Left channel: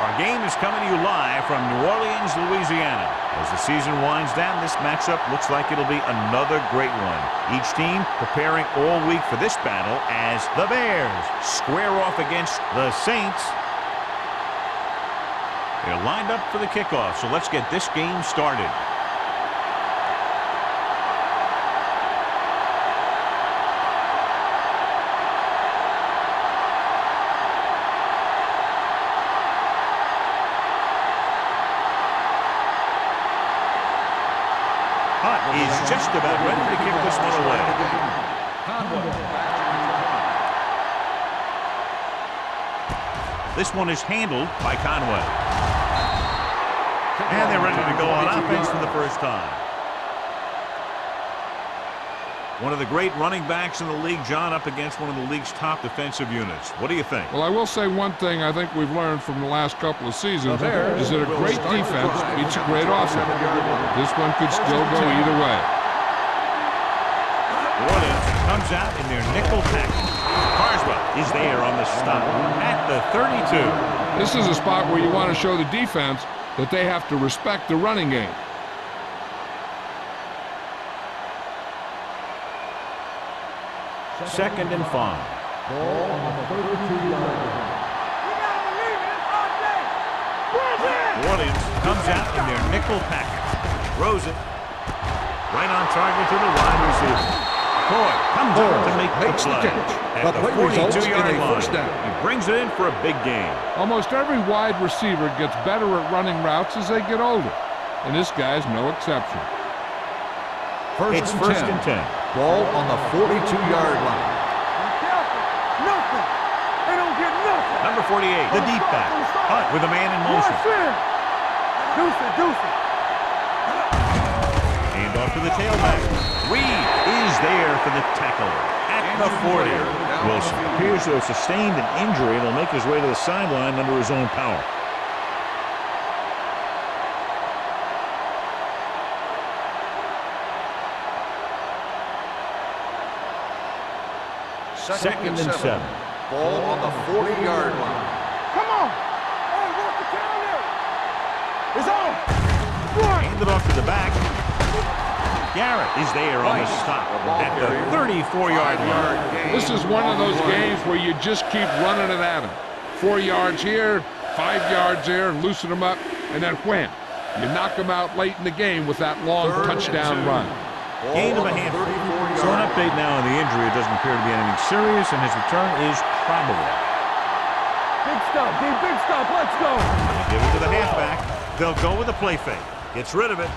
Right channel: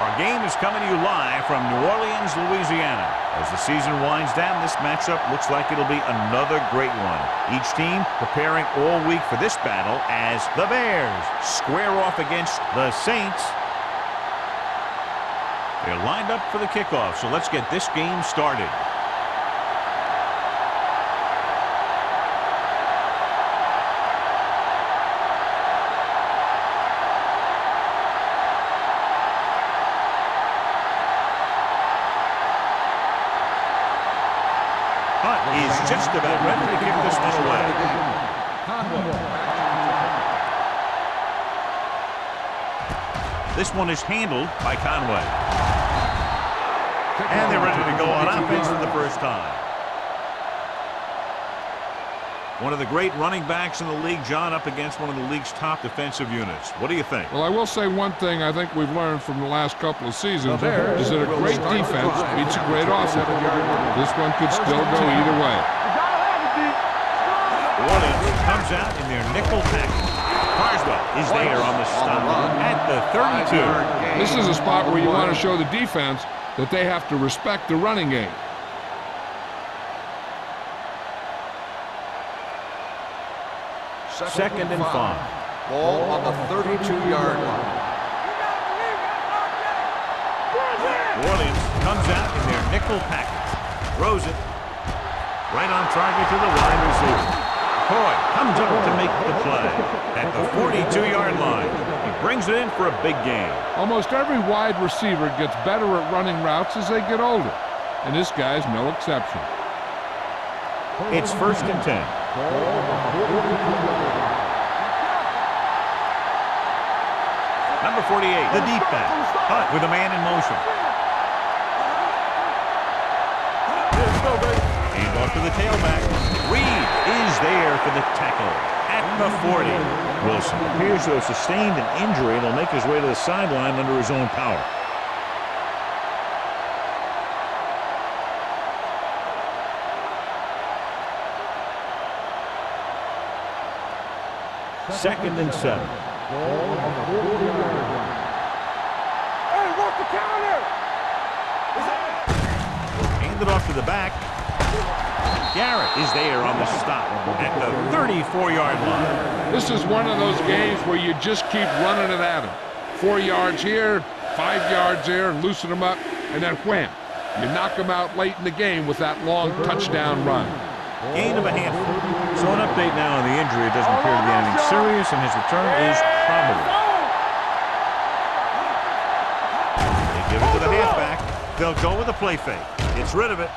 Our game is coming to you live from New Orleans, Louisiana. As the season winds down, this matchup looks like it'll be another great one. Each team preparing all week for this battle as the Bears square off against the Saints. They're lined up for the kickoff, so let's get this game started. Hunt is just about ready to kick this one away. This one is handled by Conway. And they're ready to go on offense for the first time. One of the great running backs in the league, John, up against one of the league's top defensive units. What do you think? Well, I will say one thing I think we've learned from the last couple of seasons is that a great defense beats a great offense. This one could still go either way. Orleans comes out in their nickel package. Carswell is there on the stop at the 32. This is a spot where you want to show the defense that they have to respect the running game. Second and 5. Ball on the 32-yard line. You gotta believe it. It's our day. Orleans comes out in their nickel package. Throws it. Right on target to the wide receiver. Coy comes up to make the play at the 42-yard line. He brings it in for a big gain. Almost every wide receiver gets better at running routes as they get older, and this guy's no exception. It's first and 10. Ball on the 42-yard line. Be careful. Nothing. They don't get nothing. Number 48, the deep back. Hunt with a man in motion. And off to the tailback. Reed is there for the tackle at the 40. Wilson appears to have sustained an injury and will make his way to the sideline under his own power. Second and 7. Ball on the 40-yard line. Come on. Hey, work the counter. It's on. Hand it off to the back. Garrett is there on the stop at the 34-yard line. This is one of those games where you just keep running it at them. 4 yards here, 5 yards there, and loosen them up, and then wham. You knock them out late in the game with that long touchdown run. Gain of a handful. So an update now on the injury. It doesn't appear to be anything serious, and his return is probable. Big stop, D. Big stop. Let's go. They give it to the halfback. They'll go with a play fake. Gets rid of it.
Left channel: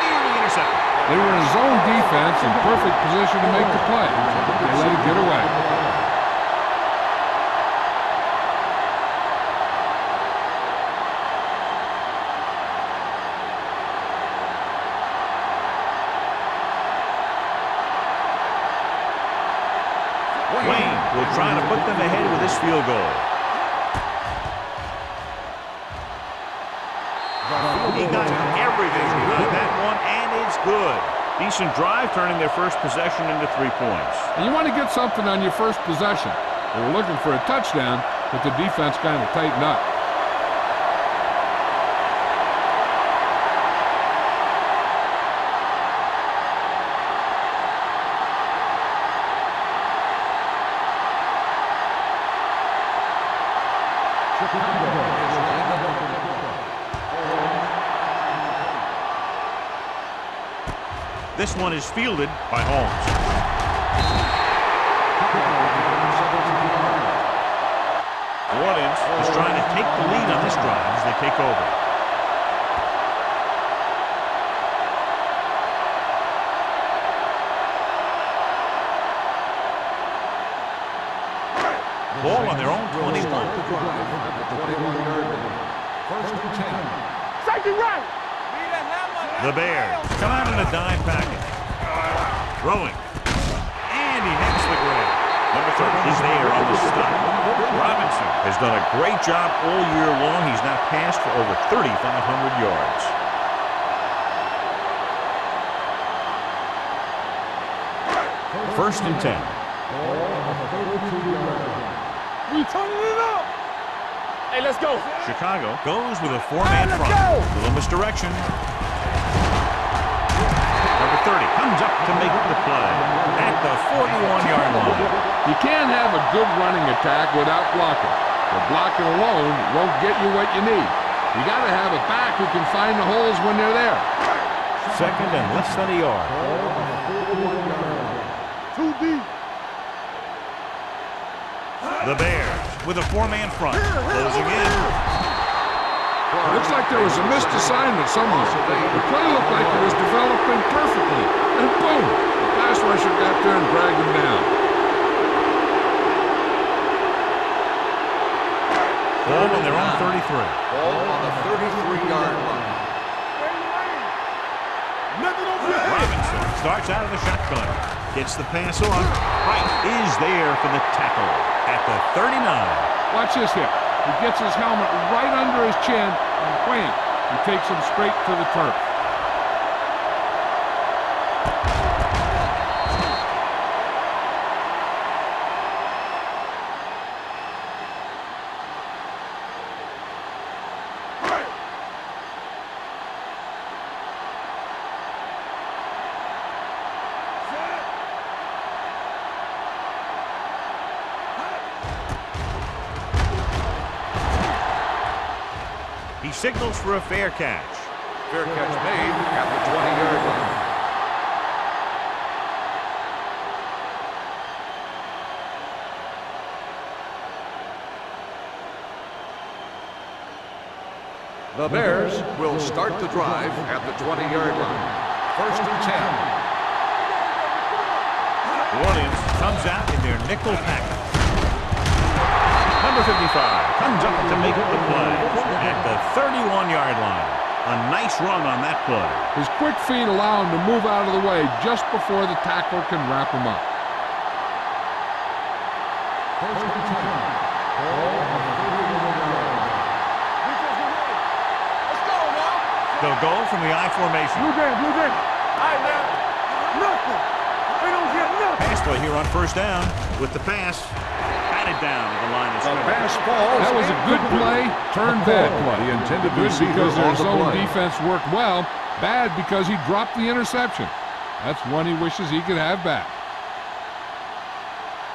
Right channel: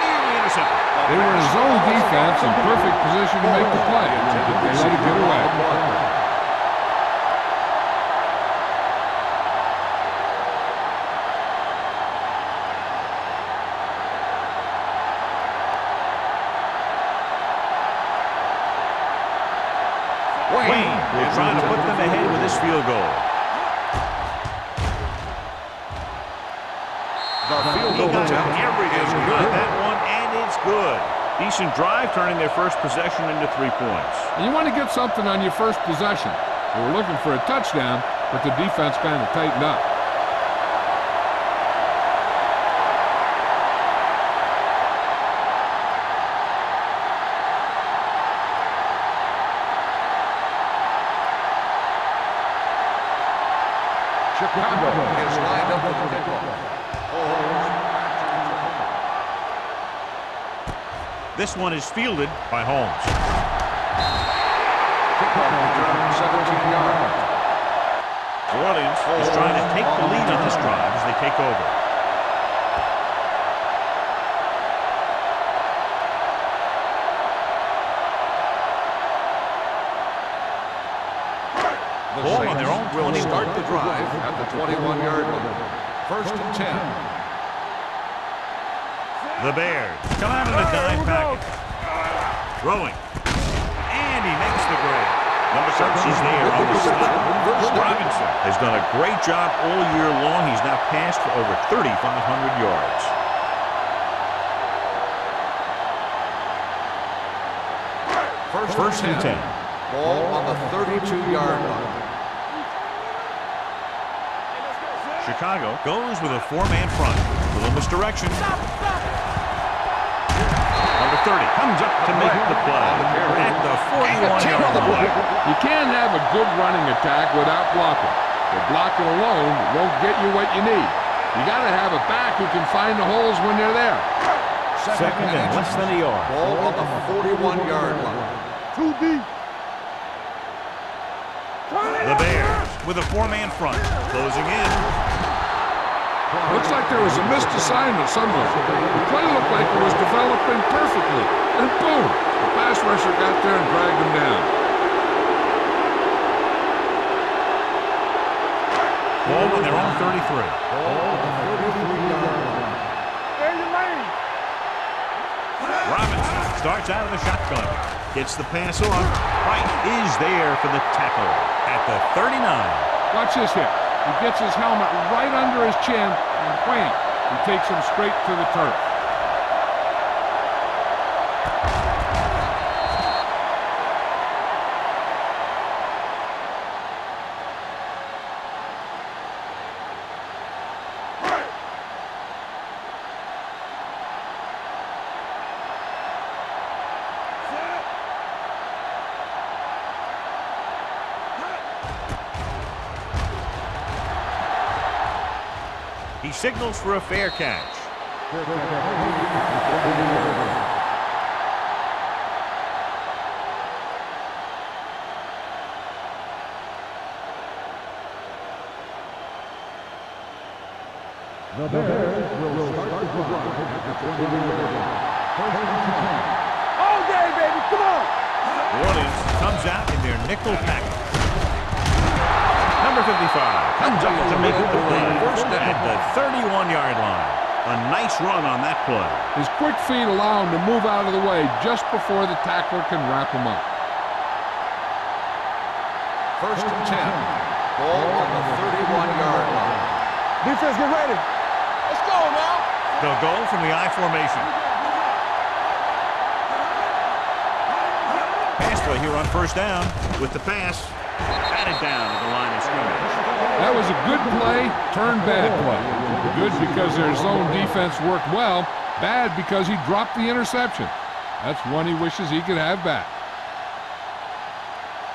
Nearly intercepted. They were in zone defense in perfect position to make the play. They let it get away. Wayne will try to put them ahead with this field goal. He got everything behind that one, and it's good. Decent drive, turning their first possession into 3 points. And you want to get something on your first possession. They were looking for a touchdown, but the defense kind of tightened up. Chicago is lined up with the kickoff. This one is fielded by Holmes. Kickoff return 17 yards. New Orleans is trying to take the lead on this drive as they take over. Ball on their own 21. Start the drive at the 21-yard line. First and 10. Take it right. The Bears come out in a dime package. Throwing. And he makes the grab. Number 13 is there on the stop. Robinson has done a great job all year long. He's now passed for over 3,500 yards. First and 10. Ball on the 32-yard line. We turning it up. Hey, let's go. Chicago goes with a four-man front. Little misdirection. Number 30 comes up to make the play at the 41-yard line. You can't have a good running attack without blocking. The blocking alone won't get you what you need. You got to have a back who can find the holes when they're there. Second and less than a yard. Ball on the 41-yard line. Too deep. The Bears with a four-man front, closing in. Looks like there was a missed assignment somewhere. The play looked like it was developing perfectly. And boom, the pass rusher got there and dragged him down. Ball on their own 33. Ball on the 33-yard line. There your lane. Nothing on that. Robinson starts out of the shotgun. Gets the pass on. Right is there for the tackle at the 39. Watch this hit. He gets his helmet right under his chin, and wham, he takes him straight to the turf. He signals for a fair catch. Fair catch made at the 20-yard line. The Bears will start the drive at the 20-yard line. First and 10. All day, baby. Come on. New Orleans comes out in their nickel package. Number 55 comes up to make the play at the 31-yard line. A nice run on that play. His quick feet allow him to move out of the way just before the tackler can wrap him up. First and 10. Ball on the 31-yard line. Defense, get ready. Let's go now. They'll go from the I formation. Blue jam, blue jam. Pass play here on first down with the pass. Batted down at the line of scrimmage. That was a good play, turned bad play. Good because their zone defense worked well, bad because he dropped the interception. That's one he wishes he could have back.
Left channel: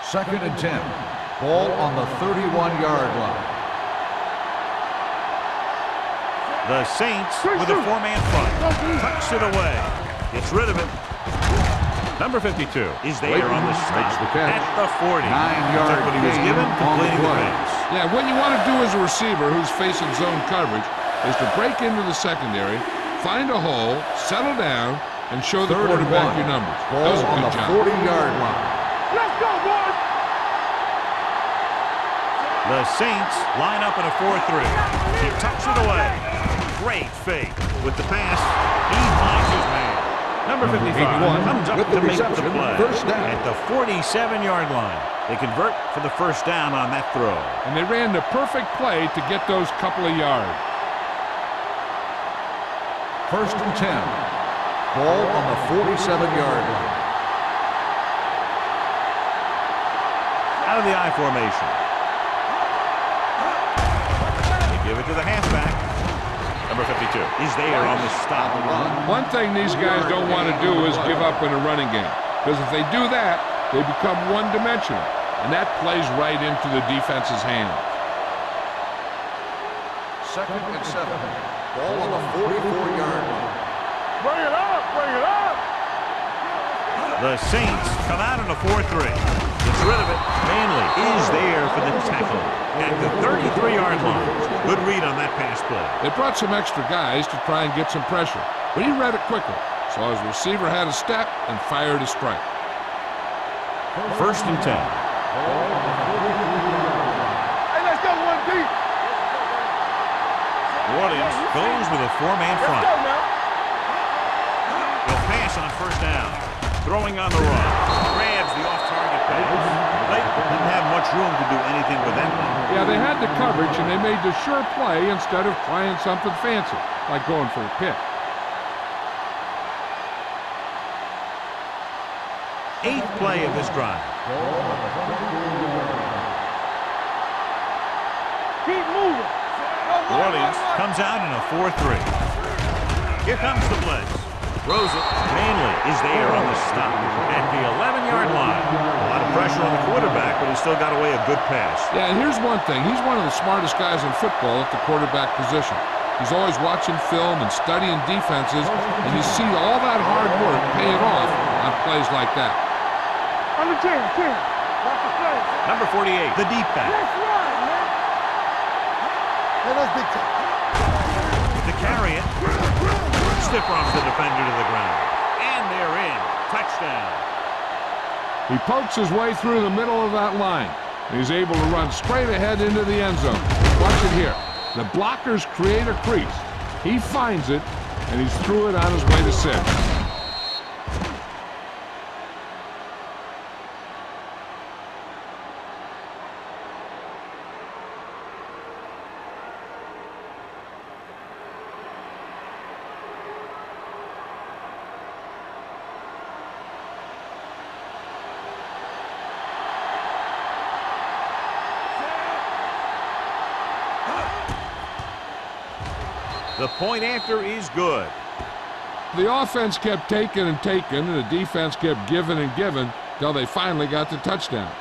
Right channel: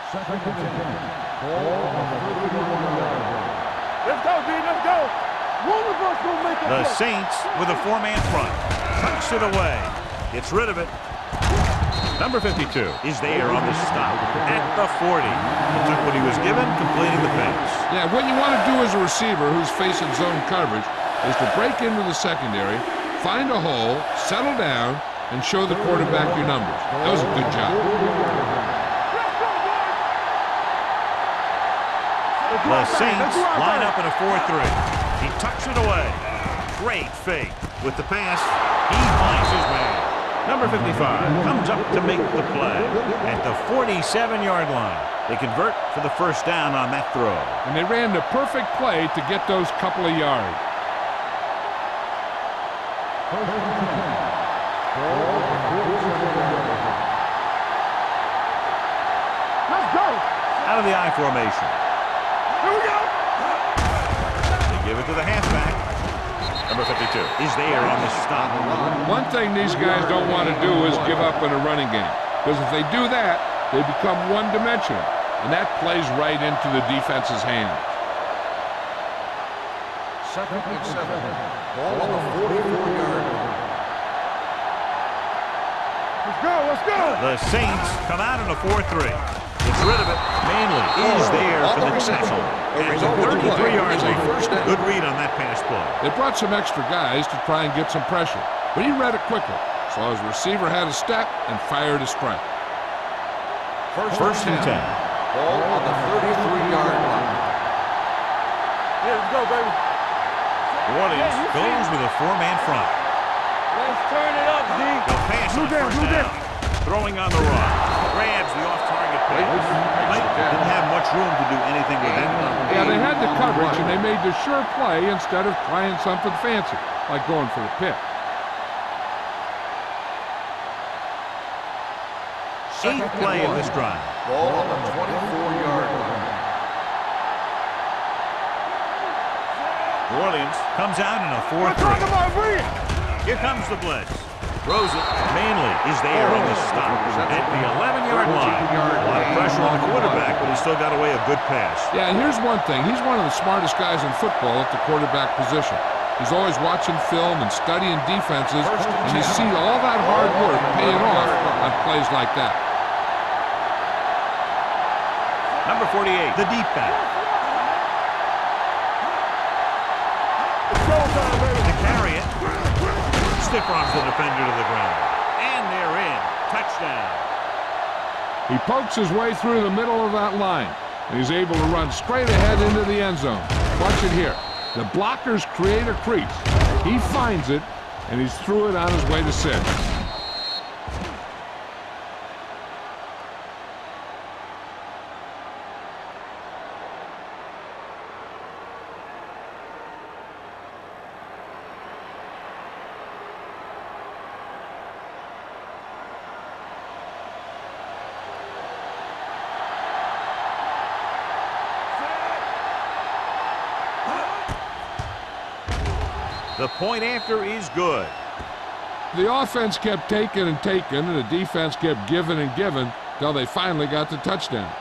Second and 10. Ball on the 31-yard line. Let's go, B. Let's go. The Saints with a four-man front. Tucks it away. Gets rid of it. Number 52 is there on the stop at the 40. He took what he was given, completing the pass. Yeah, what you want to do as a receiver who's facing zone coverage is to break into the secondary, find a hole, settle down, and show the quarterback your numbers. That was a good job. 40-yard line. Let's go, boys. The Saints line up in a 4-3. He tucks it away. Great fake. With the pass, he finds his man. Number 55 comes up to make the play at the 47-yard line. They convert for the first down on that throw. And they ran the perfect play to get those couple of yards. First and 10. Ball on the 47-yard line. Let's go. Out of the I formation. They give it to the halfback. Number 52 is there on the stop. One thing these guys don't want to do is give up in a running game. Because if they do that, they become one-dimensional. And that plays right into the defense's hands. Second and 7. Ball on the 44-yard line. Bring it up. Bring it up. Let's go. Let's go. The Saints come out in a 4-3. Gets rid of it. Manley is there for the tackle at the 33-yard line. Good read on that pass play. They brought some extra guys to try and get some pressure, but he read it quickly, so his receiver had a step and fired a strike. First and 10. Ball on the 33-yard line. Hey, let's go, 1B. Let's go, baby. New Orleans goes with a four-man front. They'll pass on first down. Throwing on the run. Grabs the off-target pass. Blake didn't have much room to do anything with that one. Yeah, they had the coverage, and they made the sure play instead of trying something fancy, like going for the pick. Eighth play of this drive. Ball on the 24-yard line. Keep moving. New Orleans comes out in a 4-3. Here comes the blitz. Throws it. Manley is there on the stop at the 11-yard line. A lot of pressure on the quarterback, but he still got away a good pass. Yeah, and here's one thing. He's one of the smartest guys in football at the quarterback position. He's always watching film and studying defenses, and you see all that hard work paying off on plays like that. Number 48, the deep back. To carry it. Stiff arms the defender to the ground. And they're in. Touchdown. He pokes his way through the middle of that line. And he's able to run straight ahead into the end zone. Watch it here. The blockers create a crease. He finds it, and he's through it on his way to 6. The point after is good. The offense kept taking and taking, and the defense kept giving and giving till they finally got the touchdown.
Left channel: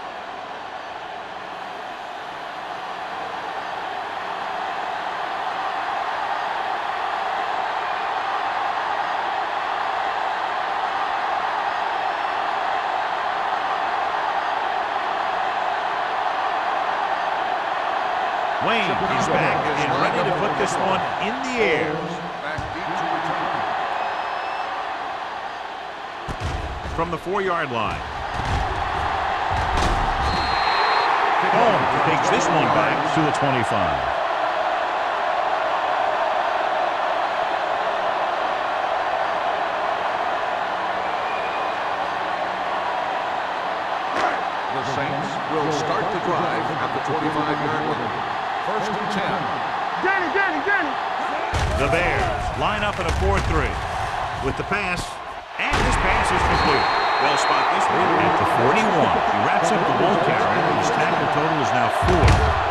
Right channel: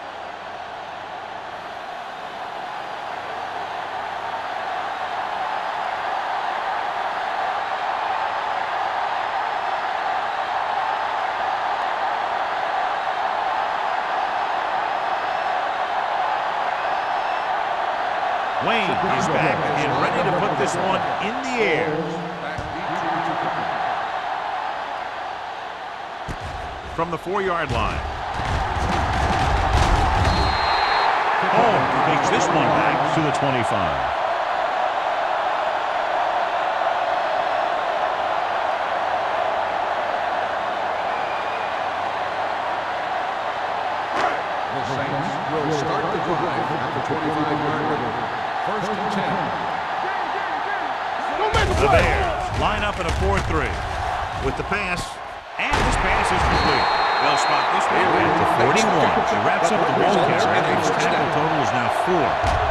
Wayne is back and ready to put this one in the air. Back deep to return. From the 4-yard line. Holmes takes this one back to the 25. The Saints will start the drive at the 25-yard line. 1st and 10. The Bears line up in a 4-3 with the pass, and this pass is complete. They'll spot this one at the 41. He wraps up the ball carrier. His tackle total is now 4.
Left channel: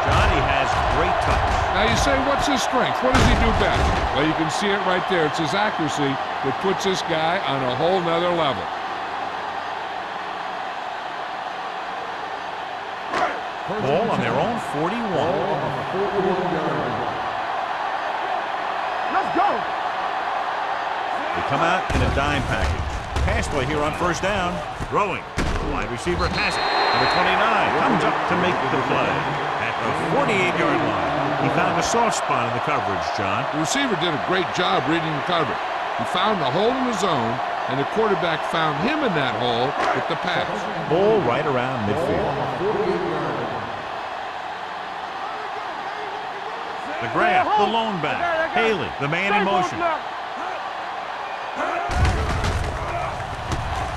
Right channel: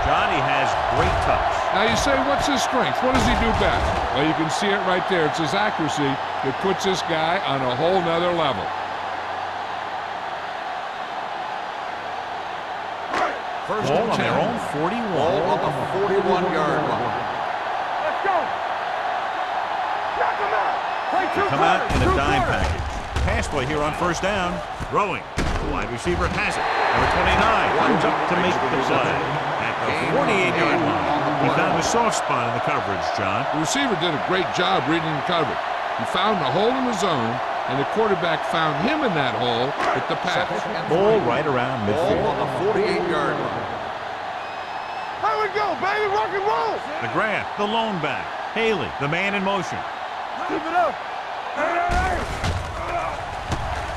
John, he has great touch. Now you say, what's his strength? What does he do best? Well, you can see it right there. It's his accuracy that puts this guy on a whole nother level. Ball on their own 41. Ball on the 41-yard line. They come out in a dime package. Pass play here on 1st down. Throwing. The wide receiver has it. Number 29 comes up to make the play. At the 48-yard line, he found a soft spot in the coverage, John. The receiver did a great job reading the coverage. He found a hole in the zone, and the quarterback found him in that hole with the pass. Ball right around midfield. Ball on the 48-yard line. The grab, the lone back. Haley, the man in motion.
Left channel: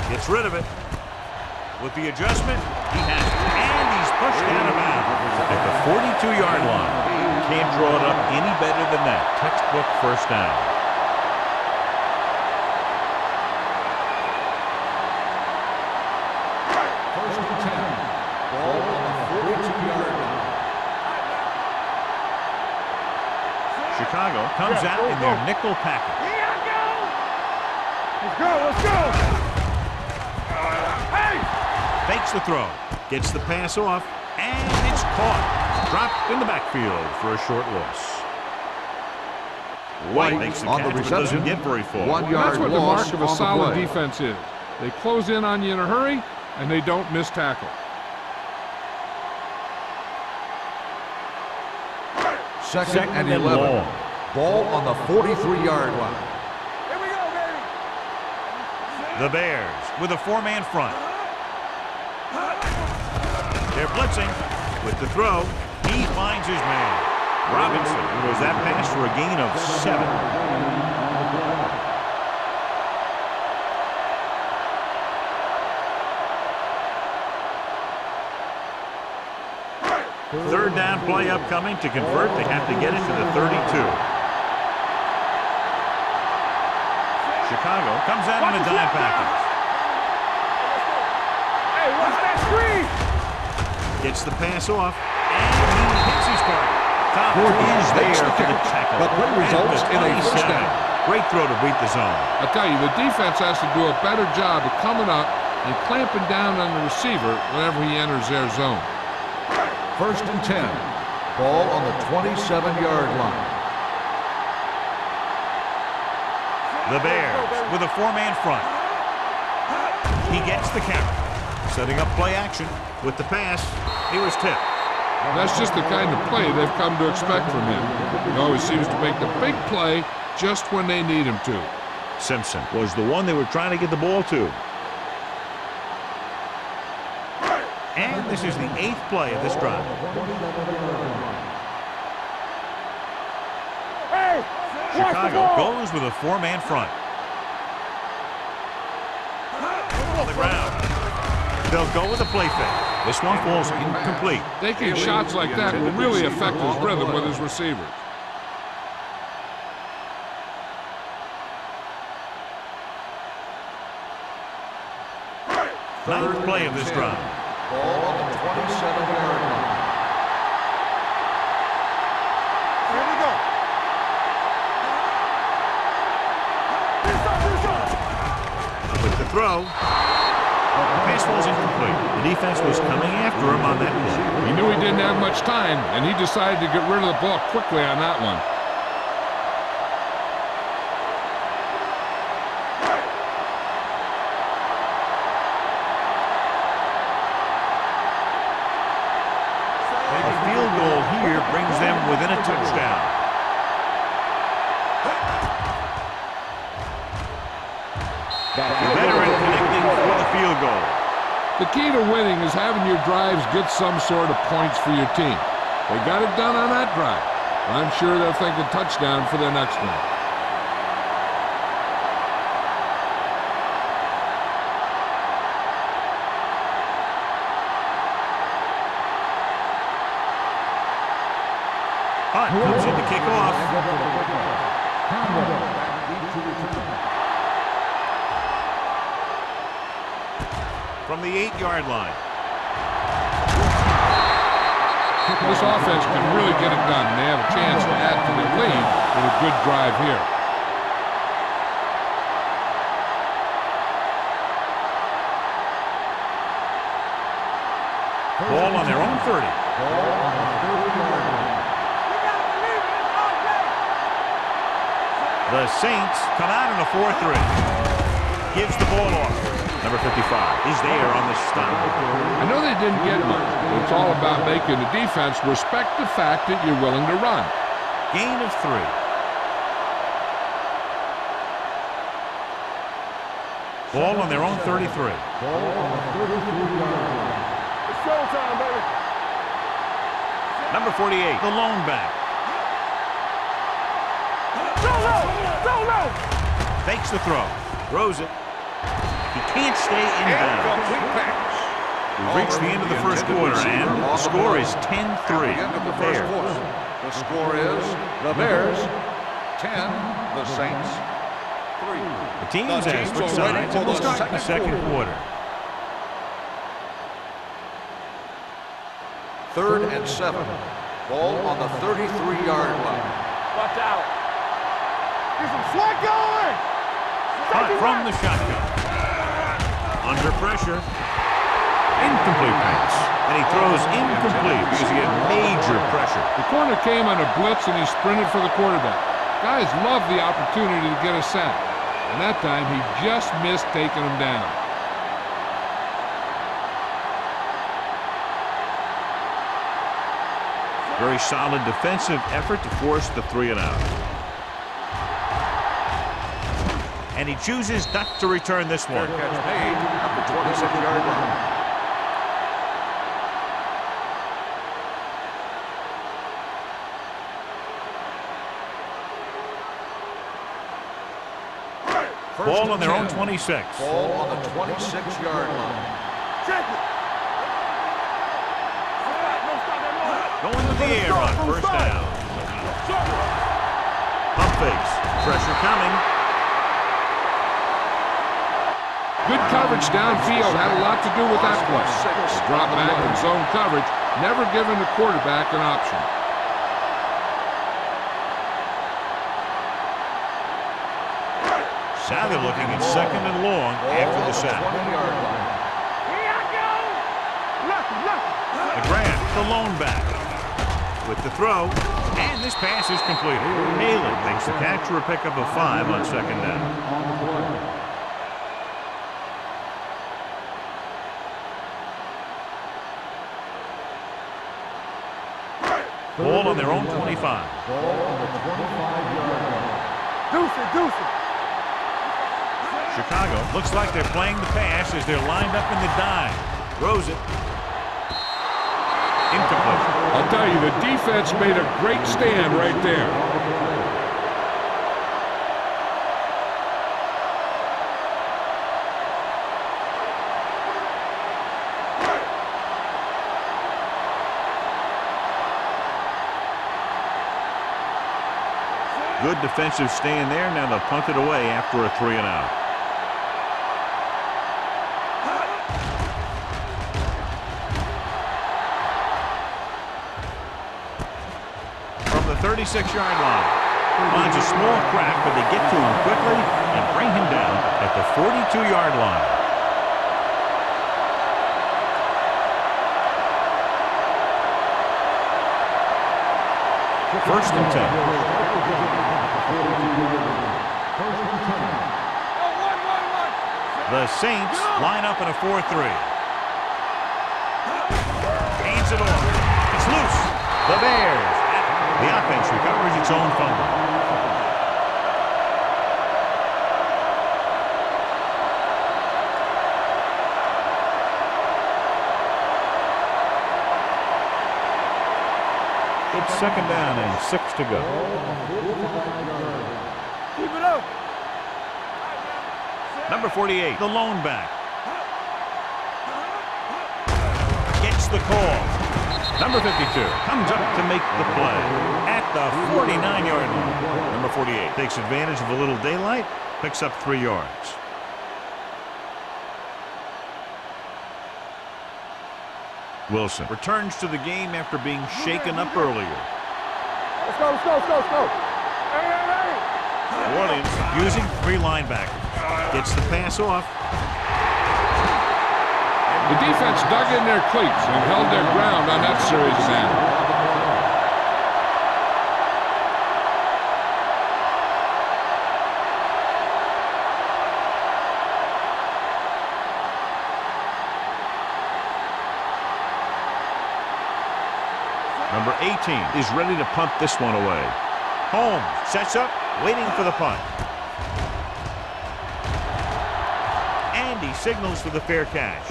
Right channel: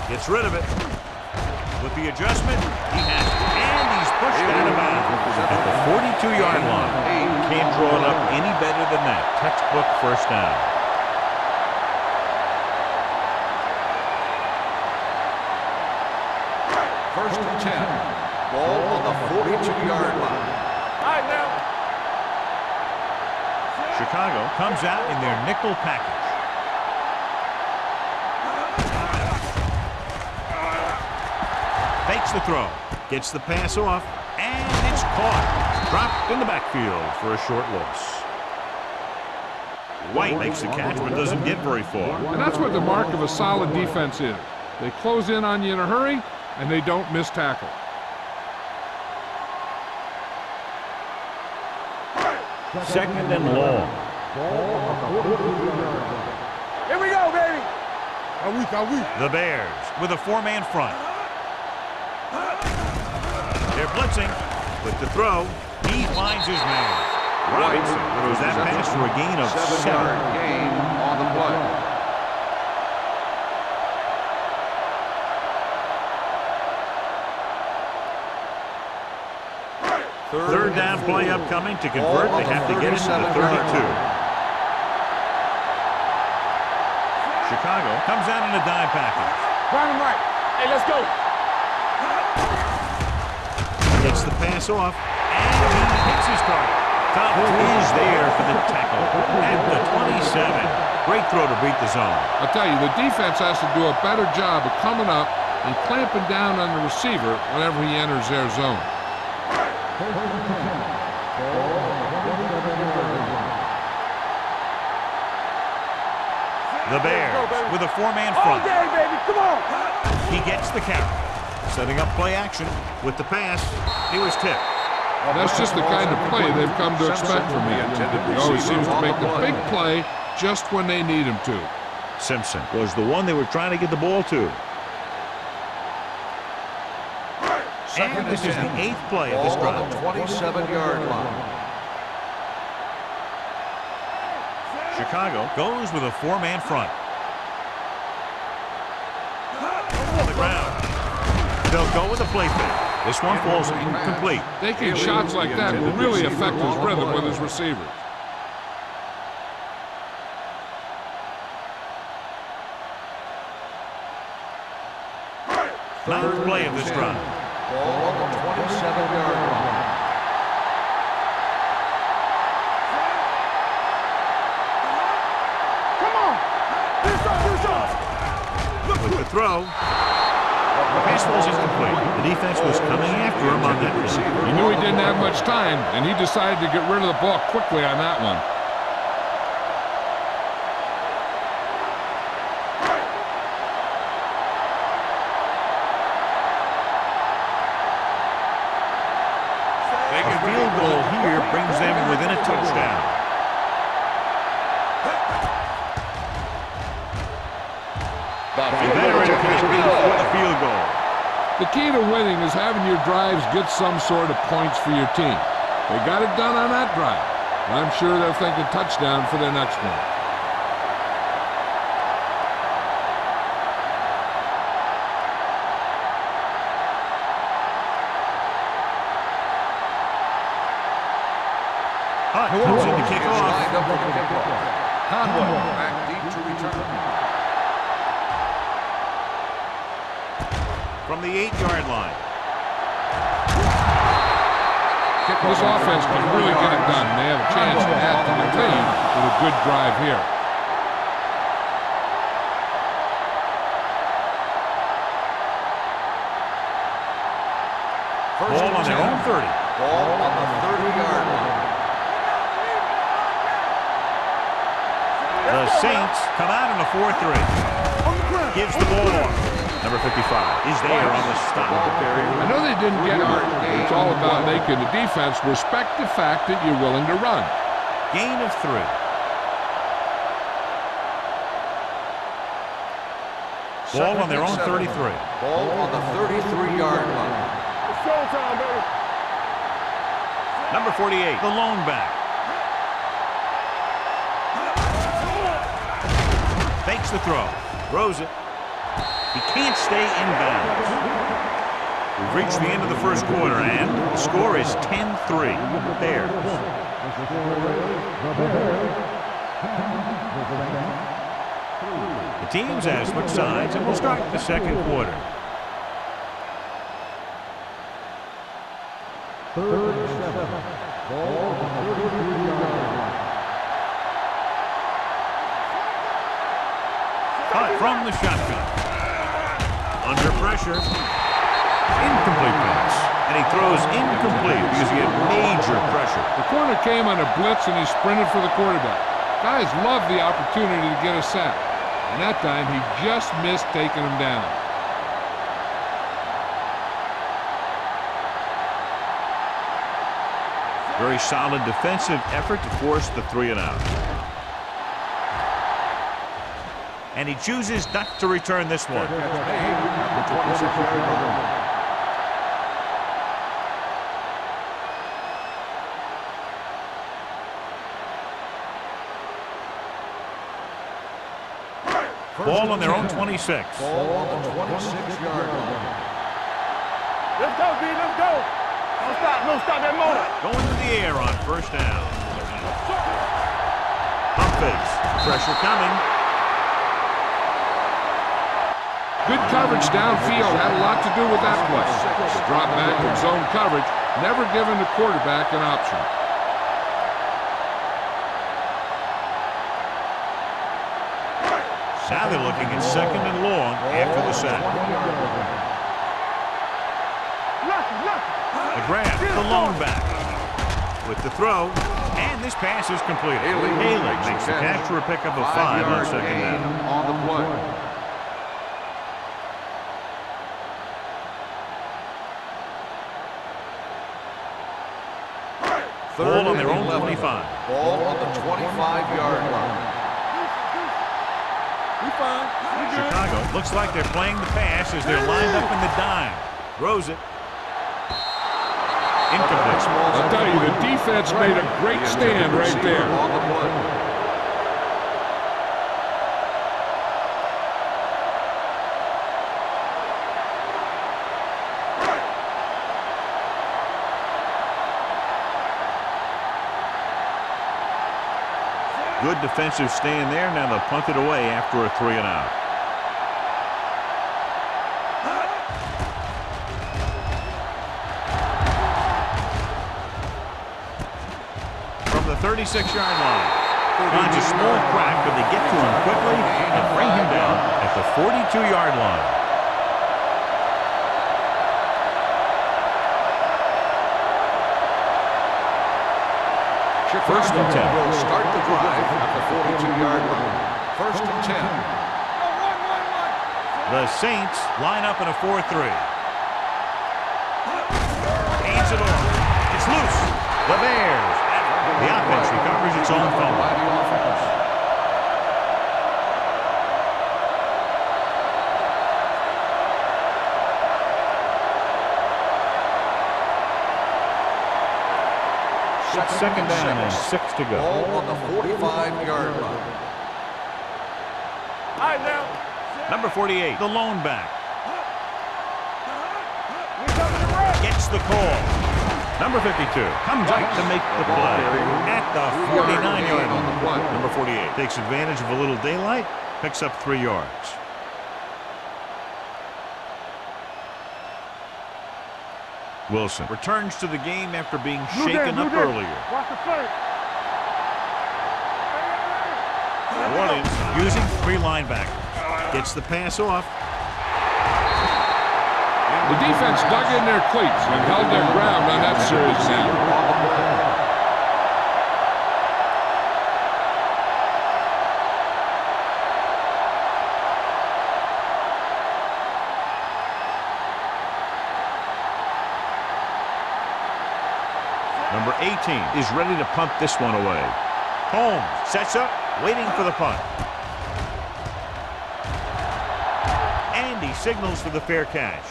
Gets rid of it. With the adjustment, he has it. And he's pushed out of bounds at the 42-yard line. Can't draw it up any better than that. Textbook 1st down. First and 10. Ball on the 42-yard line. Chicago comes out in their nickel package. Fakes the throw. Gets the pass off. And it's caught. Dropped in the backfield for a short loss. White makes the catch but doesn't get very far. And that's what the mark of a solid defense is. They close in on you in a hurry, and they don't miss tackle. Second and long. Ball on the 43-yard line. Here we go, baby. The Bears with a 4-man front. They're blitzing with the throw. He finds his man. Robinson throws that pass for a gain of 7. Gain on the play. Third down play upcoming. To convert, they have to get it to the 32. Chicago comes out in a dime package. Gets the pass off, and he hits his target. Thomas is there for the tackle at the 27. Great throw to beat the zone. I'll tell you, the defense has to do a better job of coming up and clamping down on the receiver whenever he enters their zone. 1st and 10. Ball on the 27-yard line. The Bears with a 4-man front. He gets the carry. Setting up play action with the pass. He was tipped. That's just the kind of play they've come to expect from him. He always seems to make the big play just when they need him to. Simpson was the one they were trying to get the ball to. And this is the 8th play of this drive. 27-yard line. Chicago goes with a 4-man front. On the ground. They'll go with a play fake. This one falls incomplete. Taking shots like that will really affect his rhythm with his receivers. Ninth play of this drive. Ball on the 27-yard line. With the throw, the pass falls incomplete. The defense was coming after him on that play. He knew he didn't have much time, and he decided to get rid of the ball quickly on that one. A field goal here brings them within a touchdown. The veteran connecting for the field goal. The key to winning is having your drives get some sort of points for your team. They got it done on that drive. I'm sure they're thinking touchdown for their next one. Hunt comes in to kick off. From the 8-yard line. This offense can really get it done, and they have a chance to add to their lead with a good drive here. Ball on their own 30. Ball on the 30-yard line. The Saints come out in a 4-3. Gives the ball off. Number 55 is there on the stop. I know they didn't get much, but it's all about making the defense respect the fact that you're willing to run. Gain of 3. Ball on their own 33. Ball on the 33-yard line. It's showtime, baby. Number 48, the lone back. Fakes the throw. Throws it. He can't stay in bounds. We've reached the end of the first quarter, and the score is 10-3. Bears. The score is the Bears 10, the Saints 3. The teams have switched sides, and we'll start the second quarter. 3rd and 7. Ball on the 33-yard line. Watch out. He's a slot guard. Hunt from the shotgun. Under pressure. Incomplete pass. And he throws incomplete because he had major pressure. The corner came on a blitz, and he sprinted for the quarterback. Guys love the opportunity to get a sack, and that time he just missed taking him down. Very solid defensive effort to force the 3-and-out. And he chooses not to return this one. Fair catch made at the 26-yard line. Ball on their own 26. Ball on the 26-yard line. Don't stop that motor. Going to the air on first down. Pump fakes. Pressure coming. Good coverage downfield had a lot to do with that play. The drop back in zone coverage, never giving the quarterback an option. Now they're looking at 2nd and long after the sack. McGrath, the lone back. With the throw, and this pass is completed. Haley makes the catch for a pickup of 5 on 2nd down. Ball on their own 25. Ball on the 25-yard line. Chicago looks like they're playing the pass as they're lined up in the dime. Throws it. Incomplete. I'll tell you, the defense made a great stand right there. Good defensive stand there. Now they'll punt it away after a 3 and out. From the 36-yard line. Finds a small crack, but they get to him quickly and bring him down at the 42-yard line. First and 10. Will start the drive at the 42-yard line. First and 10. The Saints line up in a 4-3. Hands it off. It's loose. The Bears. The offense recovers its own fumble. It's 2nd down and 6 to go. Ball on the 45-yard line. Number 48, the lone back. Gets the call. Number 52 comes up to make the play at the 49-yard line. Number 48 takes advantage of a little daylight, picks up 3 yards. Wilson returns to the game after being shaken up earlier. Let's go. New Orleans using 3 linebackers. Gets the pass off. The defense dug in their cleats and held their ground on that series down. Number 18 is ready to punt this one away. Holmes sets up, waiting for the punt. And he signals for the fair catch.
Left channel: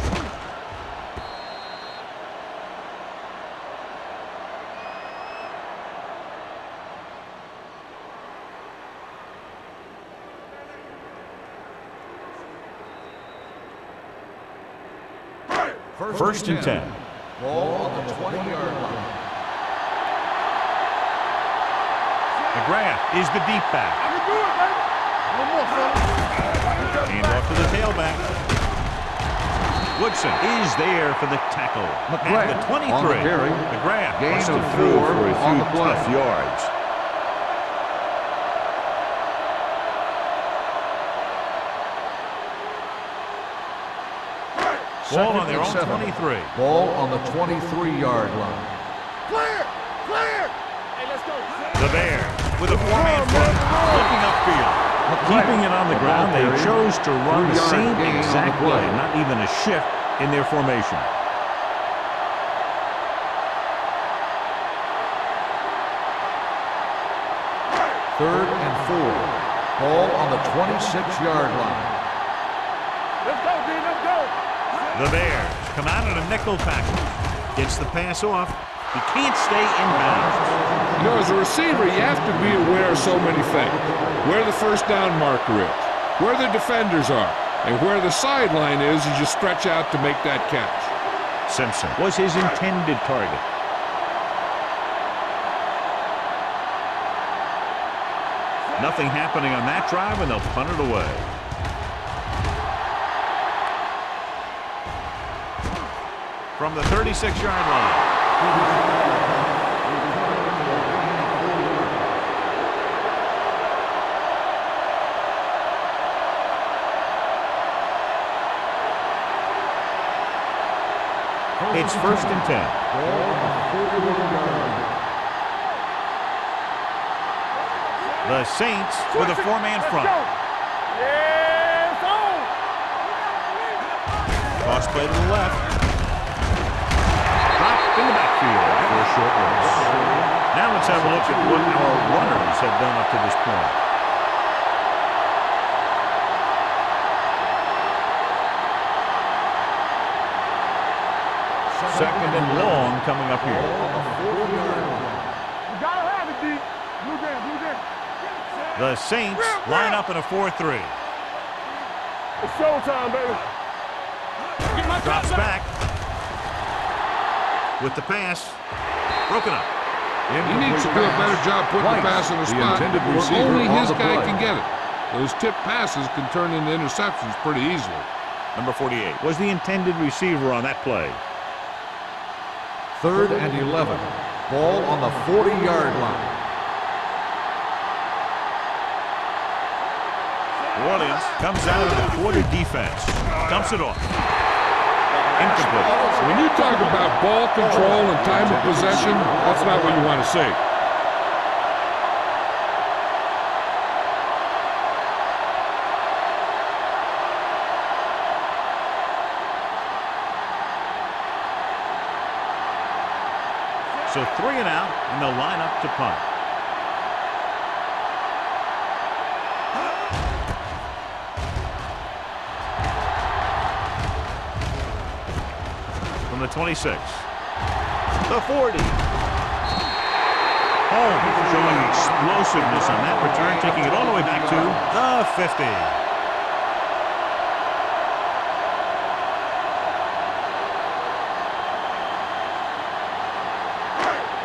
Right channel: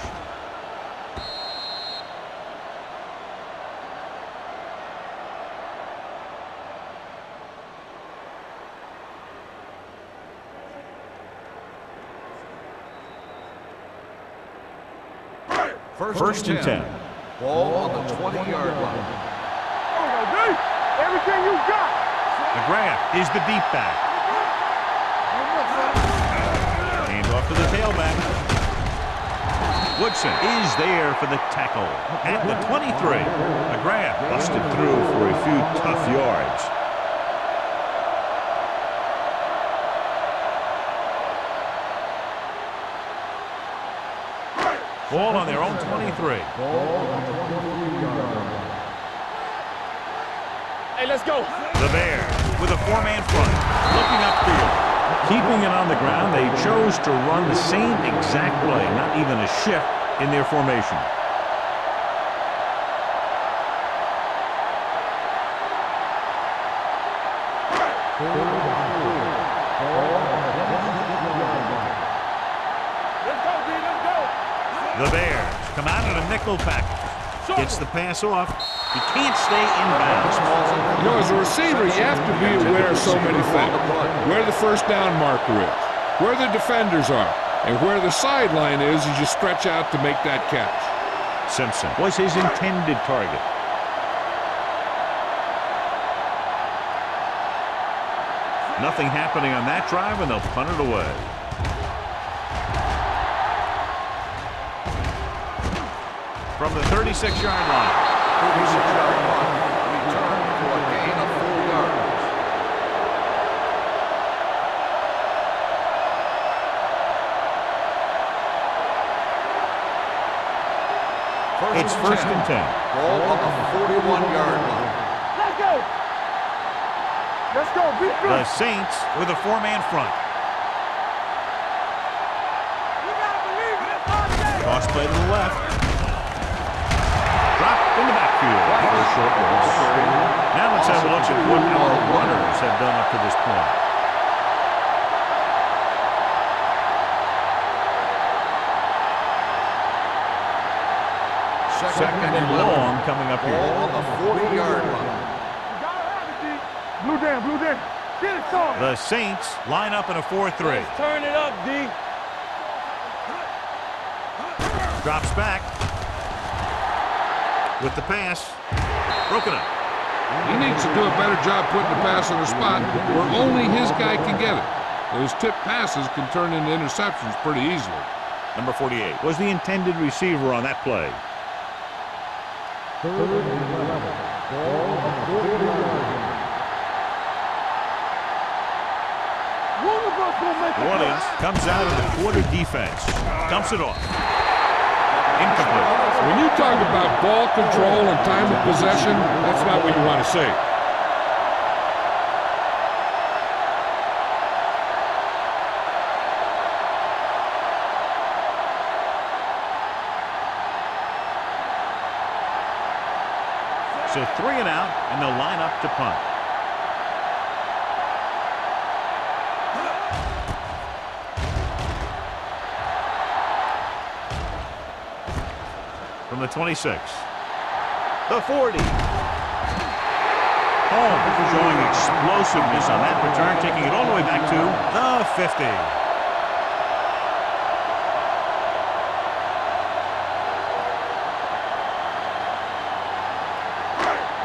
First and 10. Ball on the 20-yard line. Everything you got. McGrath is the deep back. I can do it, baby. Hand off to the tailback. Woodson is there for the tackle at the 23. McGrath busted through for a few tough yards. Ball on their own 23. Ball on the 23-yard line. Hey, let's go. The Bears with a 4-man front, looking upfield. Keeping it on the ground, they chose to run the same exact play, not even a shift in their formation. Third and 4. Ball on the 26-yard line. Let's go, D. Let's go. The Bears come out in a nickel package. Gets the pass off. He can't stay inbounds. You know, as a receiver, you have to be aware of so many things. Where the first down marker is, where the defenders are, and where the sideline is as you stretch out to make that catch. Simpson was his intended target. Nothing happening on that drive, and they'll punt it away. From the 36-yard line. It's 1st and 10. Ball on the 41-yard line. The Saints with a 4-man front. Cross play to the left. Dropped in the backfield for a short loss. Now let's have a look at what our runners have done up to this point. Second and long coming up here. Ball on the 40-yard line. You gotta have it, D. Blue down, blue down. The Saints line up in a 4-3. Turn it up, D. It's showtime, baby. Drops back. With the pass. Broken up. He needs to do a better job putting the pass in a spot where only his guy can get it. Those tip passes can turn into interceptions pretty easily. Number 48 was the intended receiver on that play. 3rd and 11. Ball on the 40-yard line. New Orleans comes out of the quarter defense. Dumps it off. Incomplete. When you talk about ball control and time of possession, that's not what you want to see. So 3 and out, and they'll line up to punt. From the 26. The 40. Holmes showing explosiveness on that return, taking it all the way back to the 50.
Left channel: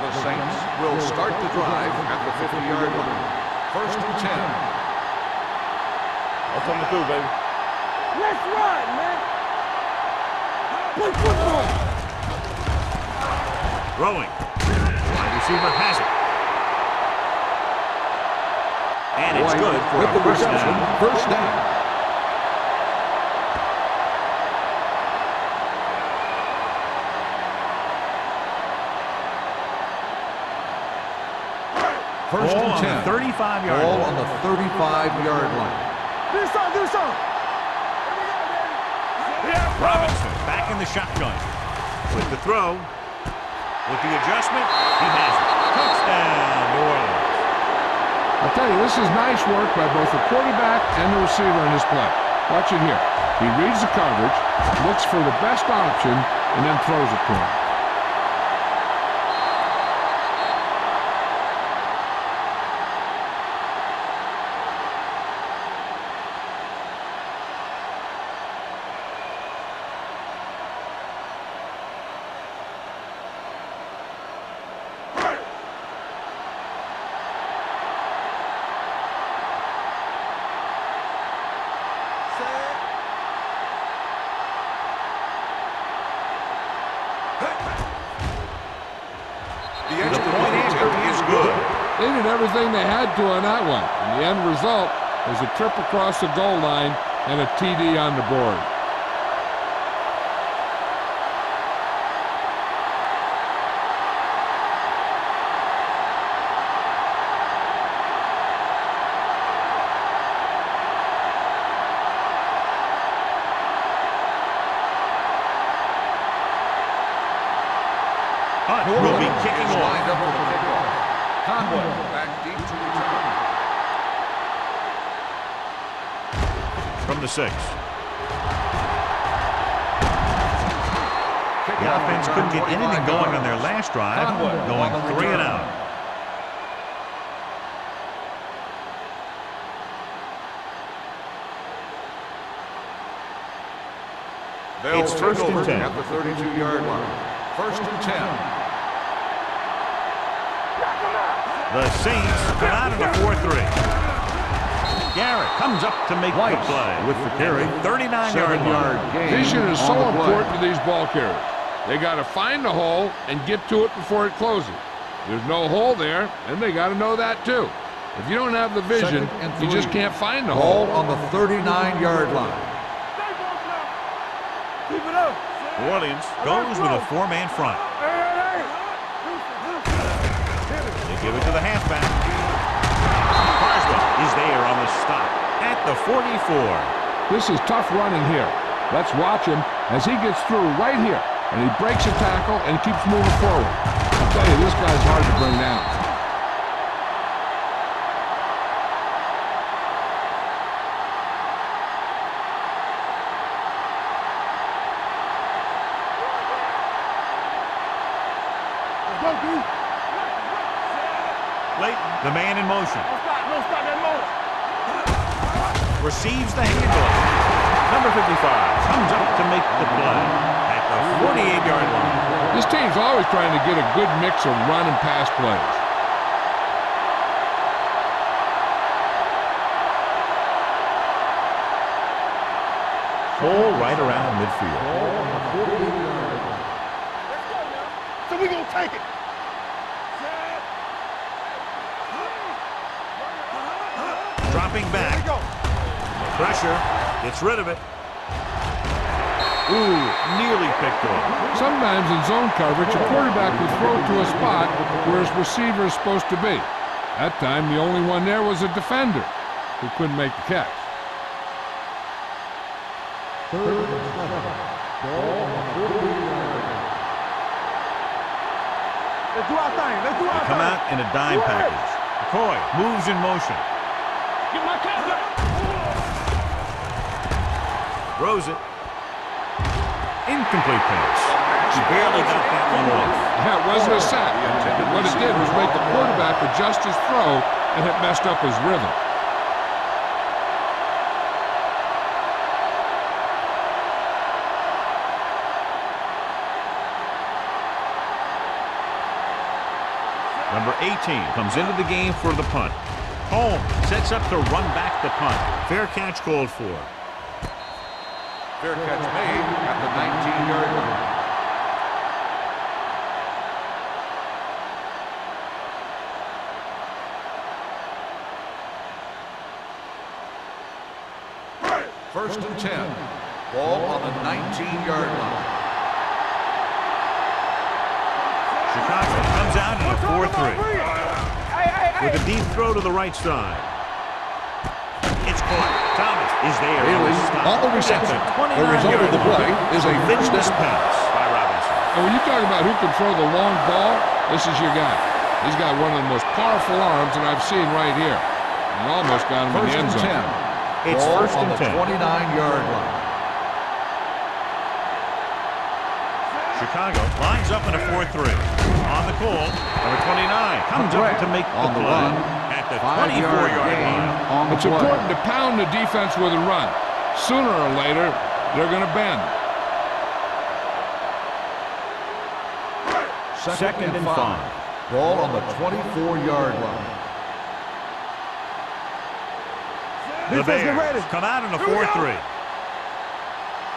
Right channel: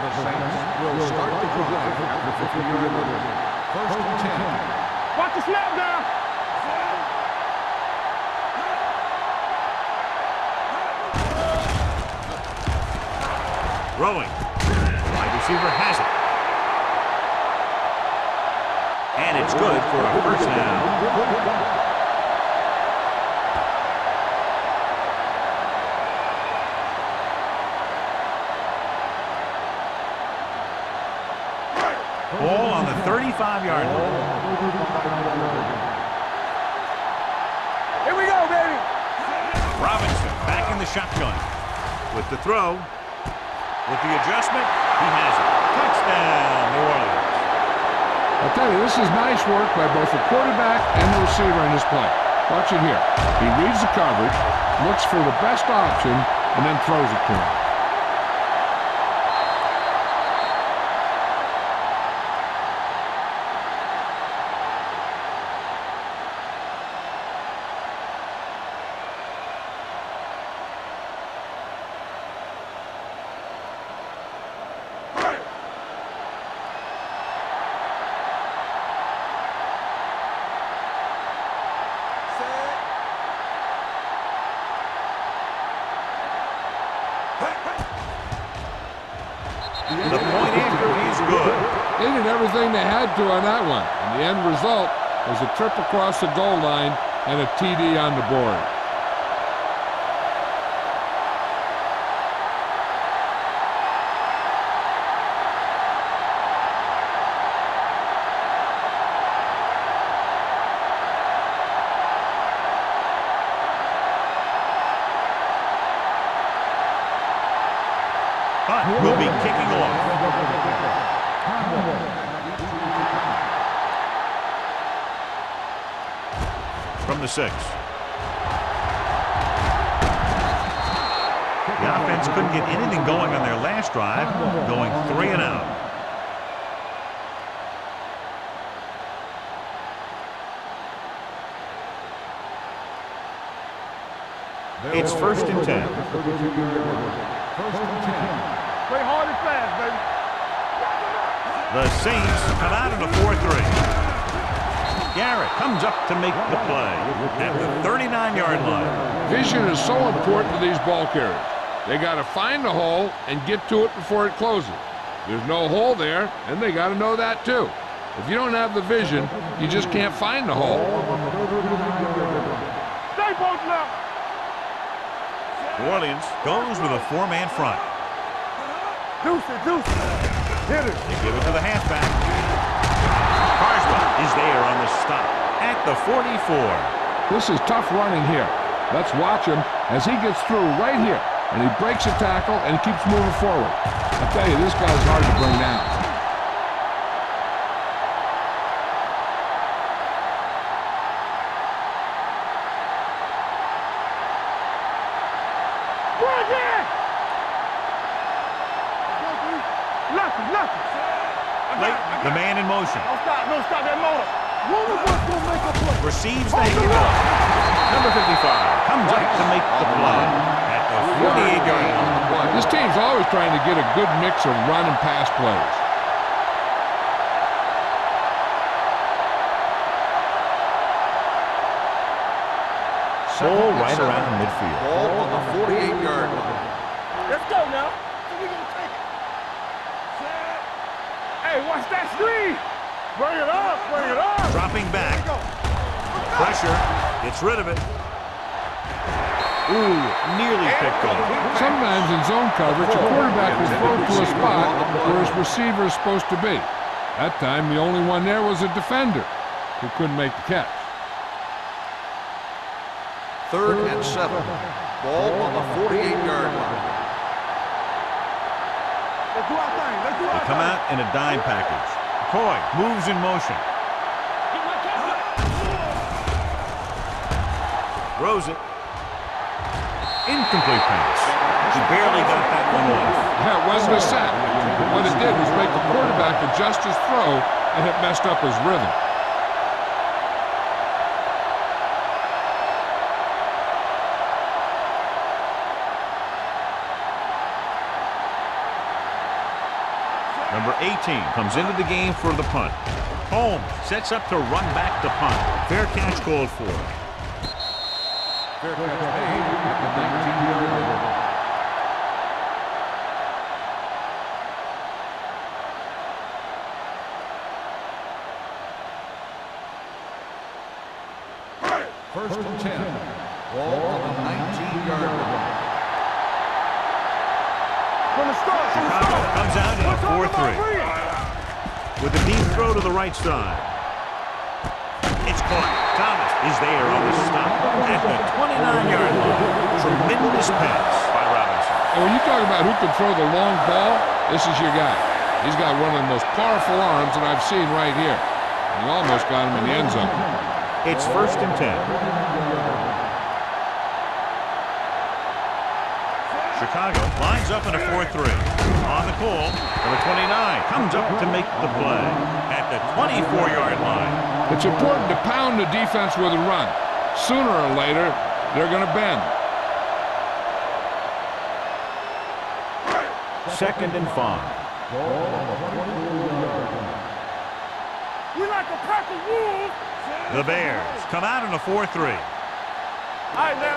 The Saints will start the drive at the 50-yard line. 1st and 10. Watch the snap down. That's what we do, baby. Let's run, man. Throwing. The wide receiver has it. And it's good for a 1st down. 1st down. Ball on the 35-yard Ball line. on the 35-yard line. Do something. Here we go, baby. Robinson back in the shotgun. With the throw. With the adjustment, he has it. Touchdown, New Orleans. I'll tell you, this is nice work by both the quarterback and the receiver in this play. Watch it here. He reads the coverage, looks for the best option, and then throws it to him. The point after is good. They did everything they had to on that one, and the end result was a trip across the goal line and a TD on the board. Hunt will be kicking off. Conway back deep to return. From the 6. The offense couldn't get anything going on their last drive, going 3 and out. It's 1st and 10. At the 32-yard line. 1st and 10. Play hard and fast, baby. Knock him out. The Saints come out in a 4-3. Garrett comes up to make the play at the 39-yard line. Vision is so important to these ball carriers. They got to find the hole and get to it before it closes. There's no hole there, and they got to know that too. If you don't have the vision, you just can't find the hole. Ball on the 39-yard line. Stay both now. New Orleans goes with a four-man front. They give it to the halfback. Carswell is there on the stop at the 44. This is tough running here. Let's watch him as he gets through right here. And he breaks a tackle and keeps moving forward. I'll tell you, this guy's hard to bring down. Leighton, the man in motion. Don't stop that motor. Receives the handoff. Number 55 comes up to make the play at the 48-yard line. This team's always trying to get a good mix of run and pass plays. Ball right around midfield. Ball on the 48-yard line. Let's go now. So we gonna take it. Set. Hey, watch that screen. Bring it up. Bring it up. Dropping back. Here we go. Pressure. Gets rid of it. Ooh, nearly picked off. Sometimes in zone coverage, a quarterback will throw to a spot where his receiver is supposed to be. That time, the only one there was a defender who couldn't make the catch. 3rd and 7. Ball on the 48-yard line. Let's do our thing. Let's do our They thing. come out in a dime package. McCoy moves in motion. Get my cat back. Throws it. Incomplete pass. He barely got that one off. That wasn't a sack. What it did was make the quarterback adjust his throw, and it messed up his rhythm. Number 18 comes into the game for the punt. Holmes sets up to run back the punt. Fair catch called for. Fair catch made at the 19-yard line. First and 10. Ball on the 19-yard line. Chicago comes out in a 4-3. With a deep throw to the right side. It's caught. Thomas is there on the stop at the 29-yard line. Tremendous pass by Robinson. And when you talk about who can throw the long ball, this is your guy. He's got one of the most powerful arms that I've seen right here. He almost got him in the end zone. It's first and 10. 29-yard line. Chicago lines up in a 4-3. On the call, number 29 comes up to make the play at the 24-yard line. It's important to pound the defense with a run. Sooner or later, they're going to bend. Second and 5. Ball on the 24-yard line. We like a pack of wolves. The Bears come out in a 4-3. All right, now.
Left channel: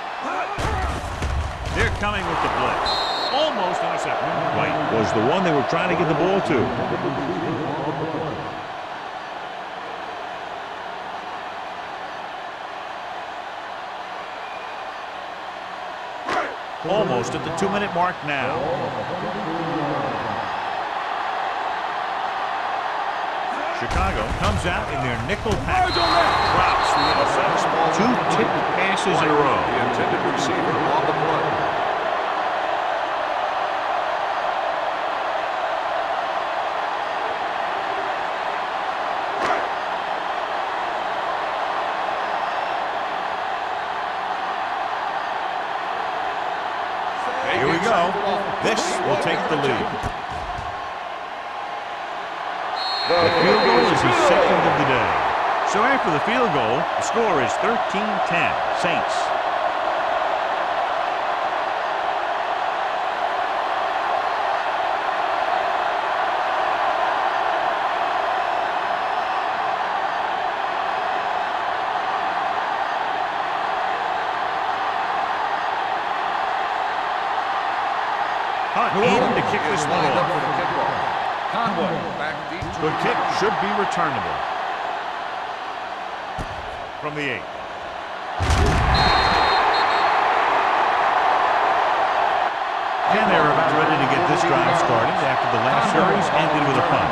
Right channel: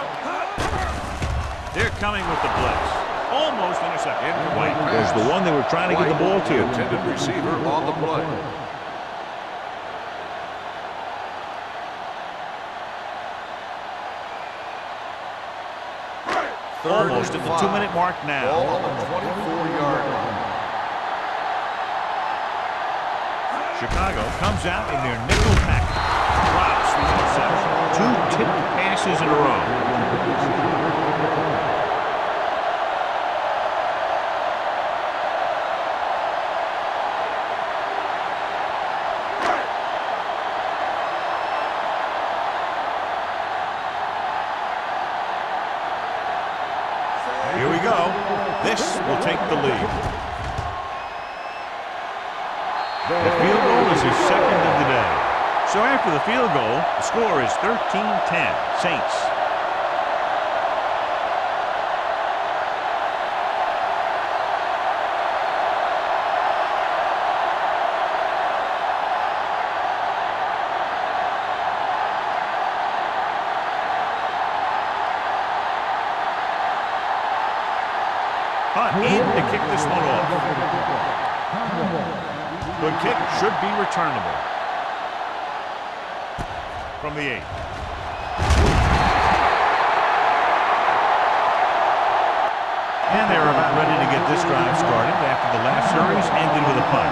They're coming with the blitz. Almost intercepted. White was the one they were trying to get the ball to. Intended receiver on the play. Almost at the 2-minute mark Ball now. on the 24-yard line. Chicago comes out in their nickel package. Drops the interception. 2 tipped passes in a row. The intended receiver on the play. Here we go. This will take the lead. The field goal is his second of the day. So after the field goal, the score is 13-10, Saints. Hunt in to kick this one off. Good kick, should be returnable. From the 8. And they're about ready to get this drive started after the last series ended with a punt.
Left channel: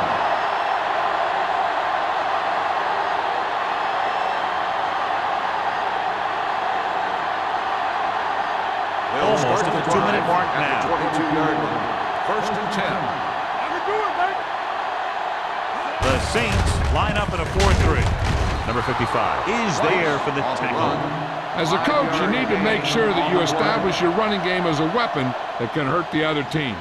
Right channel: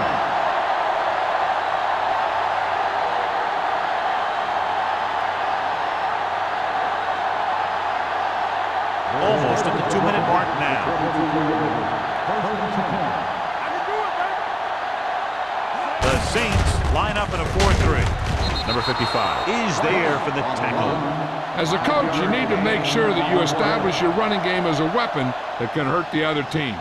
Almost at the 2-minute mark now. 22-yard line. First and 10. I can do it, baby. The Saints line up in a 4-3. Number 55 is there for the tackle. As a coach, you need to make sure that you establish your running game as a weapon that can hurt the other team.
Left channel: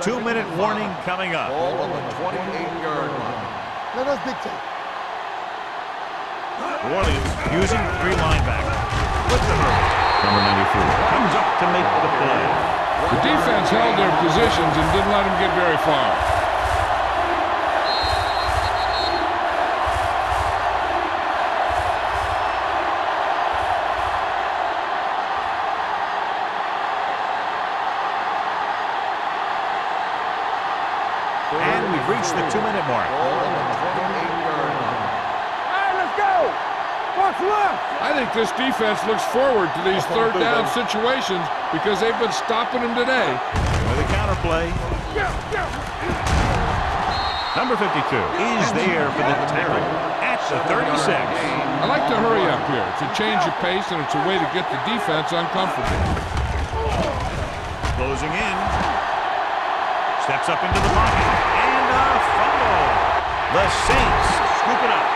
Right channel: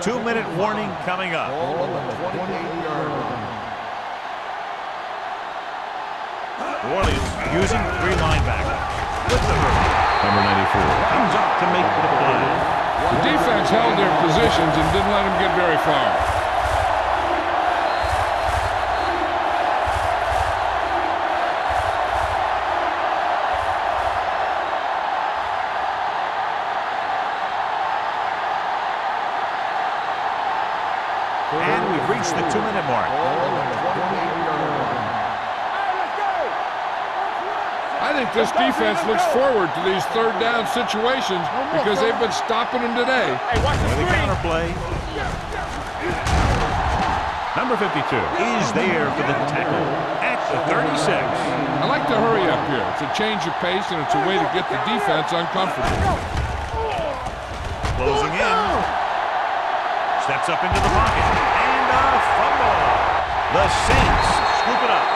Two-minute warning coming up. Ball on the 28-yard line. Let us dictate. New Orleans using 3 linebackers. With the hurry. Number 94 comes up to make the play. The defense held their positions and didn't let them get very far. And we've reached the 2-minute mark. Ball on the 28-yard line. All right, let's go. What's left? I think this defense looks forward to these third down situations because they've been stopping them today. With a counterplay. Number 52 is there for the tackle at the 36. I like to hurry up here. It's a change of pace and it's a way to get the defense uncomfortable. Closing in. Steps up into the pocket. And a fumble. The Saints scoop it up.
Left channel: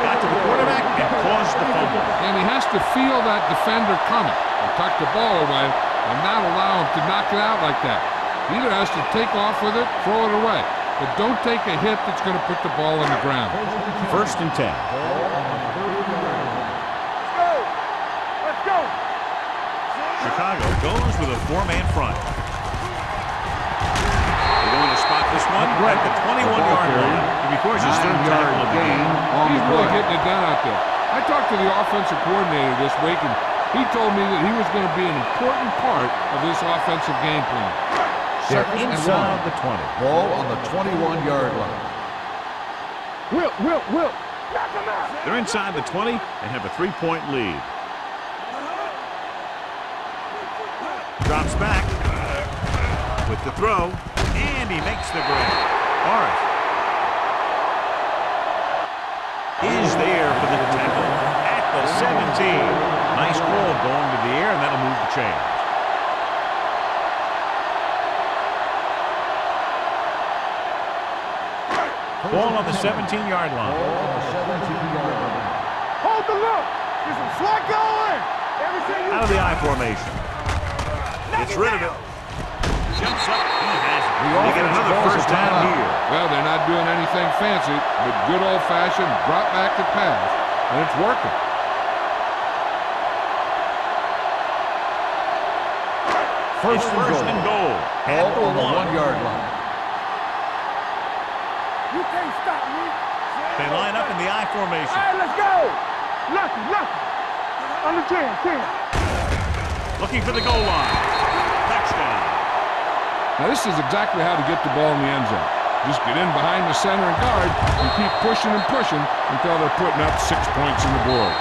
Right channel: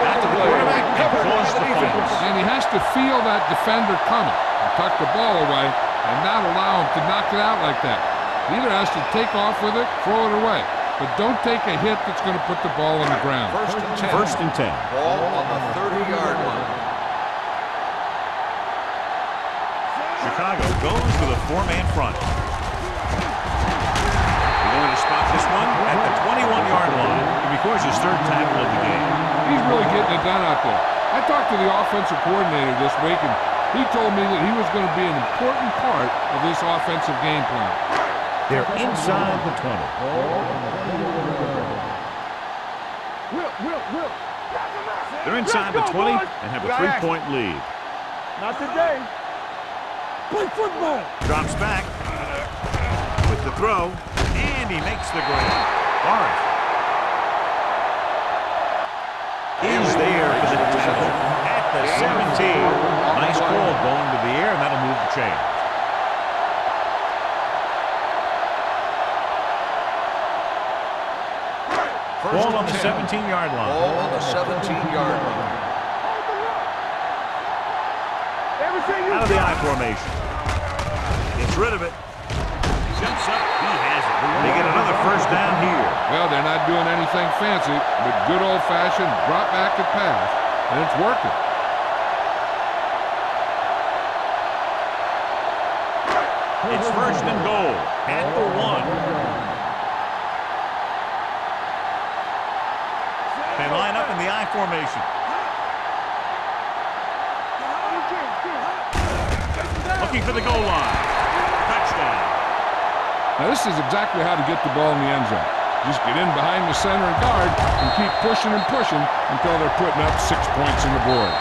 Got to the quarterback and caused the fumble. And he has to feel that defender coming and tuck the ball away and not allow him to knock it out like that. He either has to take off with it, throw it away. But don't take a hit that's going to put the ball on the ground. First and 10. Ball on the 30-yard line. Let's go. Chicago goes with a 4-man front. They're going to spot this one at the 21-yard line. He records his 3rd tackle of the game. He's really getting it done out there. I talked to the offensive coordinator this week, and he told me that he was going to be an important part of this offensive game plan. They're inside the 20. Ball on the 21-yard line. Will. Knock him out. They're inside the 20 and have a 3-point lead. Not today. Play football. Drops back with the throw, and he makes the grab. Forrest is there for the tackle at the 17. Nice call going to the air, and that'll move the chains. Ball on the 17-yard line. Ball on the 17-yard line. Hold the look. There's a flag going. Everything you Out of the got. I formation. Gets rid of it. Jumps up. He has it. They get another first down here. Well, they're not doing anything fancy, but good old-fashioned drop back and pass, and it's working. It's first and goal at the 1. 1-yard line. You can't stop me. They line up in the I formation. Let's go. Lucky. Under 10. Looking for the goal line. Touchdown. Now, this is exactly how to get the ball in the end zone. Just get in behind the center and guard and keep pushing and pushing until they're putting up 6 points on the board.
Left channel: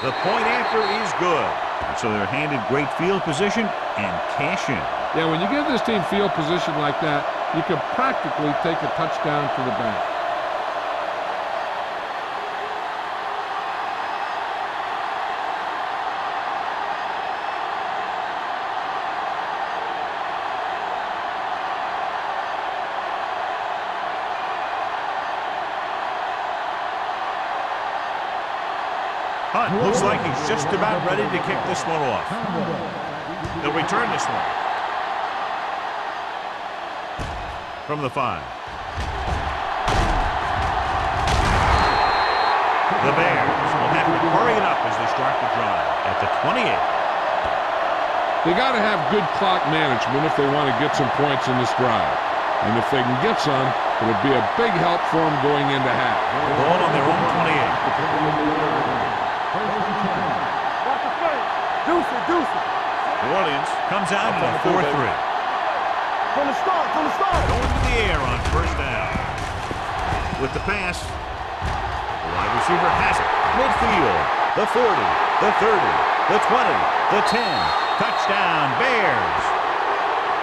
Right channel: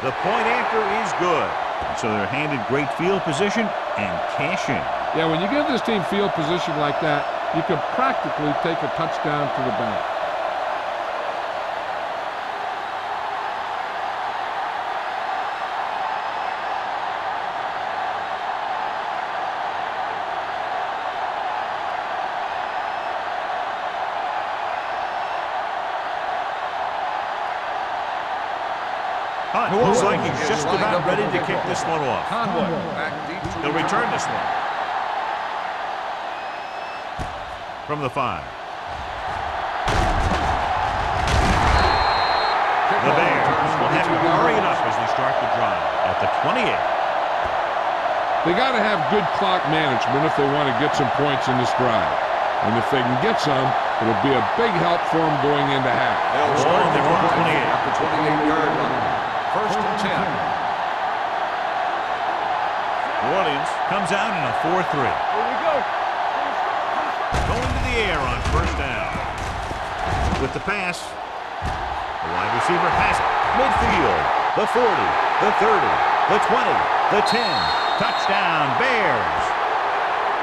The point after is good. And so they're handed great field position and cash in. Yeah, when you give this team field position like that, you can practically take a touchdown to the bank. Hunt looks like he's just about ready to kick this one off. They'll return this one. From the 5. The Bears will have to hurry it up as they start the drive at the 28. They got to have good clock management if they want to get some points in this drive. And if they can get some, it'll be a big help for them going into half. Ball on their own 28. The 28-yard line. First and 10. New Orleans comes out in a 4-3. From the start. Going to the air on first down. With the pass, the wide receiver has it. Midfield, the 40, the 30, the 20, the 10. Touchdown, Bears.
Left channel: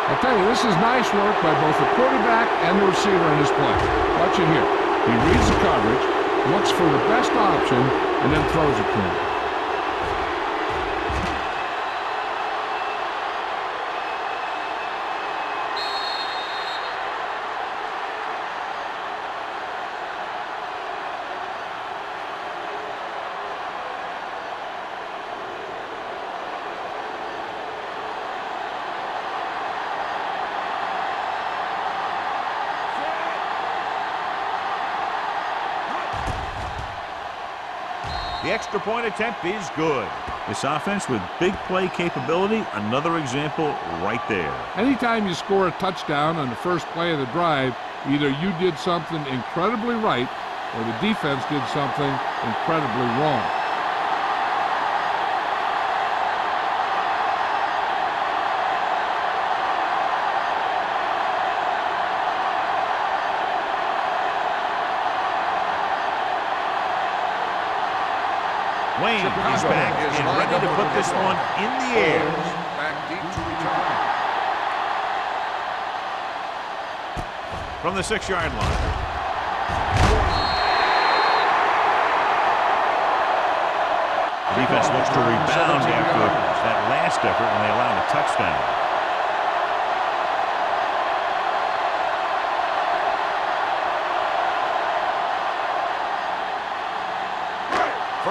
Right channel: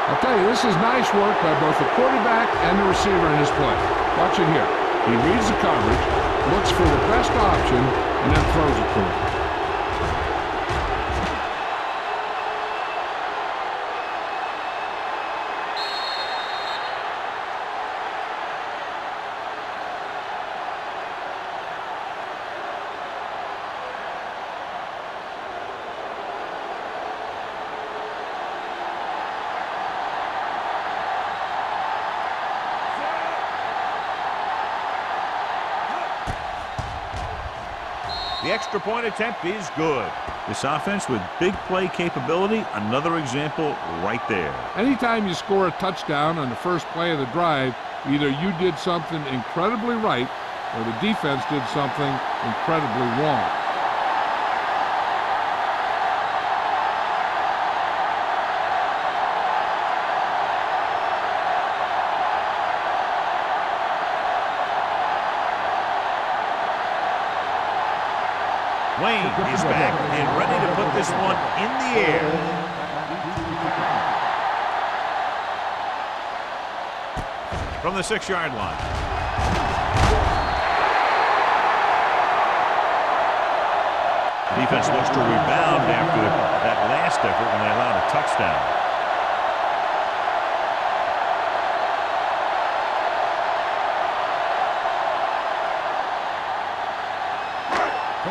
I'll tell you, this is nice work by both the quarterback and the receiver in this play. Watch it here. He reads the coverage, looks for the best option, and then throws it to him. The extra point attempt is good. This offense with big play capability, another example right there. Anytime you score a touchdown on the first play of the drive, either you did something incredibly right or the defense did something incredibly wrong. Wayne is back and ready to put this one in the air. Back deep to return. From the 6-yard line. The defense looks to rebound after that last effort when they allowed a touchdown.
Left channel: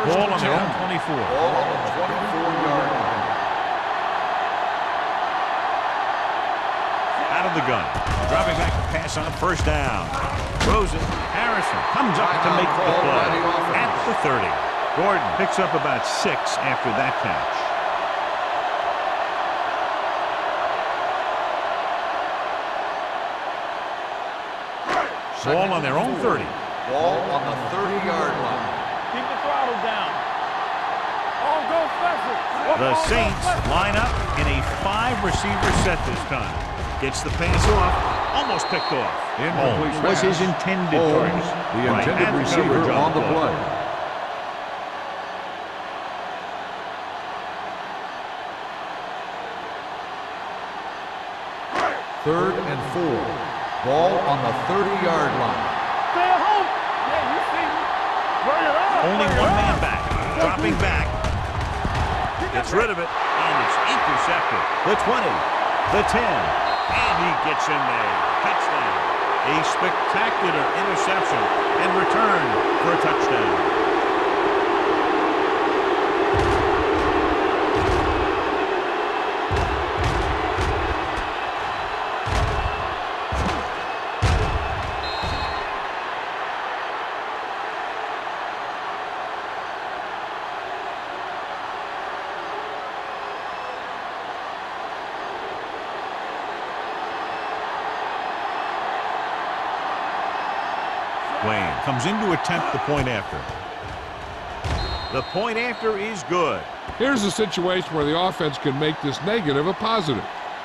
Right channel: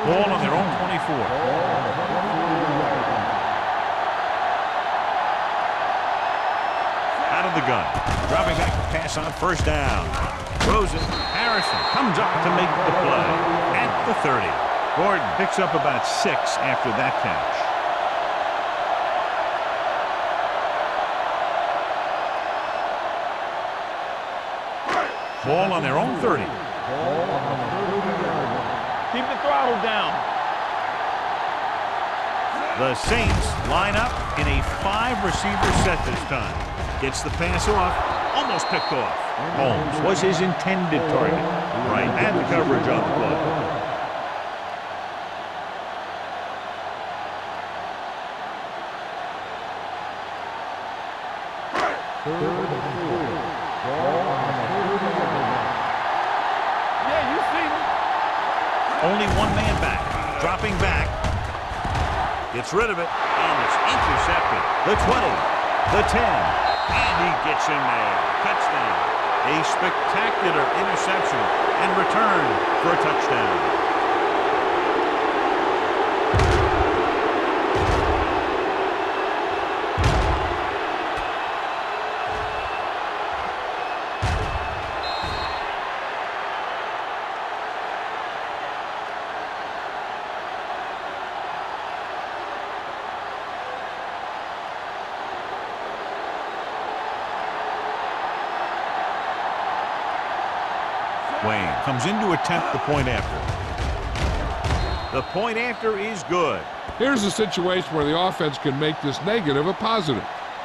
Ball on their own 24. Ball on the 24-yard line. Out of the gun. Dropping back to pass on first down. Throws it. Harrison comes up to make the play at the 30. Gordon picks up about 6 after that catch. Ball on their own 30. Ball on the 30-yard line. Keep the throttle down. The Saints line up in a 5-receiver set this time. Gets the pass off, almost picked off. Holmes was his intended target. Right, and the coverage on the play. Third and 4. Ball on the 30-yard line. Yeah, you see me. Only one man back. Dropping back. Gets rid of it, and it's intercepted. The 20, the 10, and he gets in there. Touchdown. A spectacular interception and return for a touchdown. Wayne comes in to attempt the point after. The point after is good. Here's a situation where the offense can make this negative a positive.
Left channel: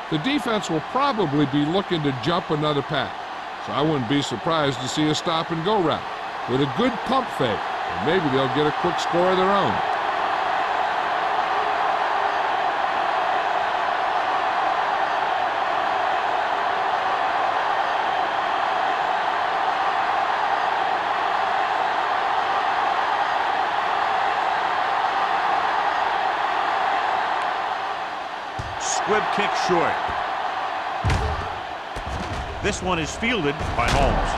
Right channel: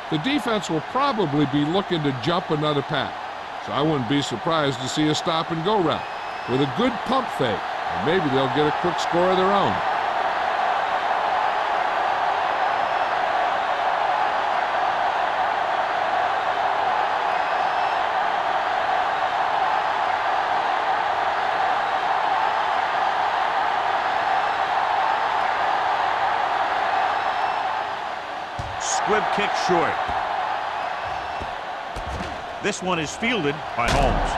The defense will probably be looking to jump another pack, so I wouldn't be surprised to see a stop-and-go route with a good pump fake, and maybe they'll get a quick score of their own. Squib kick short. This one is fielded by Holmes.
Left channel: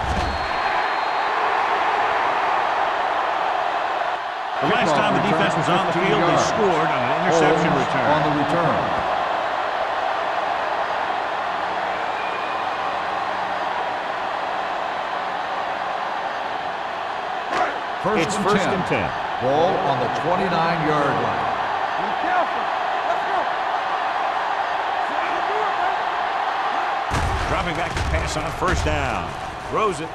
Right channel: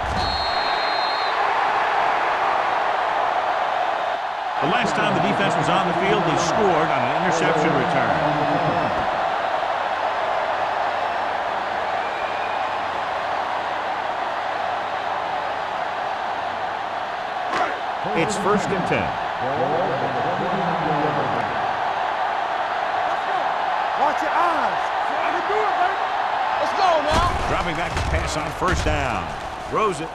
The last time the defense was on the field, they scored on an interception return. It's first and 10. Ball on the 29-yard line. Be careful. Let's go. Watch your eyes. Dropping back to pass on first down. Throws it.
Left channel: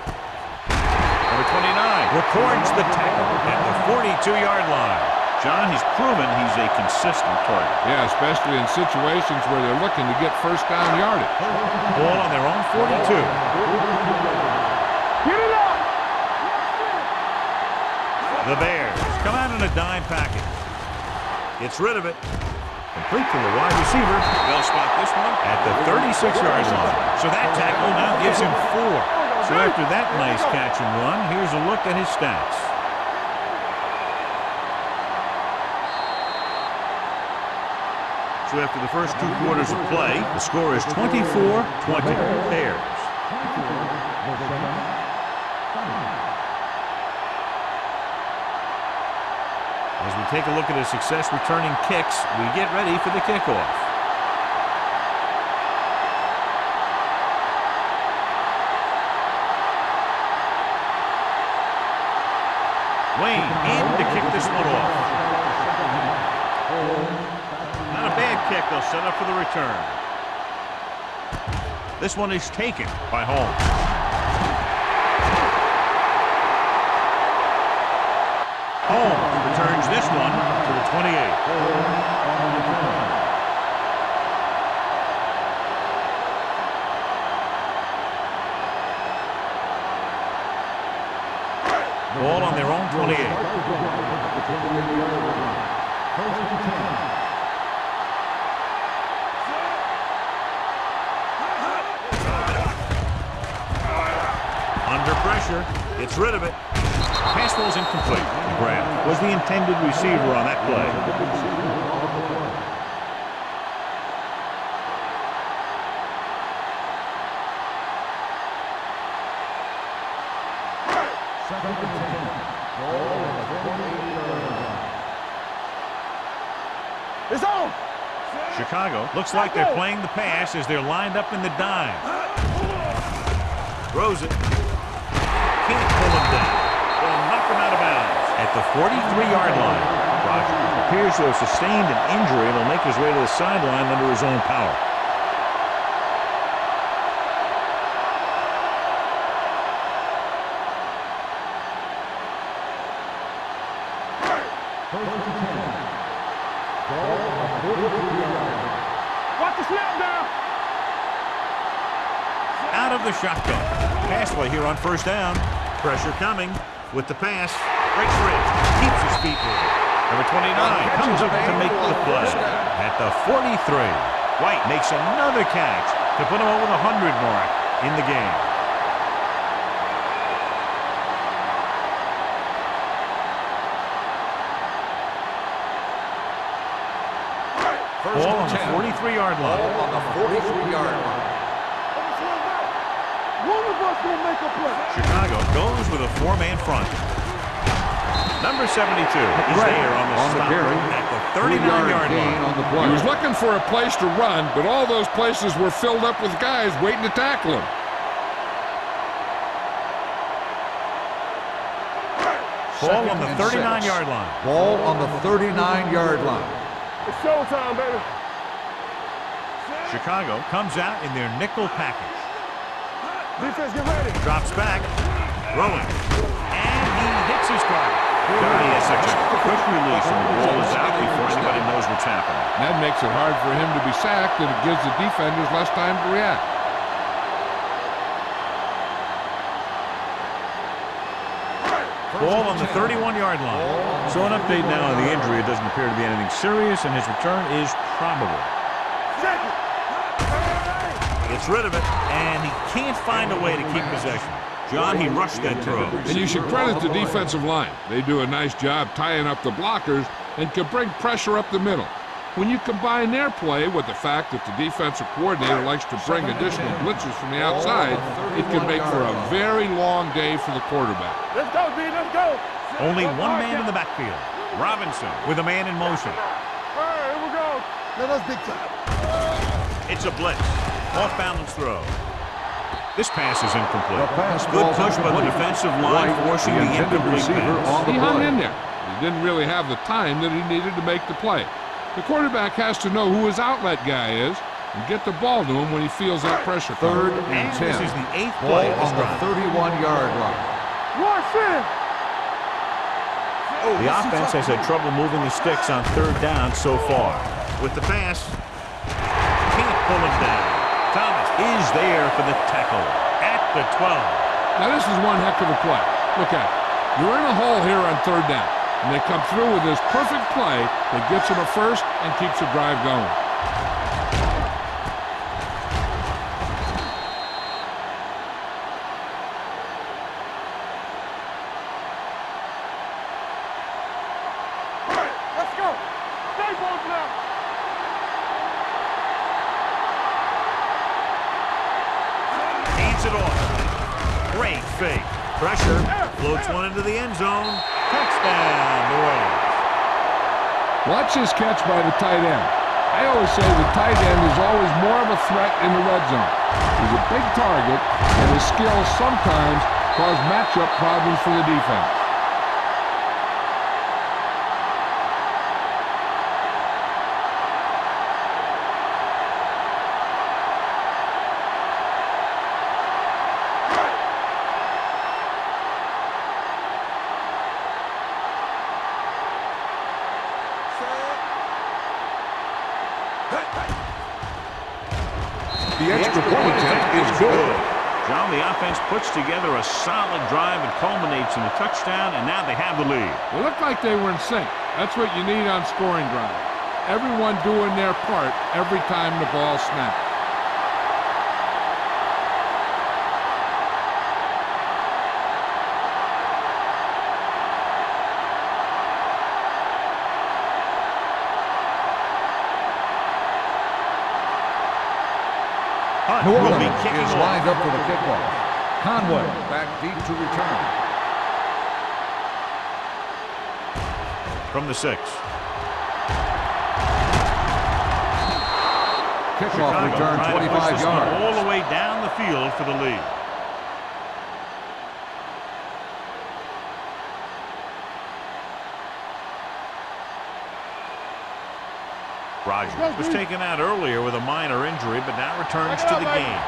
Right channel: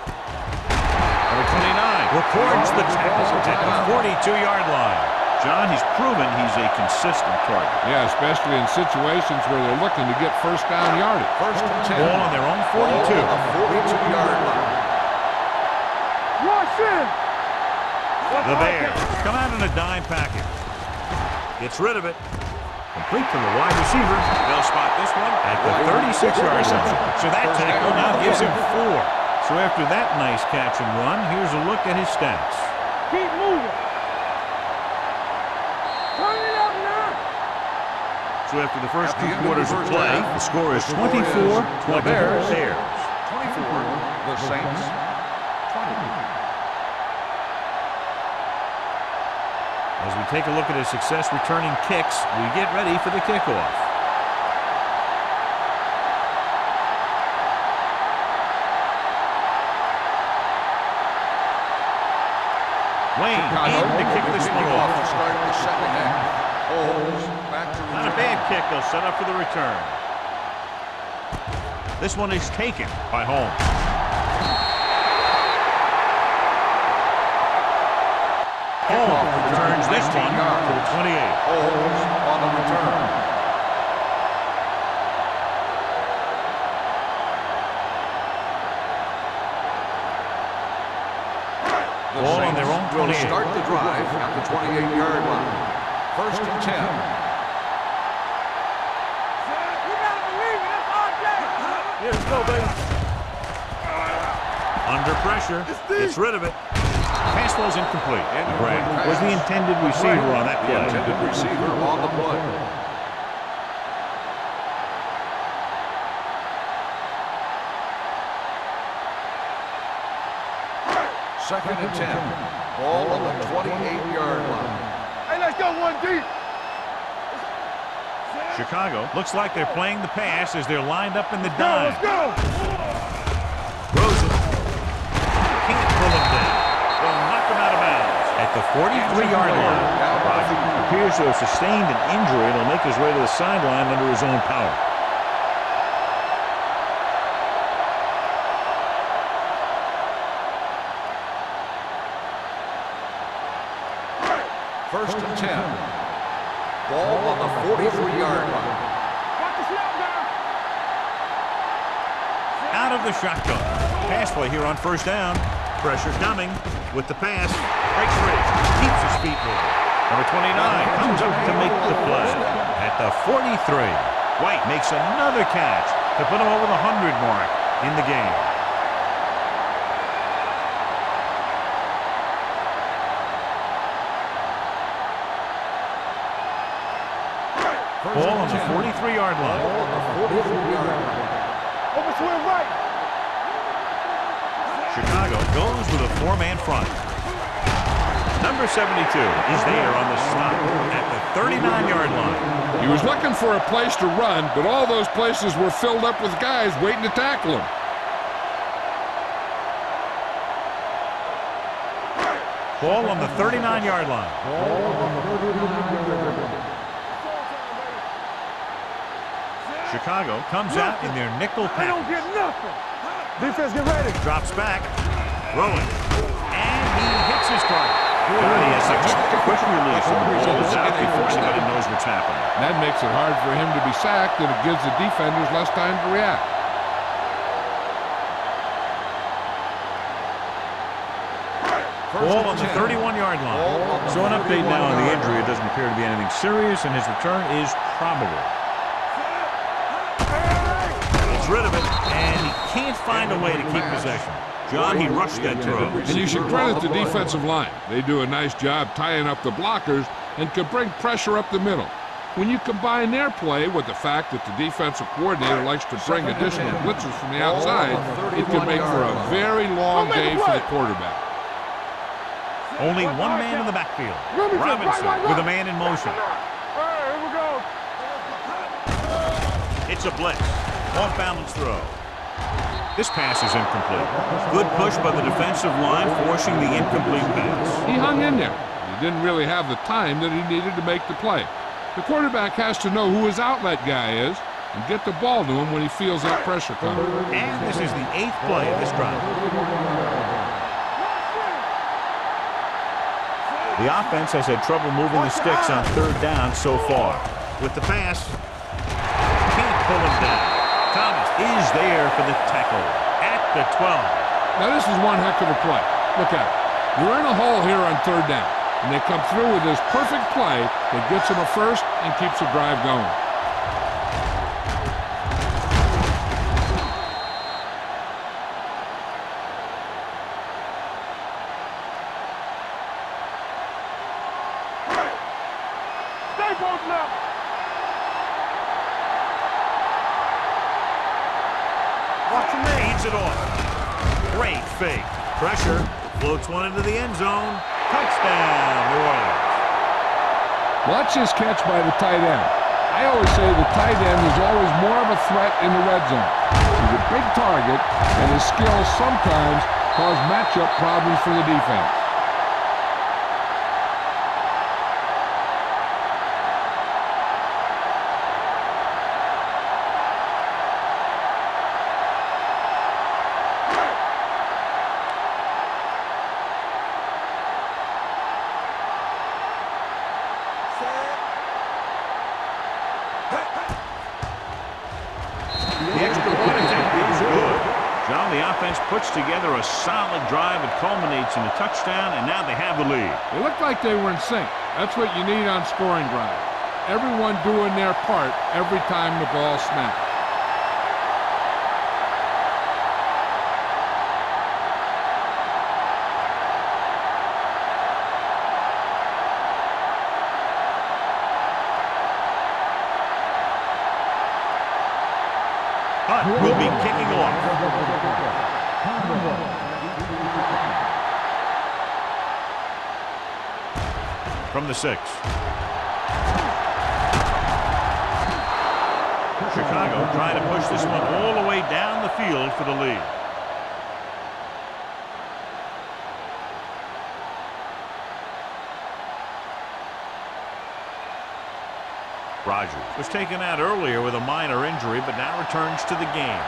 Number 29 records the tackle at the 42-yard line. John, he's proven he's a consistent target. Yeah, especially in situations where they're looking to get first down yardage. Ball on their own 42. 42-yard line. The Bears come out in a dime package. Gets rid of it. Complete to the wide receiver. They'll spot this one at the 36-yard line. So that tackle now gives him 4. So after that nice catch and run, here's a look at his stats. Keep moving. Run it up now. So after the first 2 quarters of play, the score is 24-20. Bears. 24, the Saints. 20. As we take a look at his success returning kicks, we get ready for the kickoff. Wayne in to kick this one off. Not a bad kick. They'll set up for the return. This one is taken by Holmes. Holmes returns this one to the 28. Holmes on the return. Ball on their own 28. Start the drive at the 28-yard line. First and 10. Under pressure, gets rid of it. Pass ball's incomplete. McGrath was the intended receiver on that play. Intended receiver on the play. Second and 10. Ball on the 28-yard line. Hey, let's go one deep. It's on. Chicago looks like they're playing the pass as they're lined up in the dime. Throws it. Can't pull him down. They'll knock him out of bounds at the 43-yard line. Rodgers appears to have sustained an injury and will make his way to the sideline under his own power. First and 10. Ball on the 43-yard line. Watch the snap down. Out of the shotgun. Pass play here on first down. Pressure coming with the pass. Breaks free. Keeps his feet moving. Number 29 comes up to make the play at the 43. White makes another catch to put him over the 100 mark in the game. Ball on the 43-yard line. Ball on the 43-yard line. Over to his right. One of us will make a play. Chicago goes with a 4-man front. Number 72 is there on the stop at the 39-yard line. He was looking for a place to run, but all those places were filled up with guys waiting to tackle him. Ball on the 39-yard line. Ball on the 39-yard line. It's showtime, baby. Chicago comes out in their nickel I don't package. get nothing. Defense, get ready. Drops back. Throwing. And he hits his target. Johnny has such a quick release and the ball is out before anybody knows what's happening. That makes it hard for him to be sacked, and it gives the defenders less time to react. Ball on the 31-yard line. So an update now on the injury. It doesn't appear to be anything serious, and his return is probable. Gets rid of it, and he can't find a way to keep possession. John, he rushed that throw. And you should credit the defensive line. They do a nice job tying up the blockers and can bring pressure up the middle. When you combine their play with the fact that the defensive coordinator likes to bring additional blitzes from the outside, it can make for a very long day for the quarterback. Let's go, B. Let's go. Only one man in the backfield. Robinson with a man in motion. All right, here we go. It's a blitz. Off-balance throw. This pass is incomplete. Good push by the defensive line, forcing the incomplete pass. He hung in there. He didn't really have the time that he needed to make the play. The quarterback has to know who his outlet guy is, and get the ball to him when he feels that pressure coming. And this is the 8th play of this drive. 31-yard line. The offense has had trouble moving the sticks on 3rd down so far. With the pass, can't pull him down. Thomas is there for the tackle at the 12. Now this is one heck of a play. Look at it. You're in a hole here on 3rd down, and they come through with this perfect play that gets them a first and keeps the drive going. Hands it off. Great fake. Pressure. Floats one into the end zone. Touchdown, New Orleans. Watch this catch by the tight end. I always say the tight end is always more of a threat in the red zone. He's a big target, and his skills sometimes cause matchup problems for the defense. The extra point attempt is good. John, the offense puts together a solid drive and culminates in a touchdown, and now they have the lead. It looked like they were in sync. That's what you need on scoring drives. Everyone doing their part every time the ball snaps. Hunt will be kicking off. Up for the kickoff. Conway back deep to return. From the 6. Chicago trying to push this one all the way down the field for the lead. Rogers was taken out earlier with a minor injury, but now returns to the game.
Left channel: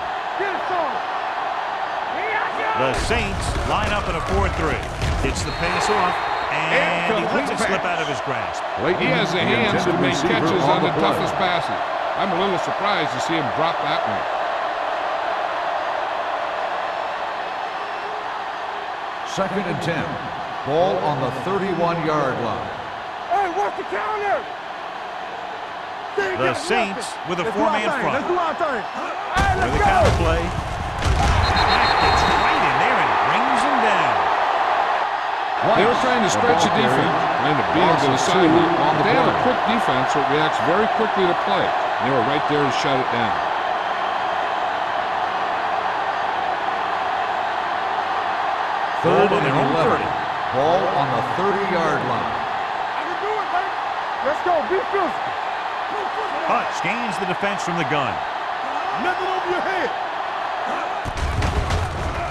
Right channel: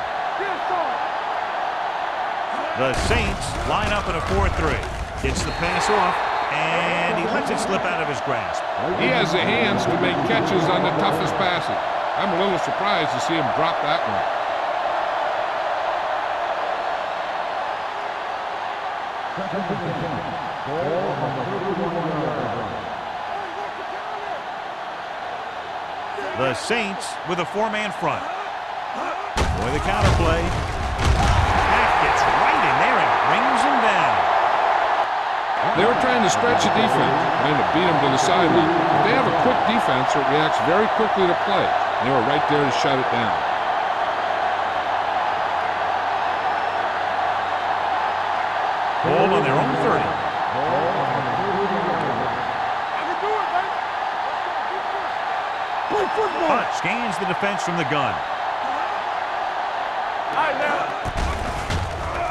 The Saints line up in a 4-3. Gets the pass off, and he lets it slip out of his grasp. He has the hands to make catches on the toughest passes. I'm a little surprised to see him drop that one. Second and 10. Ball on the 31-yard line. The Saints with a 4-man front. For the counter play. That gets right in there and brings him down. They were trying to stretch the defense, trying to beat him to the sideline. But they have a quick defense that reacts very quickly to play. They were right there to shut it down. Ball on their own 30. Ball on the 30-yard line. I can do it, baby. Let's go. Be physical. Play football. Hunt scans the defense from the gun. Nothing over your head.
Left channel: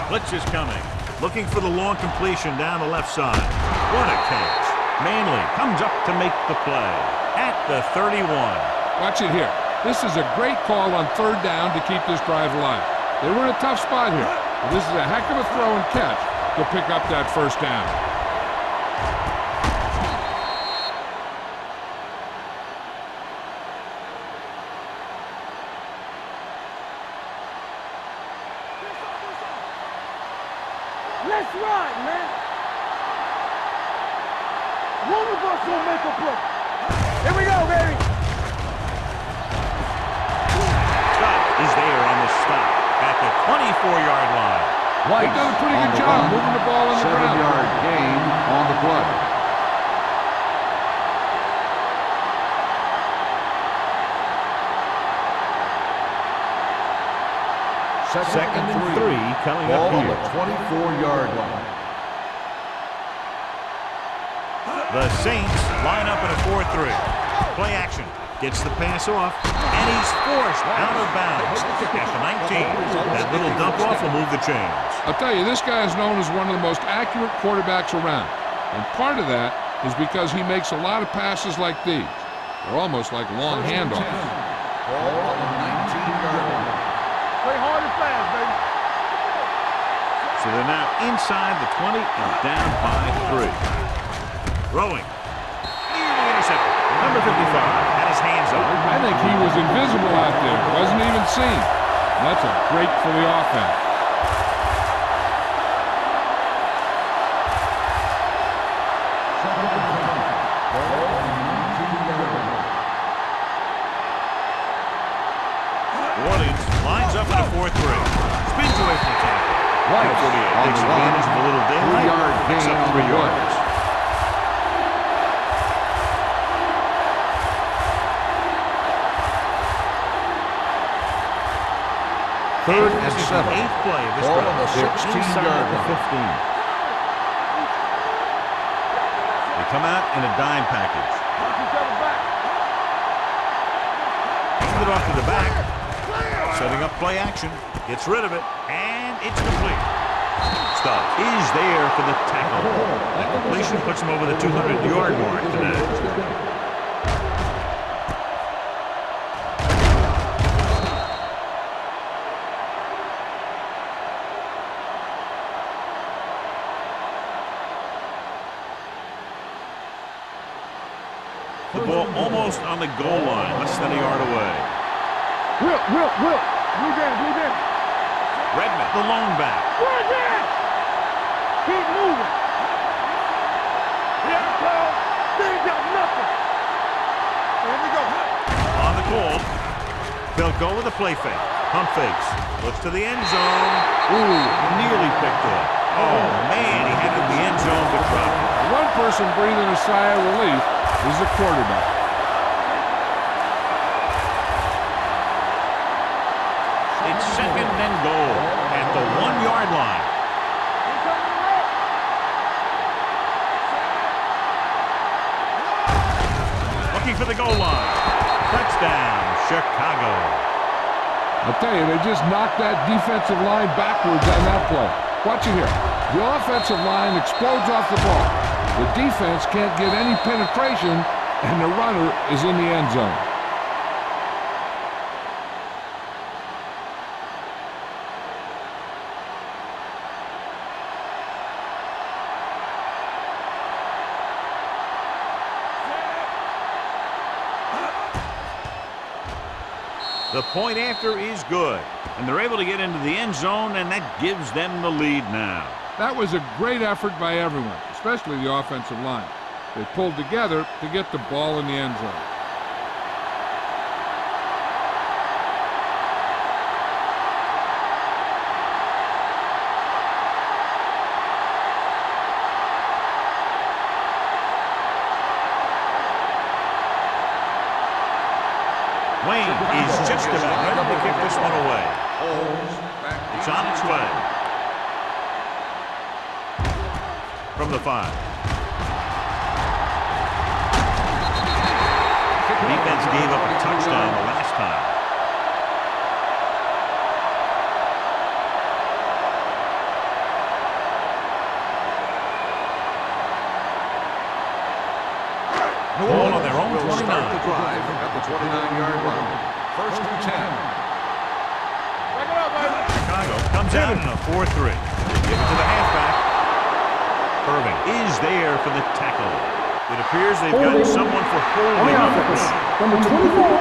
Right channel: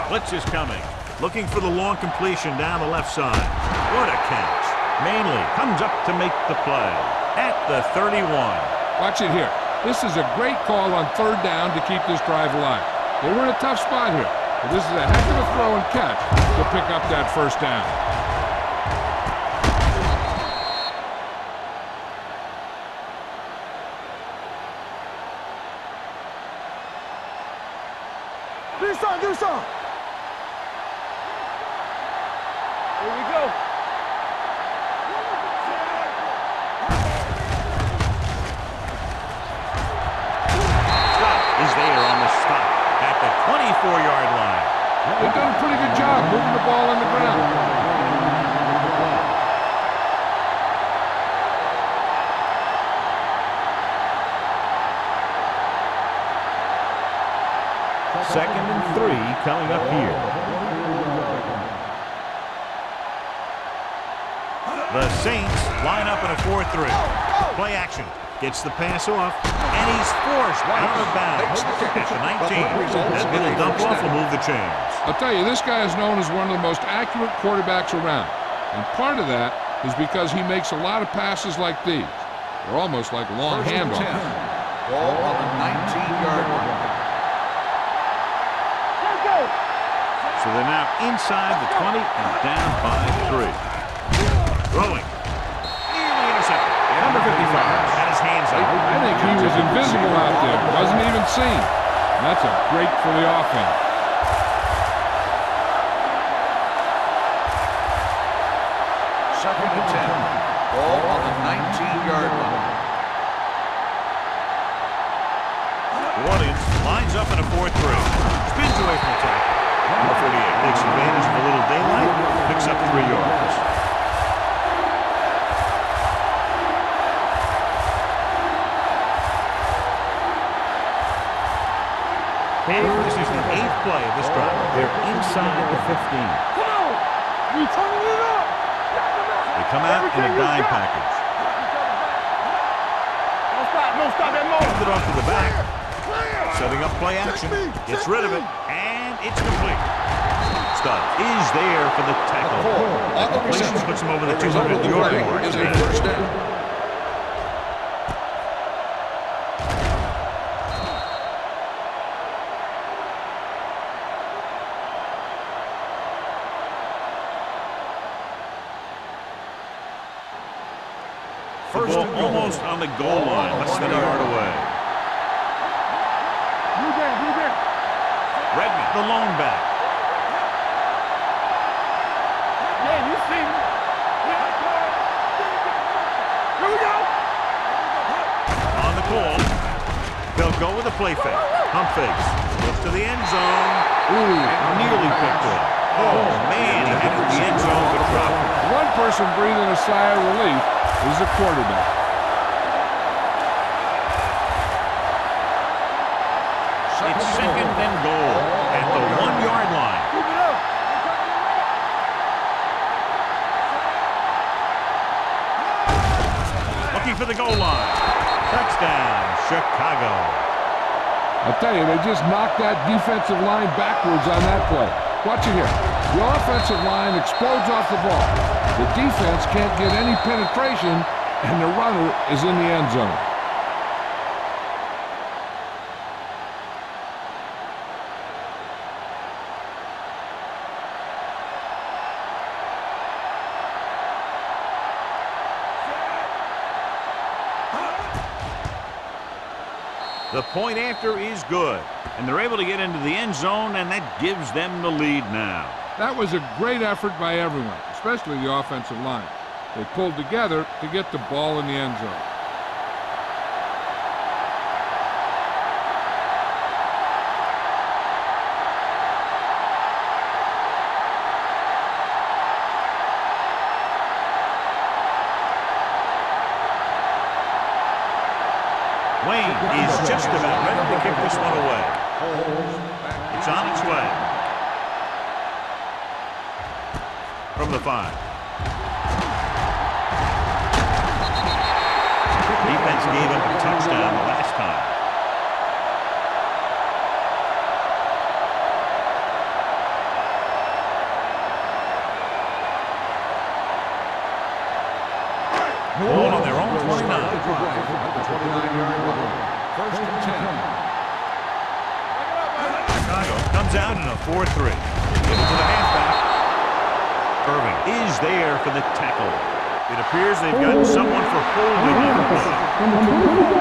Blitz is coming. Looking for the long completion down the left side. What a catch. Manley comes up to make the play at the 31. Watch it here. This is a great call on 3rd down to keep this drive alive. They were in a tough spot here, but this is a heck of a throw and catch to pick up that 1st down. Do something. Let's ride, man. Here we go. One of us will make a play. Here we go, baby. Scott is there on the stop at the 24-yard line. They've done a pretty good job moving the ball on the ground. 7-yard gain on the play. Second and 3 coming up here. 24-yard line. The Saints line up in a 4-3. Play action. Gets the pass off, and he's forced out of bounds at the 19. That little dump off will move the chains. I'll tell you, this guy is known as one of the most accurate quarterbacks around. And part of that is because he makes a lot of passes like these. They're almost like long handoffs. Ball on the 19-yard line. Play hard and fast, baby. Let's go. So they're now inside the 20 and down by 3. Throwing. Nearly intercepted. Number 55 had his hands on it. I think he was invisible out there. Wasn't even seen. That's a break for the offense. Second and 10. Ball on the 19-yard line. Orleans lines up in a 4-3. Spins away from the tackle. Number 48 takes advantage of a little daylight. Picks up 3 yards. And this is the 8th play of this drive. They're inside the 15. Come on. You turning it up. Got them out. They come out in a dime package. Knock each other back. Don't stop that motion. Hand it off to the back. Clear. Setting up play action. Gets rid of it. And it's complete. Stubbs is there for the tackle. The completion puts him over the 200-yard mark today. The ball almost on the goal line, less than a yard away. Whip. Blue game. Redmond, the lone back. Keep moving. Hey, you see me? Here I come. They ain't got nothing. Here we go. On the call. They'll go with a play fake. Pump fakes. Looks to the end zone. Ooh, nearly picked off. Oh, man, he had it in the end zone, but dropped it. One person breathing a sigh of relief is the quarterback. It's second and goal at the 1-yard line. Keep it up. We're coming to red. Looking for the goal line. Touchdown, Chicago. I'll tell you, they just knocked that defensive line backwards on that play. Watch it here. The offensive line explodes off the ball. The defense can't get any penetration, and the runner is in the end zone. The point after is good, and they're able to get into the end zone, and that gives them the lead now. That was a great effort by everyone, especially the offensive line. They pulled together to get the ball in the end zone. Wayne is just about ready to kick this one away. It's on its way. From the 5. Defense gave up a touchdown the last time. Ball on their own 29. Start the drive at the 29-yard line. First and 10. Back it up, baby. Chicago comes out in a 4-3. They give it to the halfback. Irving is there for the tackle. It appears they've gotten someone for holding on the play. Number 24.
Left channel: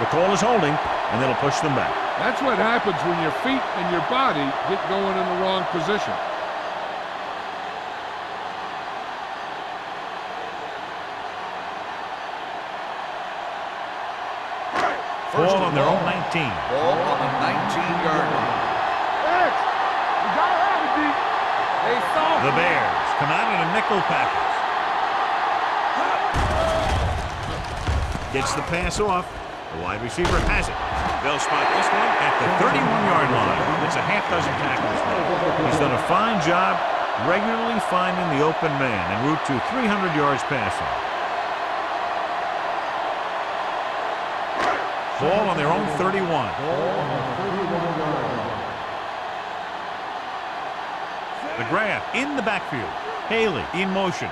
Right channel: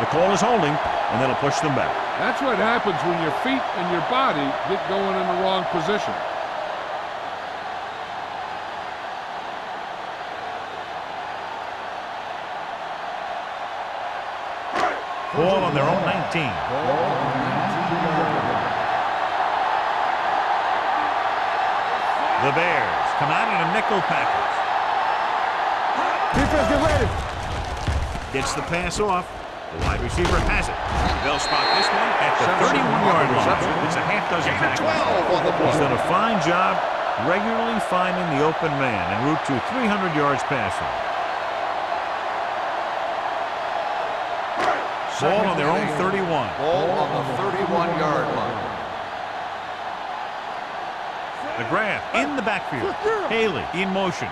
The call is holding, and that'll push them back. That's what happens when your feet and your body get going in the wrong position. Ball on their own 19. Ball on the 19-yard line. The Bears come out in a nickel package. Gets the pass off. The wide receiver has it. They'll spot this one at the 31-yard line. It's a half dozen tackles now. He's done a fine job regularly finding the open man en route to 300 yards passing. Ball on their own 31. Ball on the 31-yard line. McGrath in the backfield. Haley in motion.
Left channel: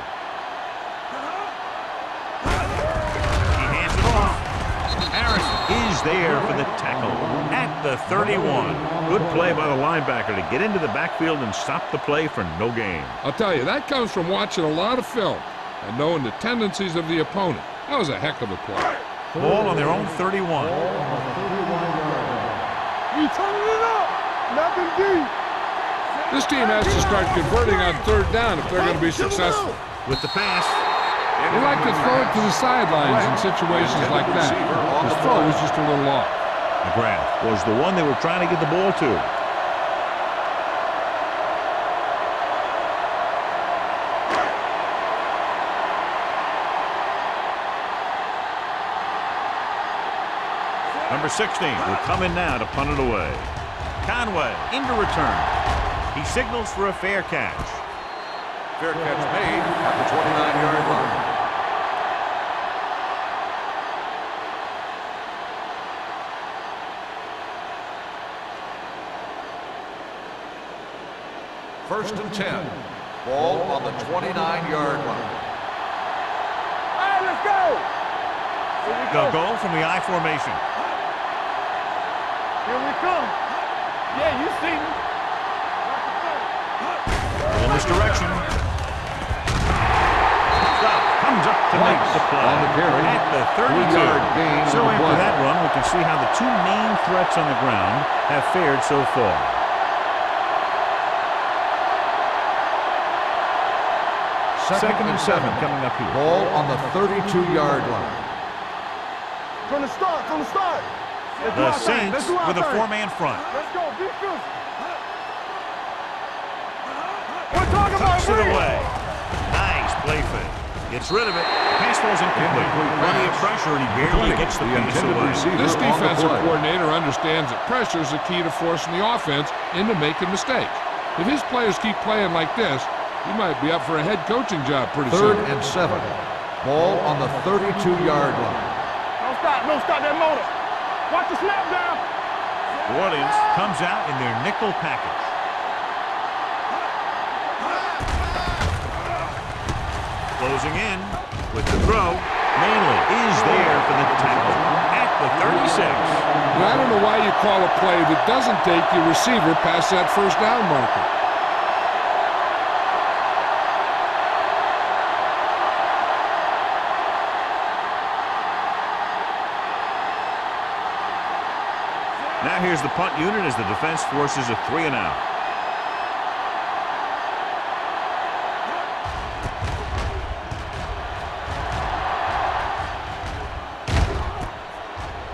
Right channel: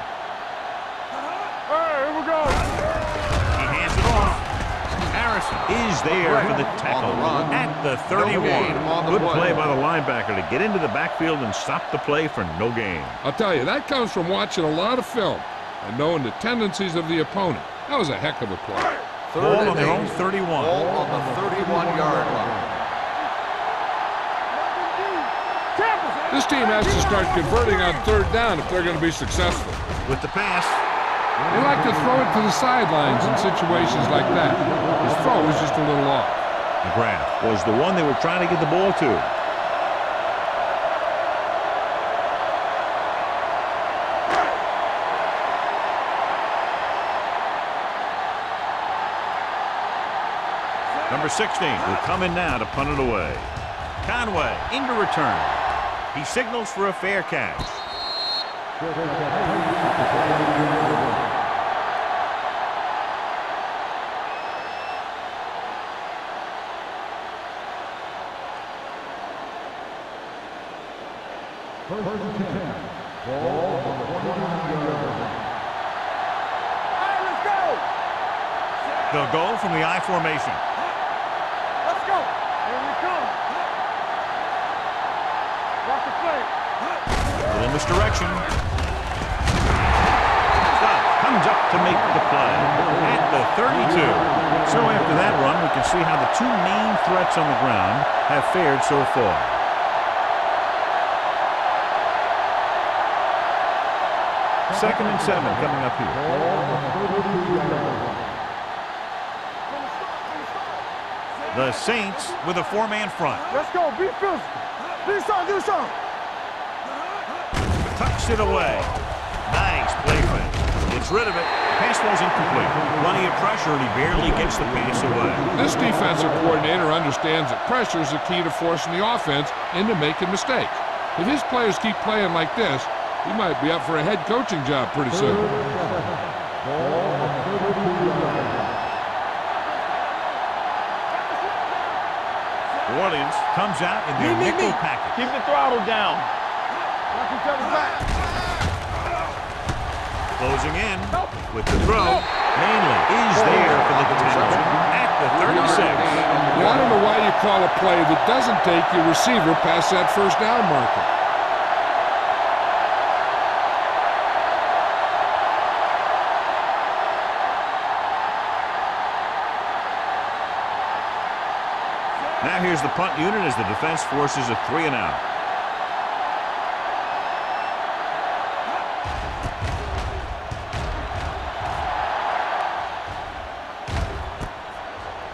Robinson is there for the tackle at the 31. Good play by the linebacker to get into the backfield and stop the play for no gain. I'll tell you, that comes from watching a lot of film and knowing the tendencies of the opponent. That was a heck of a play. Ball on their own 31. Ball on the 31-yard line. You turning it up. Nothing deep. This team has to start converting on third down if they're going to be successful. With the pass. They like to throw it to the sidelines in situations like that. His throw was just a little off. McGrath was the one they were trying to get the ball to. Number 16 will come in now to punt it away. Conway into return. He signals for a fair catch. Fair catch made at the 29-yard line. First and 10. Ball on the 29-yard line. All right, let's go. They'll go from the I formation. Let's go. Here we come. Yeah, you see me. Watch the play. A little misdirection. Stubb comes up to make the play at the 32. So after that run, we can see how the two main threats on the ground have fared so far. Second and 7 coming up here. Ball on the 32-yard line. From the start. The Saints with a four-man front. Let's go. Be physical. Do something. Tucks it away. Nice play fake. Gets rid of it. The pass ball's incomplete. Plenty of pressure, and he barely gets the pass away. This defensive coordinator understands that pressure is the key to forcing the offense into making mistakes. If his players keep playing like this, he might be up for a head coaching job pretty soon. Third and 7. Ball on the 32-yard line. Don't stop that motor. Watch the snap down. New Orleans comes out in their nickel package. Keep the throttle down. Closing in with the throw. Manley is there for the tackle at the 36. Now, I don't know why you call a play that doesn't take your receiver past that first down marker. Now here's the punt unit as the defense forces a 3 and out.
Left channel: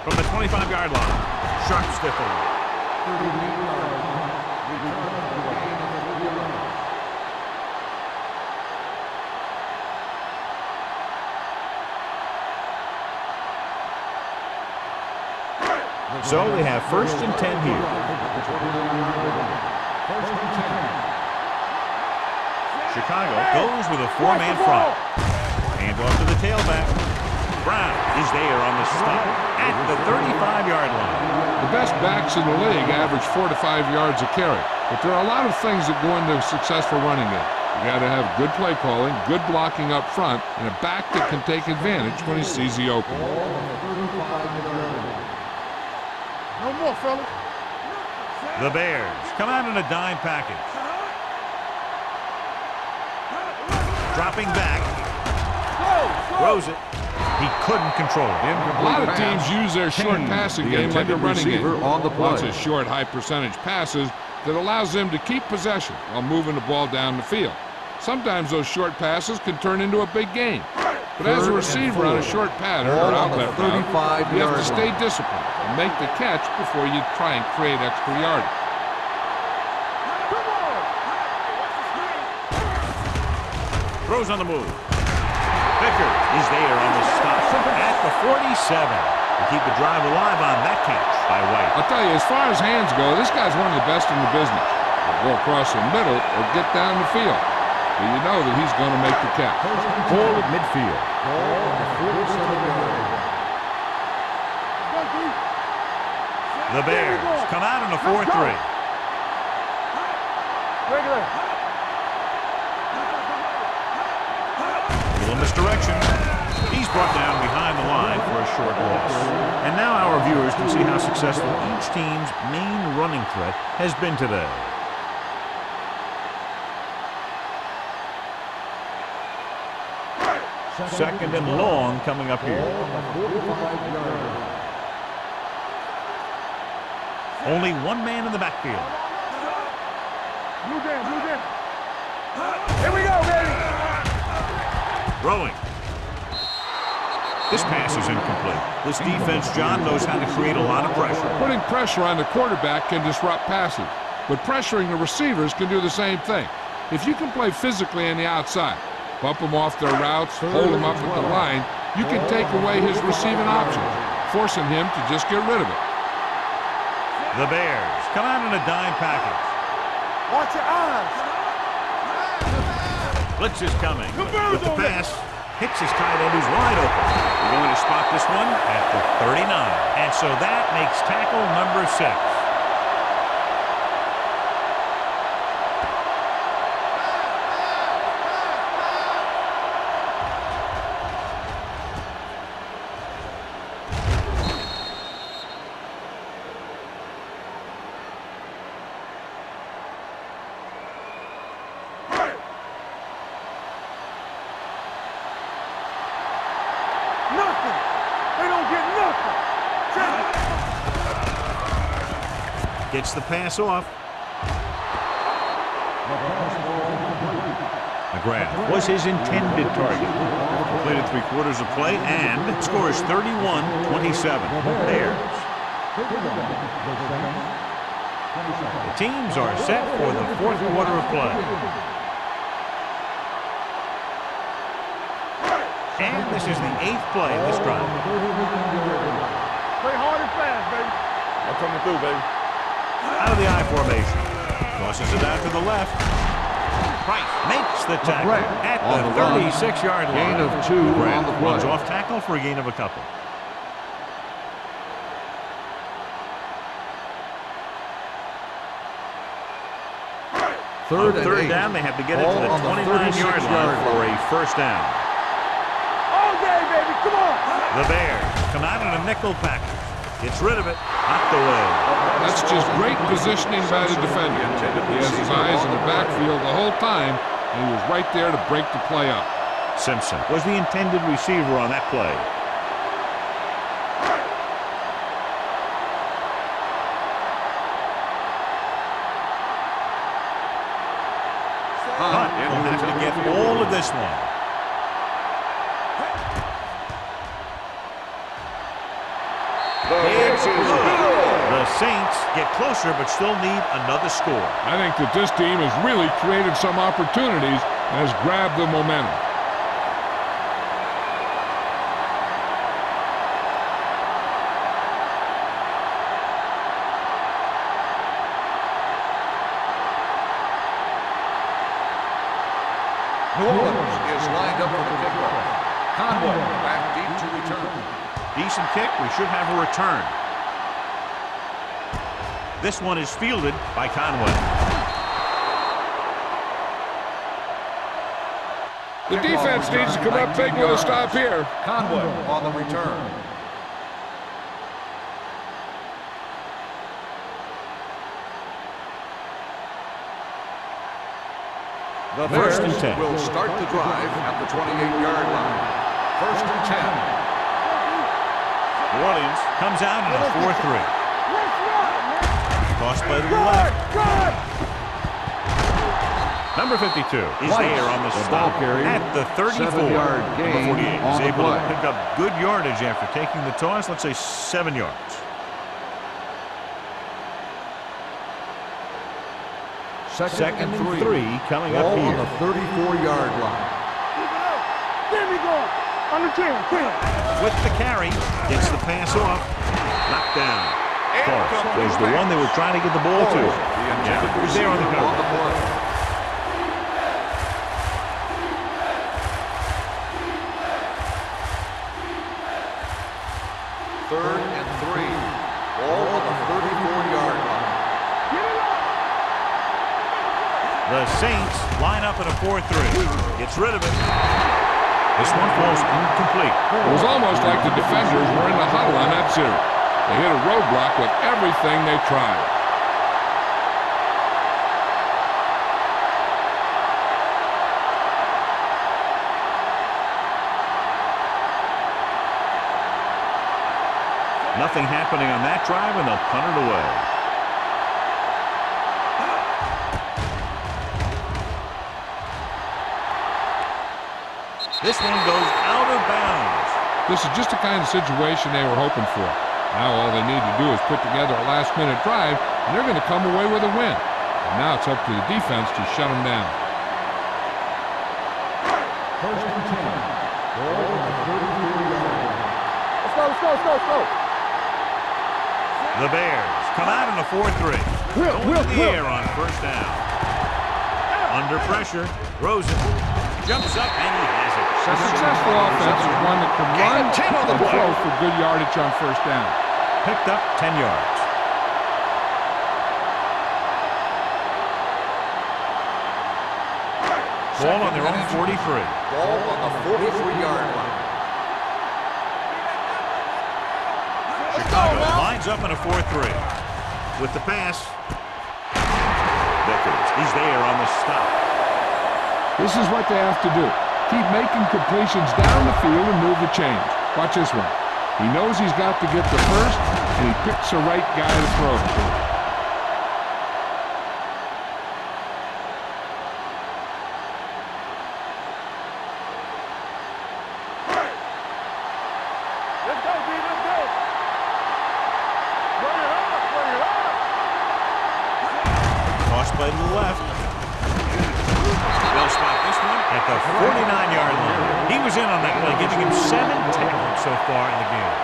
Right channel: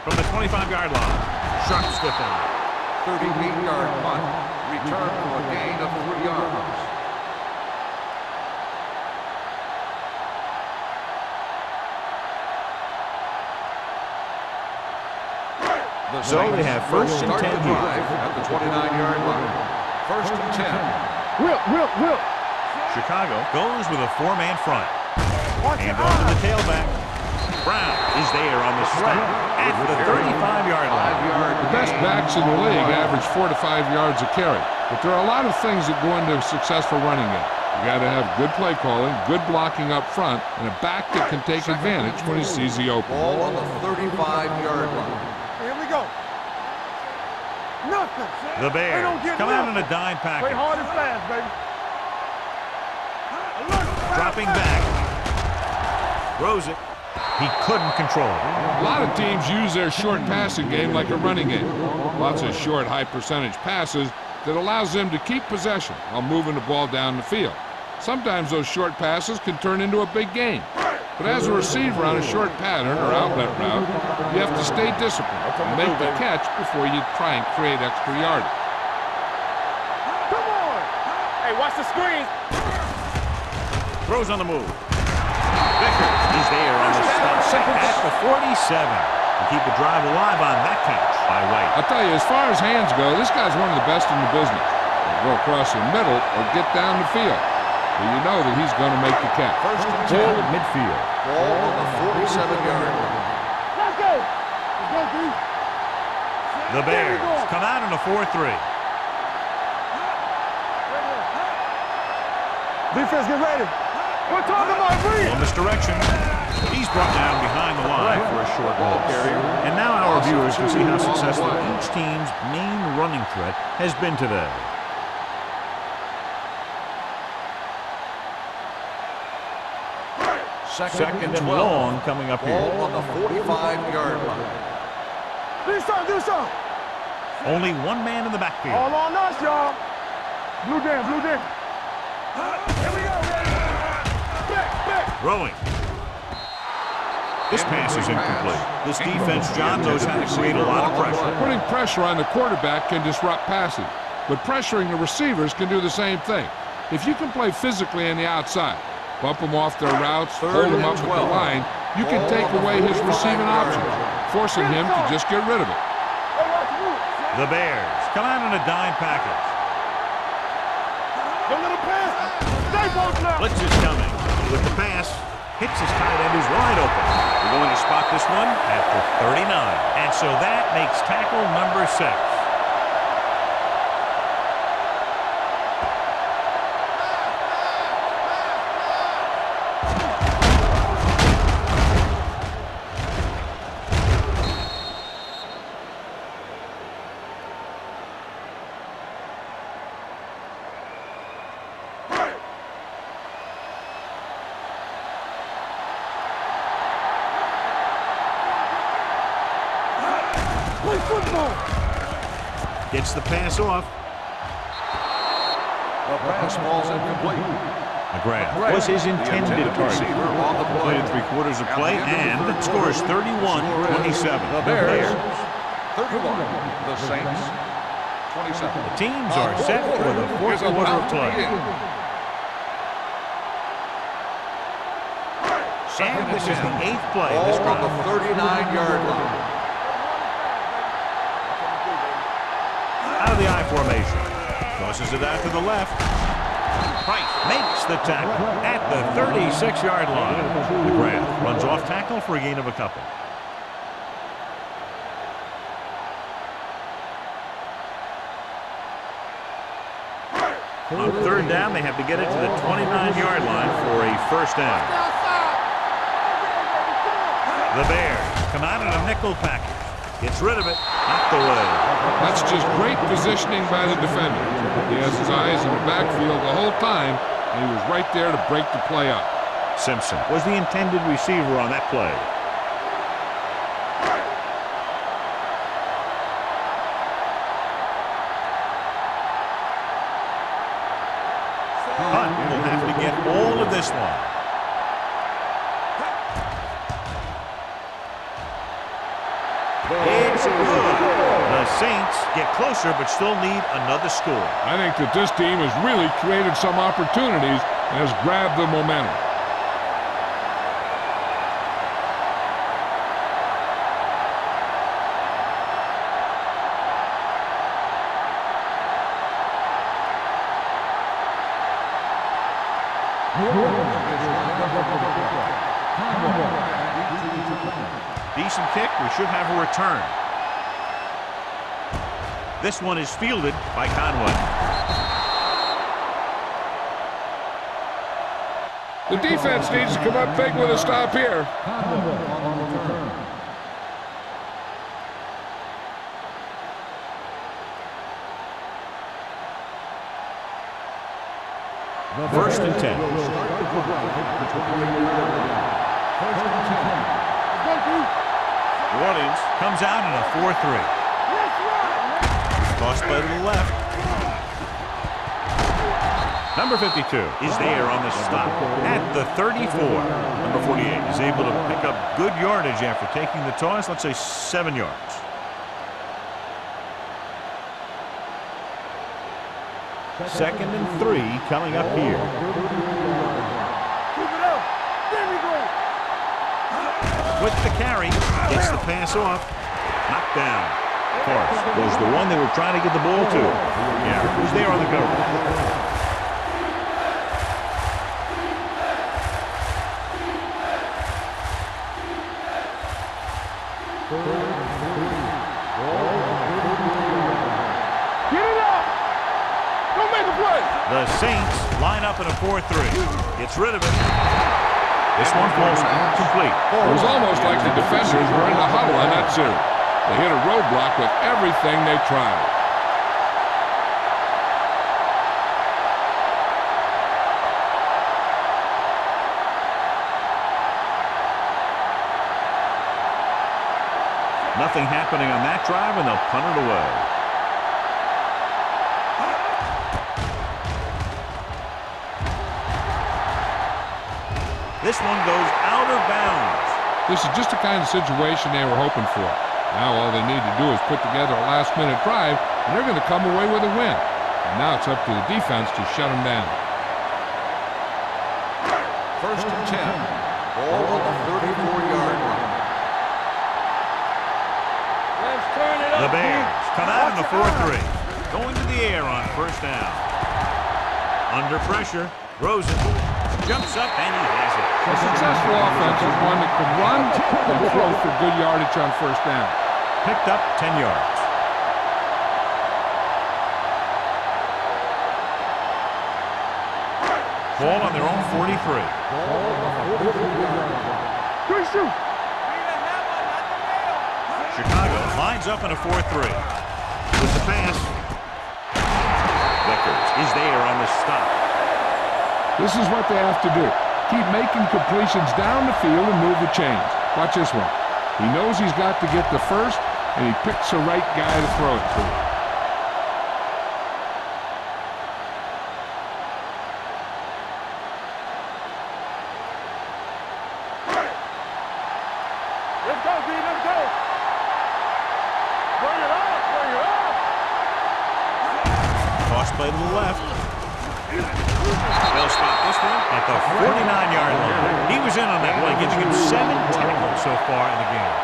From the 25-yard line, sharp stiff arm. 38-yard punt. Return for a gain of 3 yards. So they have first and 10 here. At the 29-yard line. First and 10. Whip. Chicago goes with a four-man front. Hand off to the tailback. Brown is there on the stop at the 35-yard line. The best backs in the league average 4 to 5 yards a carry, but there are a lot of things that go into a successful running game. You got to have good play calling, good blocking up front, and a back that can take advantage when he sees the open. Ball on the 35-yard line. Here we go. No more, fella. Nothing. The Bears come out in a dime package. Hard and fast, baby. Dropping back. Throws it. He couldn't control it. A lot of teams use their short passing game like a running game. Lots of short, high-percentage passes that allows them to keep possession while moving the ball down the field. Sometimes those short passes can turn into a big game. But as a receiver on a short pattern or outlet route, you have to stay disciplined and make the catch before you try and create extra yardage. Come on. Hey, watch the screen. Throws on the move. Vickers is there on the stop at the 47 to keep the drive alive on that catch by White. I'll tell you, as far as hands go, this guy's one of the best in the business. He'll go across the middle or get down the field. But you know that he's going to make the catch. Ball at midfield. Ball on the 47-yard line. Let's go, D. The Bears come out in a 4-3. Regular. Defense, get ready. A little misdirection. He's brought down behind the line for a short loss. And now our viewers can see how successful each team's main running threat has been today. Second and long coming up here. On the 45-yard line. Do some. Only one man in the backfield. All on us, y'all. Blue down. Here we go, baby. Throwing. This pass is incomplete. This defense, John, knows how to create a lot of pressure. Putting pressure on the quarterback can disrupt passes, but pressuring the receivers can do the same thing. If you can play physically on the outside, bump them off their routes, hold them up at the line, you can take away his receiving options, forcing him to just get rid of it. The Bears come out in a dime package. Watch your eyes. Blitz is coming. With the pass, hits his tight end who's wide open. We're going to spot this one at the 39. And so that makes tackle number 6. Gets the pass off. The pass ball's incomplete. McGrath was his intended target. Completed 3/4 of play and scores 31-27. Bears. 31. The Saints. 27. The teams are set for the 4th quarter of play. And this is the 8th play of this drive. 39-yard line. Play hard and fast, baby. I'm coming through, baby. Out of the I formation. Tosses it out to the left. Price makes the tackle at the 36-yard line. McGrath runs off tackle for a gain of a couple. On 3rd down, they have to get it to the 29-yard line for a first down. All day, baby. Come on. The Bears come out in a nickel package. Gets rid of it. Knocked away. That's just great positioning by the defender. He has his eyes in the backfield the whole time, and he was right there to break the play up. Simpson was the intended receiver on that play. Hunt will have to get all of this one. It's good. The Saints get closer but still need another score. I think that this team has really created some opportunities and has grabbed the momentum. New Orleans is lined up for the kickoff. Conway back deep to return. Decent kick. We should have a return. This one is fielded by Conway. The defense needs to come up big with a stop here. Conway on the return. The First and Bears 10. will start the drive at the 28-yard line. First and 10. New Orleans comes out in a 4-3. Let's run, man. Toss play to the left. Number 52 is there on the stop at the 34. Number 48 is able to pick up good yardage after taking the toss, let's say 7 yards. Second and 3 coming up here. On the 34-yard line. Keep it up. There we go. On the 10. With the carry, gets the pass off. Knocked down. Forrest was the one they were trying to get the ball to. Garrett was there on the cover. Third and 3. Ball on the 34-yard line. Get it up. Don't make a play. The Saints line up in a 4-3. Gets rid of it. This one falls incomplete. It was almost like the defenders were in the huddle on that series. They hit a roadblock with everything they tried. Nothing happening on that drive, and they'll punt it away. This one goes out of bounds. This is just the kind of situation they were hoping for. Now all they need to do is put together a last-minute drive, and they're going to come away with a win. And now it's up to the defense to shut them down. First and 10. Ball on the 44-yard line. Let's go. The Bears come out in a 4-3. Going to the air on first down. Under pressure, Rosen jumps up, and he has it. A successful offense is one that can run and throw for good yardage on first down. Picked up 10 yards. Ball on their own 43. Ball on the 43-yard line. Good shoot. Chicago lines up in a 4-3. With the pass, Vickers is there on the stop. This is what they have to do. Keep making completions down the field and move the chains. Watch this one. He knows he's got to get the first, and he picks the right guy to throw it to. Let's go, D. Let's go. Bring it up. Toss play to the left. They'll spot this one at the 49-yard line. He was in on that play, giving him 7 tackles so far in the game.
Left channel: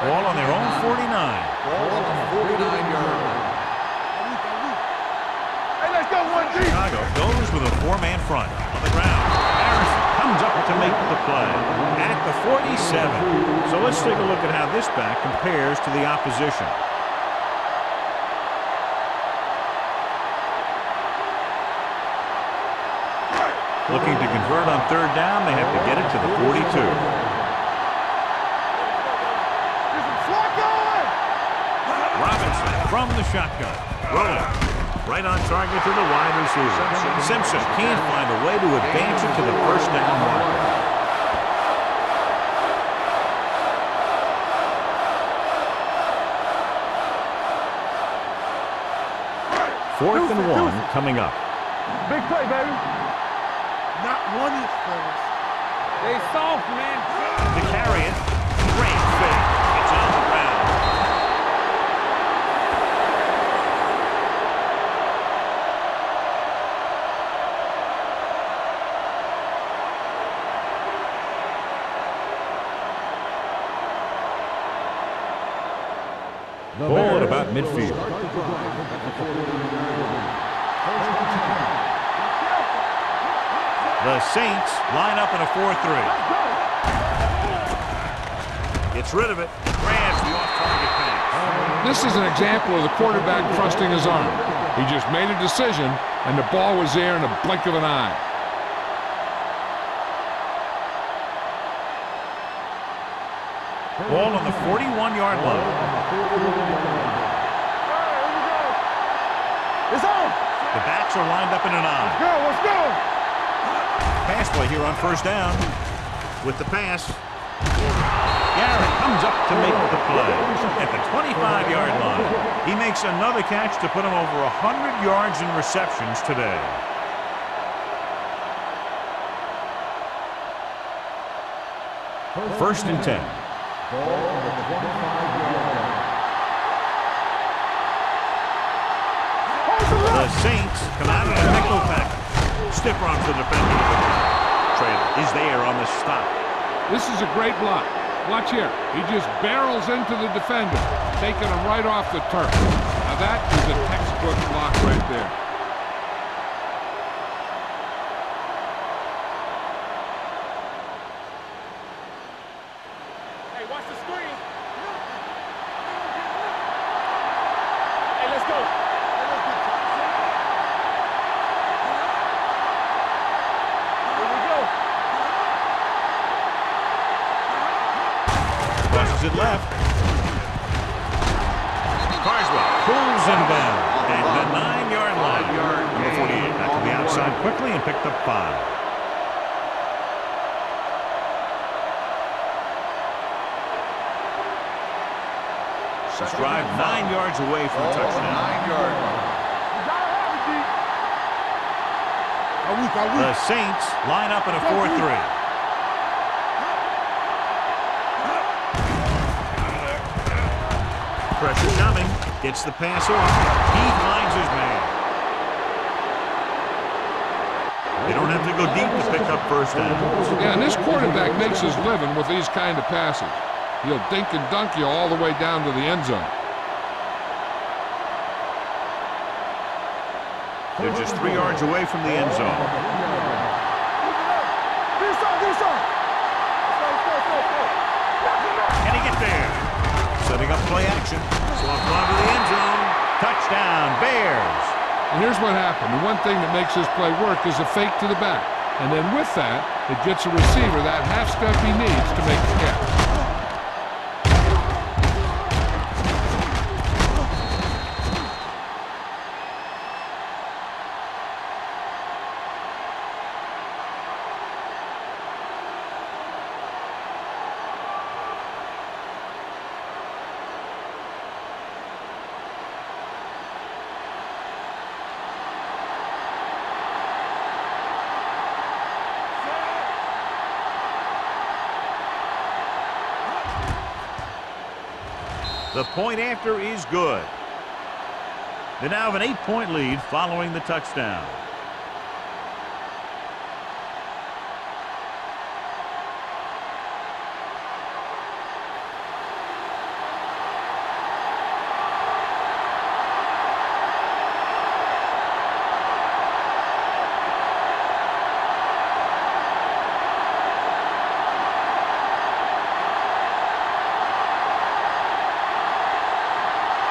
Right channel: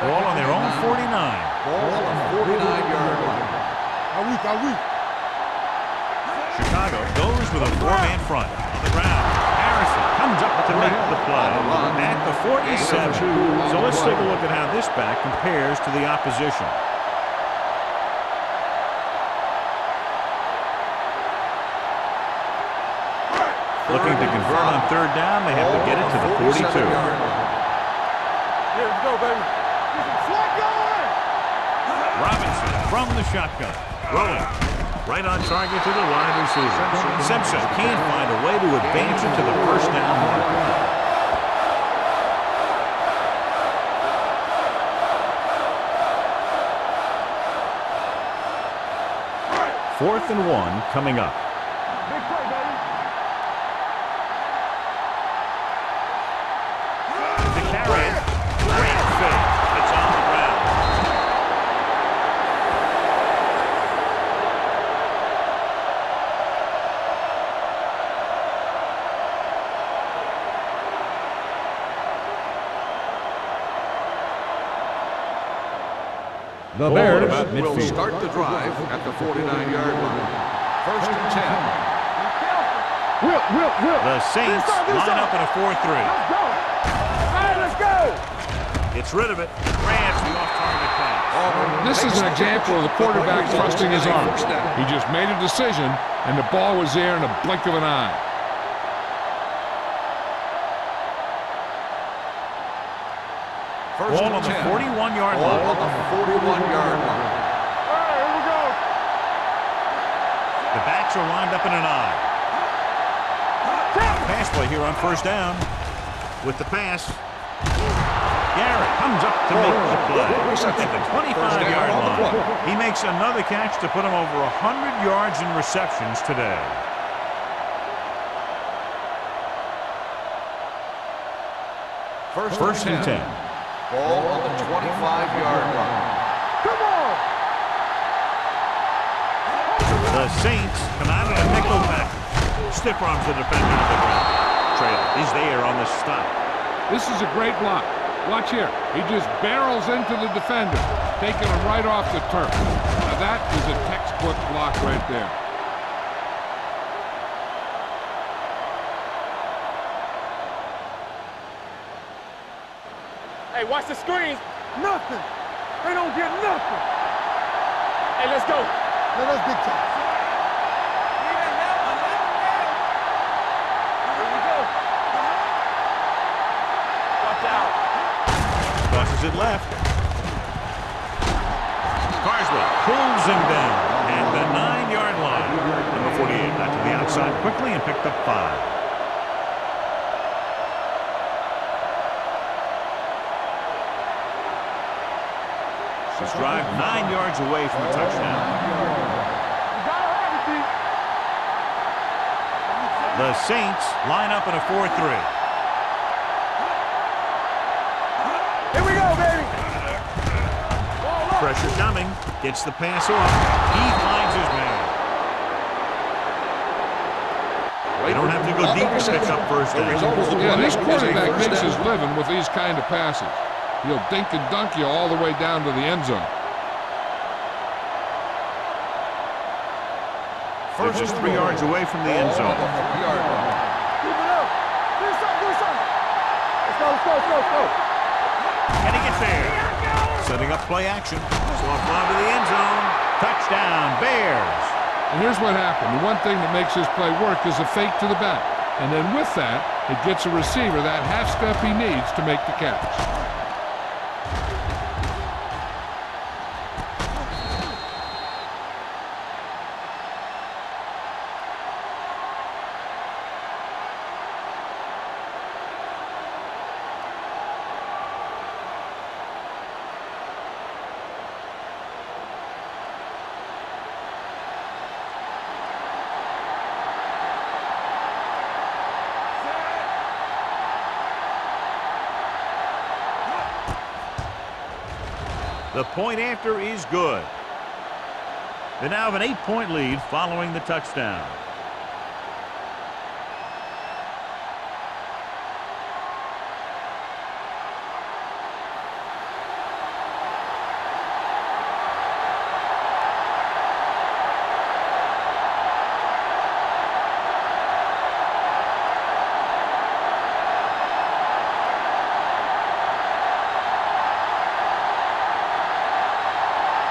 Ball on their own 49. Ball on the 49-yard line. Chicago goes with a 4-man front. On the ground, Harrison comes up to make the play at the 47. So let's take a look at how this back compares to the opposition. Looking to convert on third down, they have to get it to the 42. Let's go, baby. Get some swat going. Robinson from the shotgun. Rolling. Right on target to the wide receiver. Simpson can't find a way to advance it to the first down marker. 4th and 1 coming up. Big play, baby. Not one is first. They soft, man. To carry it. Great fake. It's on the ground. The Ball Bears at about will midfield. start the drive at the 49-yard line. First and 10. Be careful. Whip. The Saints line up in a 4-3. Let's go. Let's go. Gets rid of it. Grabs the off-target pass. This is an example of the quarterback thrusting his arms. He just made a decision, and the ball was there in a blink of an eye. Ball on the 41-yard Ball line. on the 41-yard line. All right, here we go. It's on. The backs are lined up in an eye. Let's go. Pass play here on first down. With the pass, Garrett comes up to make the play at the 25-yard line. He makes another catch to put him over 100 yards in receptions today. First and 10. Ball on the 25-yard line. The Saints come out in a nickel package. Stiff arms the defender to the ground. Traylor is there on the stop. This is a great block. Watch here. He just barrels into the defender, taking him right off the turf. Now that is a textbook block right there. Hey, watch the screens. Nothing. They don't get nothing. Hey, let's go. Now let's big time. Here we go. Watch out. Crosses it left. Carswell pulls him down at the 9-yard line. Number 48 got to the outside quickly and picked up 5. This drive 9 yards away from a touchdown. 9-yard line. You gotta have it, D. The Saints line up in a 4-3. Here we go, baby. Pressure coming. Gets the pass off. He finds his man. They don't have to go deep to pick up first down. Yeah, and this quarterback makes his living with these kind of passes. He'll dink and dunk you all the way down to the end zone. They're just 3 yards away from the end zone. Keep it up. Do some. Let's go. Can he get there? Setting up play action. Soft lob to the end zone. Touchdown, Bears. And here's what happened. The one thing that makes this play work is a fake to the back. And then with that, it gets a receiver that half step he needs to make the catch. The point after is good. They now have an 8-point lead following the touchdown.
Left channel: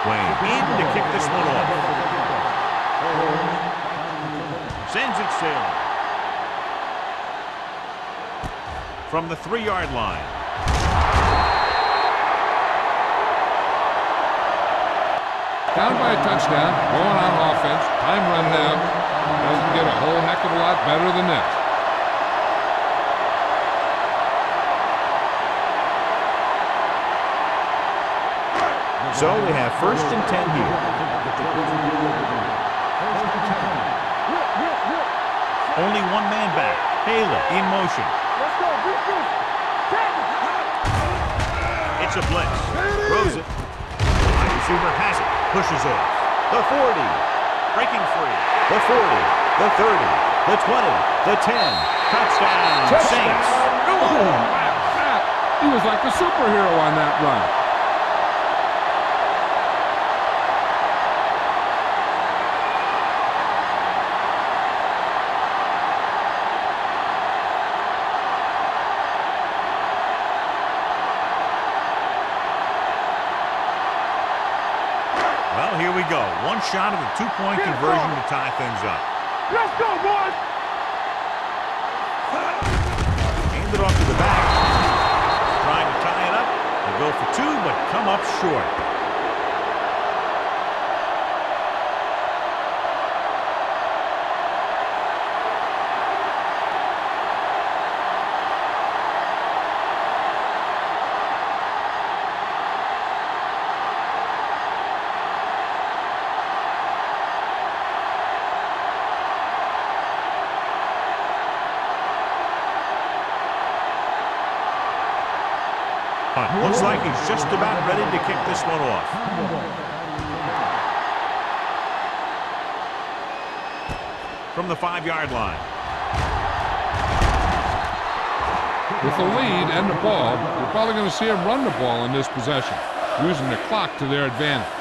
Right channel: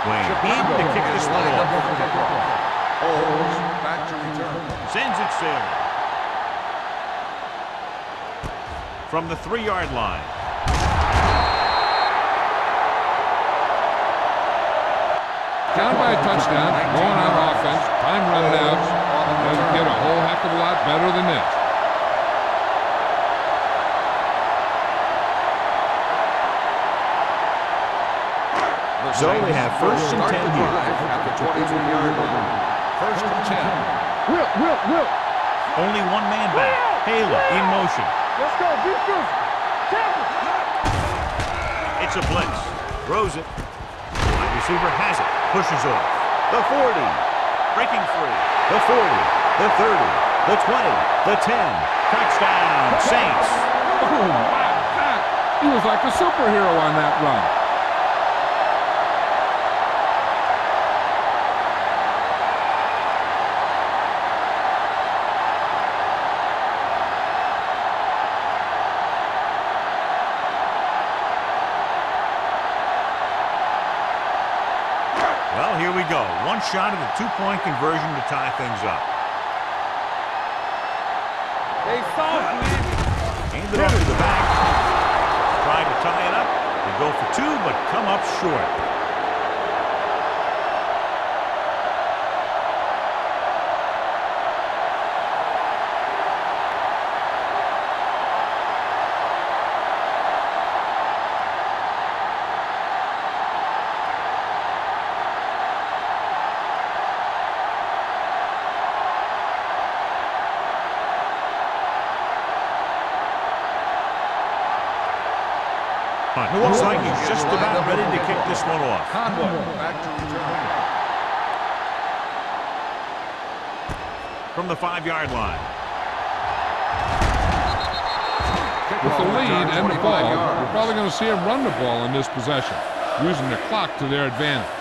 Wayne in to kick this one off. Back to return. Sends it sailing. From the 3-yard line. Down by a touchdown, going on offense, time running out. Doesn't get a whole heck of a lot better than this. So they have 1st and 10 here. At the 22-yard line. 1st and 10. Will. Only one man back. Taylor in motion. Let's go. Be good. Tackle. It's a blitz. Throws it. Wide receiver has it. Pushes off. The 40. Breaking free. The 40. The 30. The 20. The 10. Touchdown, Saints. Oh, wow, that. He was like a superhero on that run. Well, here we go. One shot of the 2-point conversion to tie things up. Let's go, boys. Hand it off to the back. Trying to tie it up. They go for 2, but come up short. Punt. Looks like he's just about ready to kick this one off. Back to return. From the 5-yard line. With the lead and the ball, you're probably going to see them run the ball in this possession, using the clock to their advantage.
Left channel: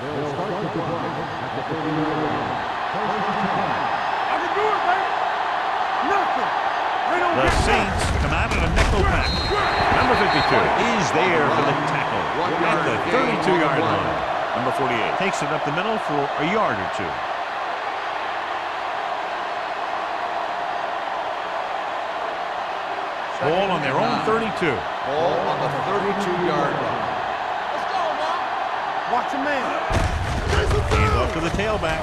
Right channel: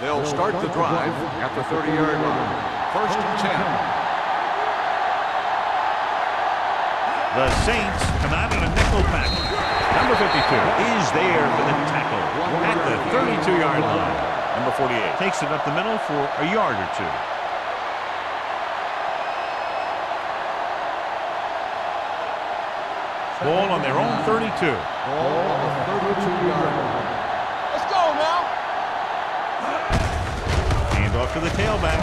They'll start the drive at the 30-yard line. 1st and 10. The Saints come out in a nickel pack. Number 52 is there for the tackle at the 32-yard line. Number 48 takes it up the middle for a yard or two. Ball on their own 32. Ball on the 32-yard line. Let's go now. Watch your man. Hand off to the tailback.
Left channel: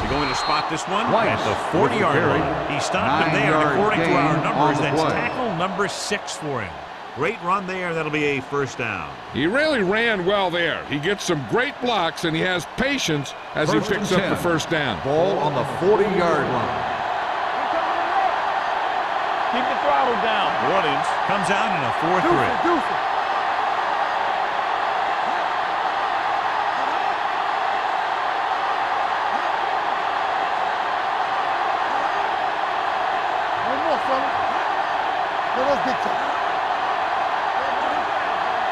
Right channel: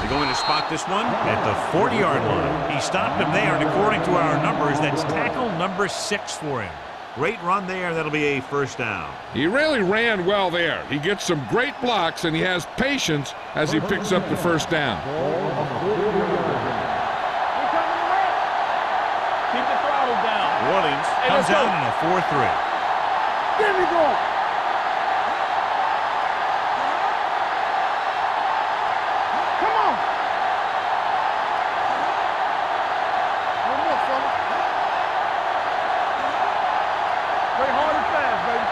They're going to spot this one at the 40-yard line. He stopped him there, and according to our numbers, that's tackle number 6 for him. Great run there. That'll be a first down. He really ran well there. He gets some great blocks, and he has patience as he picks up the first down. Ball on the 40-yard line. We coming to wreck. Keep the throttle down. New Orleans comes out in a 4-3. There we go. One more, fellas. Now let's get you. Play hard and fast, baby.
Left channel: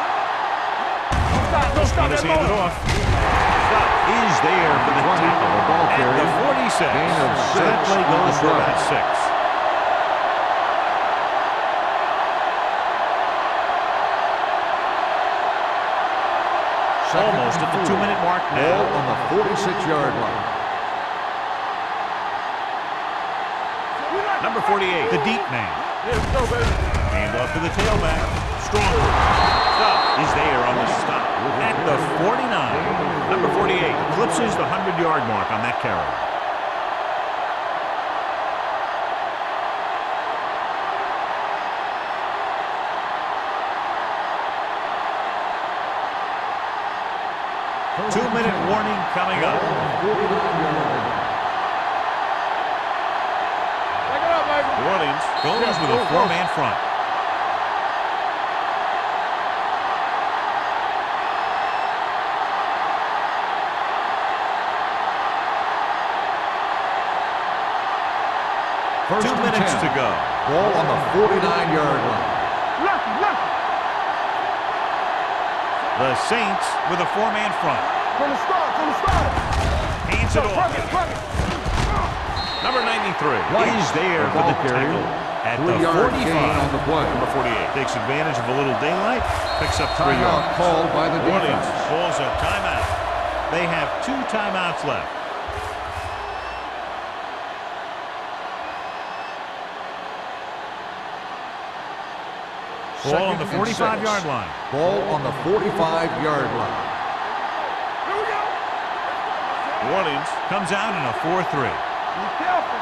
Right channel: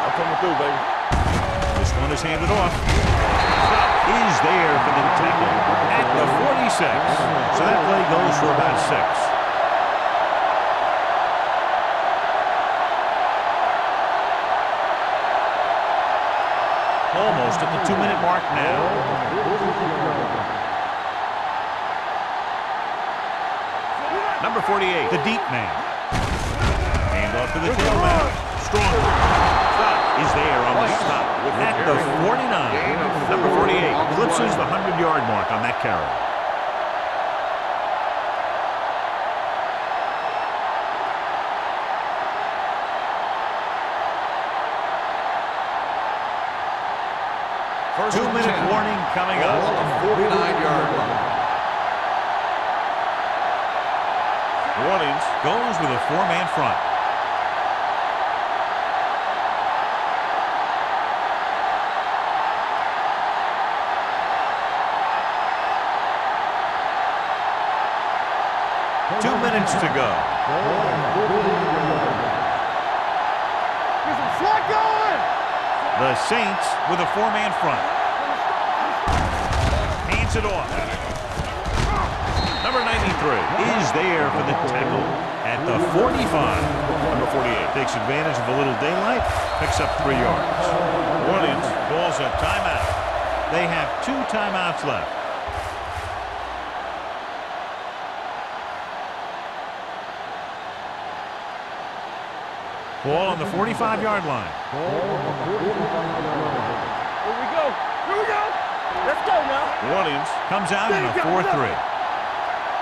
That's coming through, baby. This one is handed off. Stop is there for the tackle at the 46. So that play goes for about 6. Almost at the 2-minute mark now. Ball on the 46-yard line. Number 48, the deep man. Hand off to the tailback. Strong. Stop is there on the stop at the 49. Number 48 eclipses the 100-yard mark on that carry. Two-minute warning coming up. 49-yard line. New Orleans goes with a 4-man front. First 2 and minutes 10. to go. Ball on the 49-yard line. Left, left. There's a flag going. The Saints with a 4-man front. From the start. Hands it off. Number 93 is there for the tackle at the 45. Number 48 takes advantage of a little daylight, picks up 3 yards. Called by the New Orleans calls a timeout. They have 2 timeouts left. Ball on the 45-yard line. Ball on the 45-yard line. Here we go. Let's go, man. New Orleans comes out in a 4-3. Be careful.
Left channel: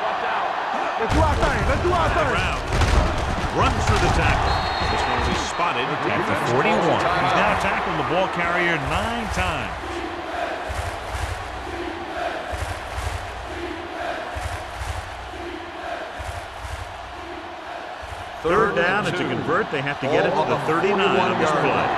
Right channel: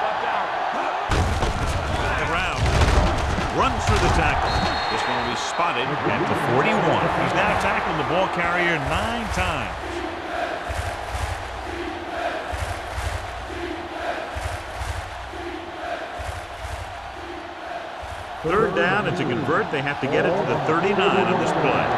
Watch out. Let's do our thing. Let's do our The thing. ground. Runs through the tackle. This one will be spotted at the 41. He's now tackled the ball carrier 9 times. Third down, and to convert, they have to get it to the 39 on this play.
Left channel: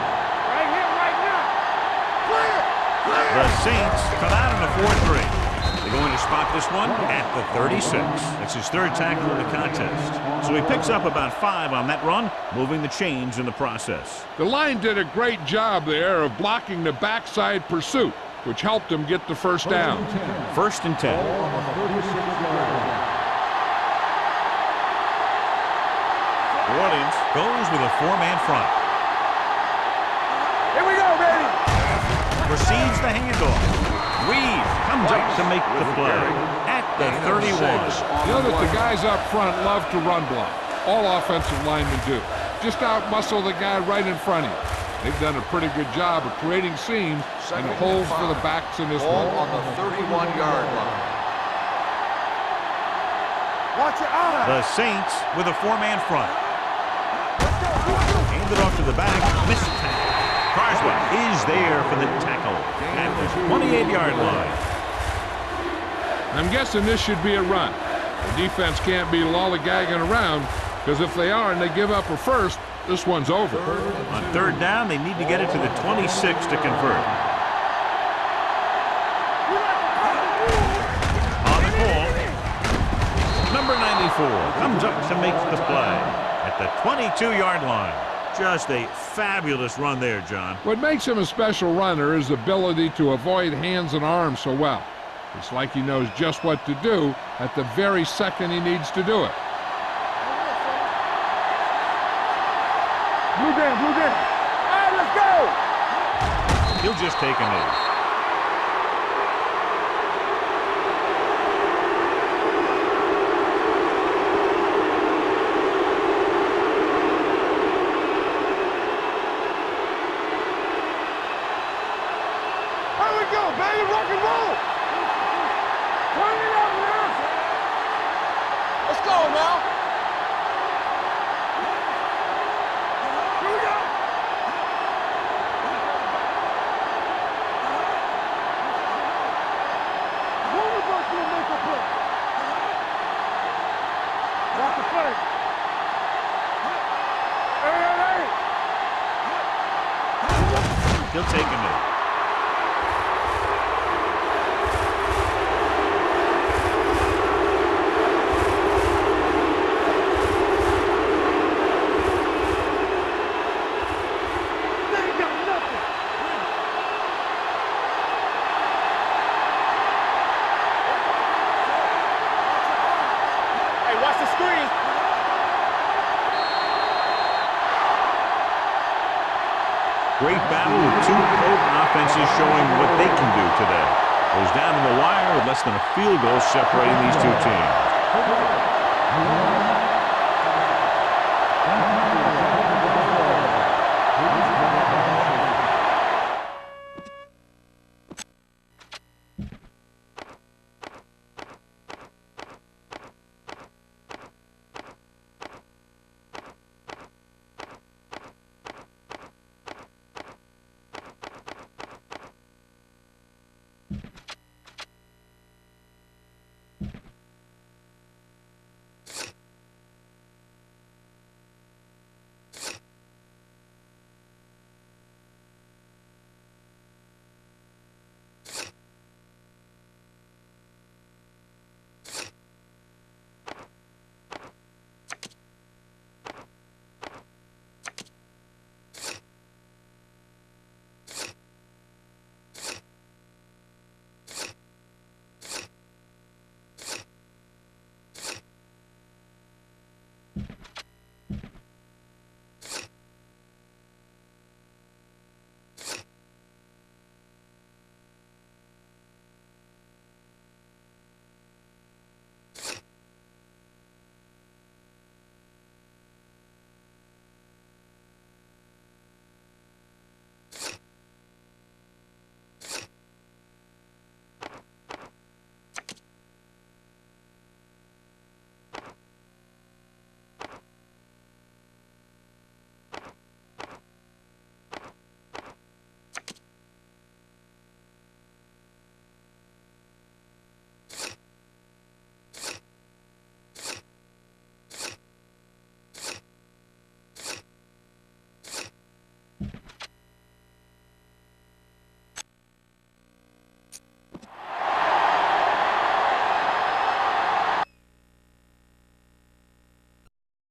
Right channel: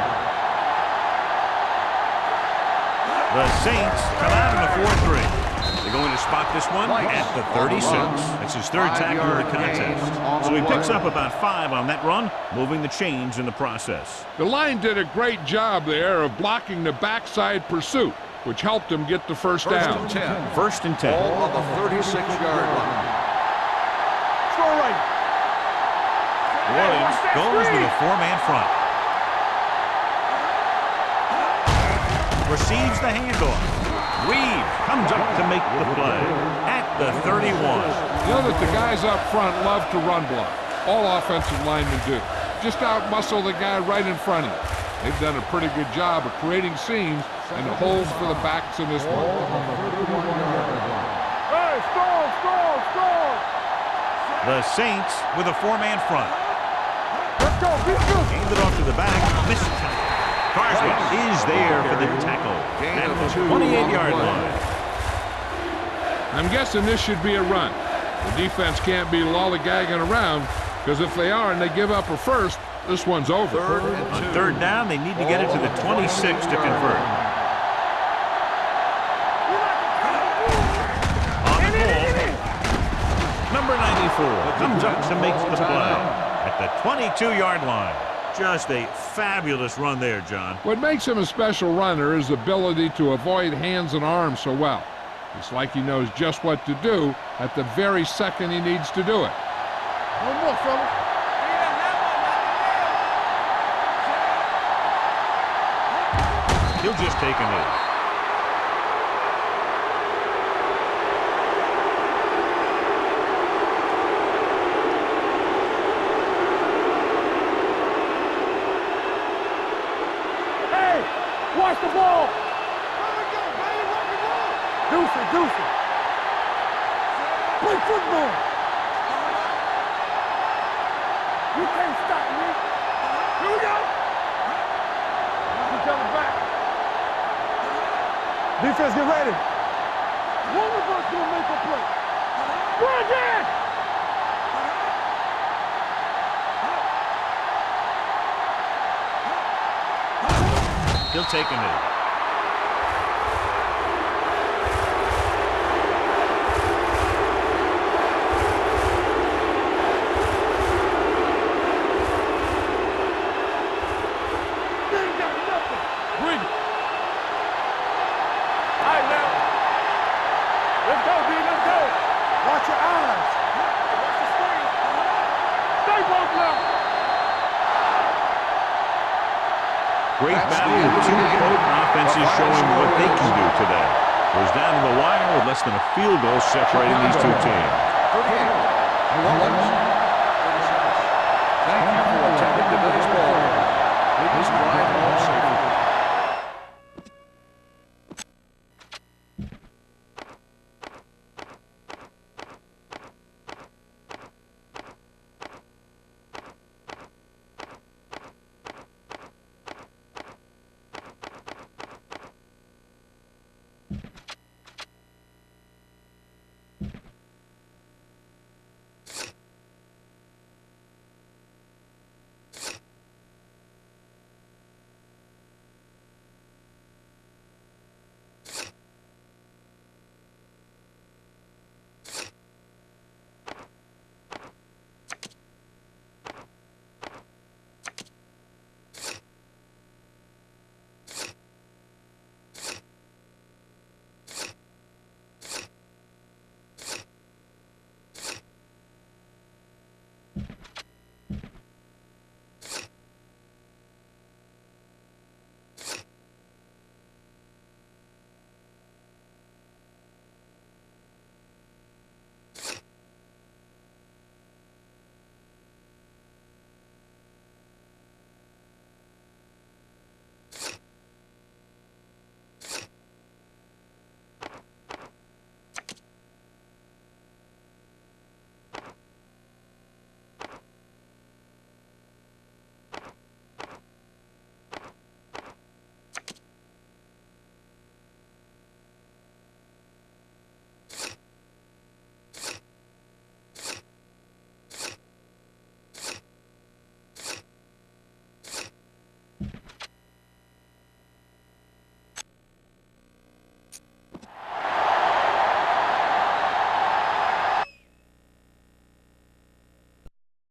The Saints come out in a 4-3. They're going to spot this one at the 36. That's his 3rd tackle of the contest. So he picks up about 5 on that run, moving the chains in the process. The line did a great job there of blocking the backside pursuit, which helped him get the first down. First and 10. Ball on the 36-yard line. Score right. New Orleans goes with a 4-man front. Here we go, baby. Receives the handoff. Reeves comes up to make the play at the 31. You know that the guys up front love to run block. All offensive linemen do. Just outmuscle the guy right in front of you. They've done a pretty good job of creating seams and holes for the backs in this Ball one. on the 31-yard line. Hey, score. Watch your eye. The Saints with a 4-man front. Let's go. Handed off to the back. Missed tackle. Carswell is there for the tackle at the 28-yard line. I'm guessing this should be a run. The defense can't be lollygagging around, because if they are and they give up a first, this one's over. On 3rd down, they need to get it to the 26 to convert. On the call, number 94 comes up to make the play at the 22-yard line. Just a fabulous run there, John. What makes him a special runner is the ability to avoid hands and arms so well. It's like he knows just what to do at the very second he needs to do it. One more, fellas. Blue game, blue game. All right, let's go. He'll just take a knee. Hey, watch the ball. Here we go, baby, rock and roll. Deuce it, deuce it. Turn it up, man. Play football. Let's go now. You can't stop me. Here we go. Watch each other back. Defense, get ready. One of us will make a play. Right there. That's the play. Hey. He'll take a knee. They ain't got nothing. Bring it. All right, now. Let's go, dude. Let's go. Watch your eyes. Hey, watch the screen. Stay broke now. Great battle with two potent offenses showing what they can do today. Goes down to the wire with less than a field goal separating these two teams.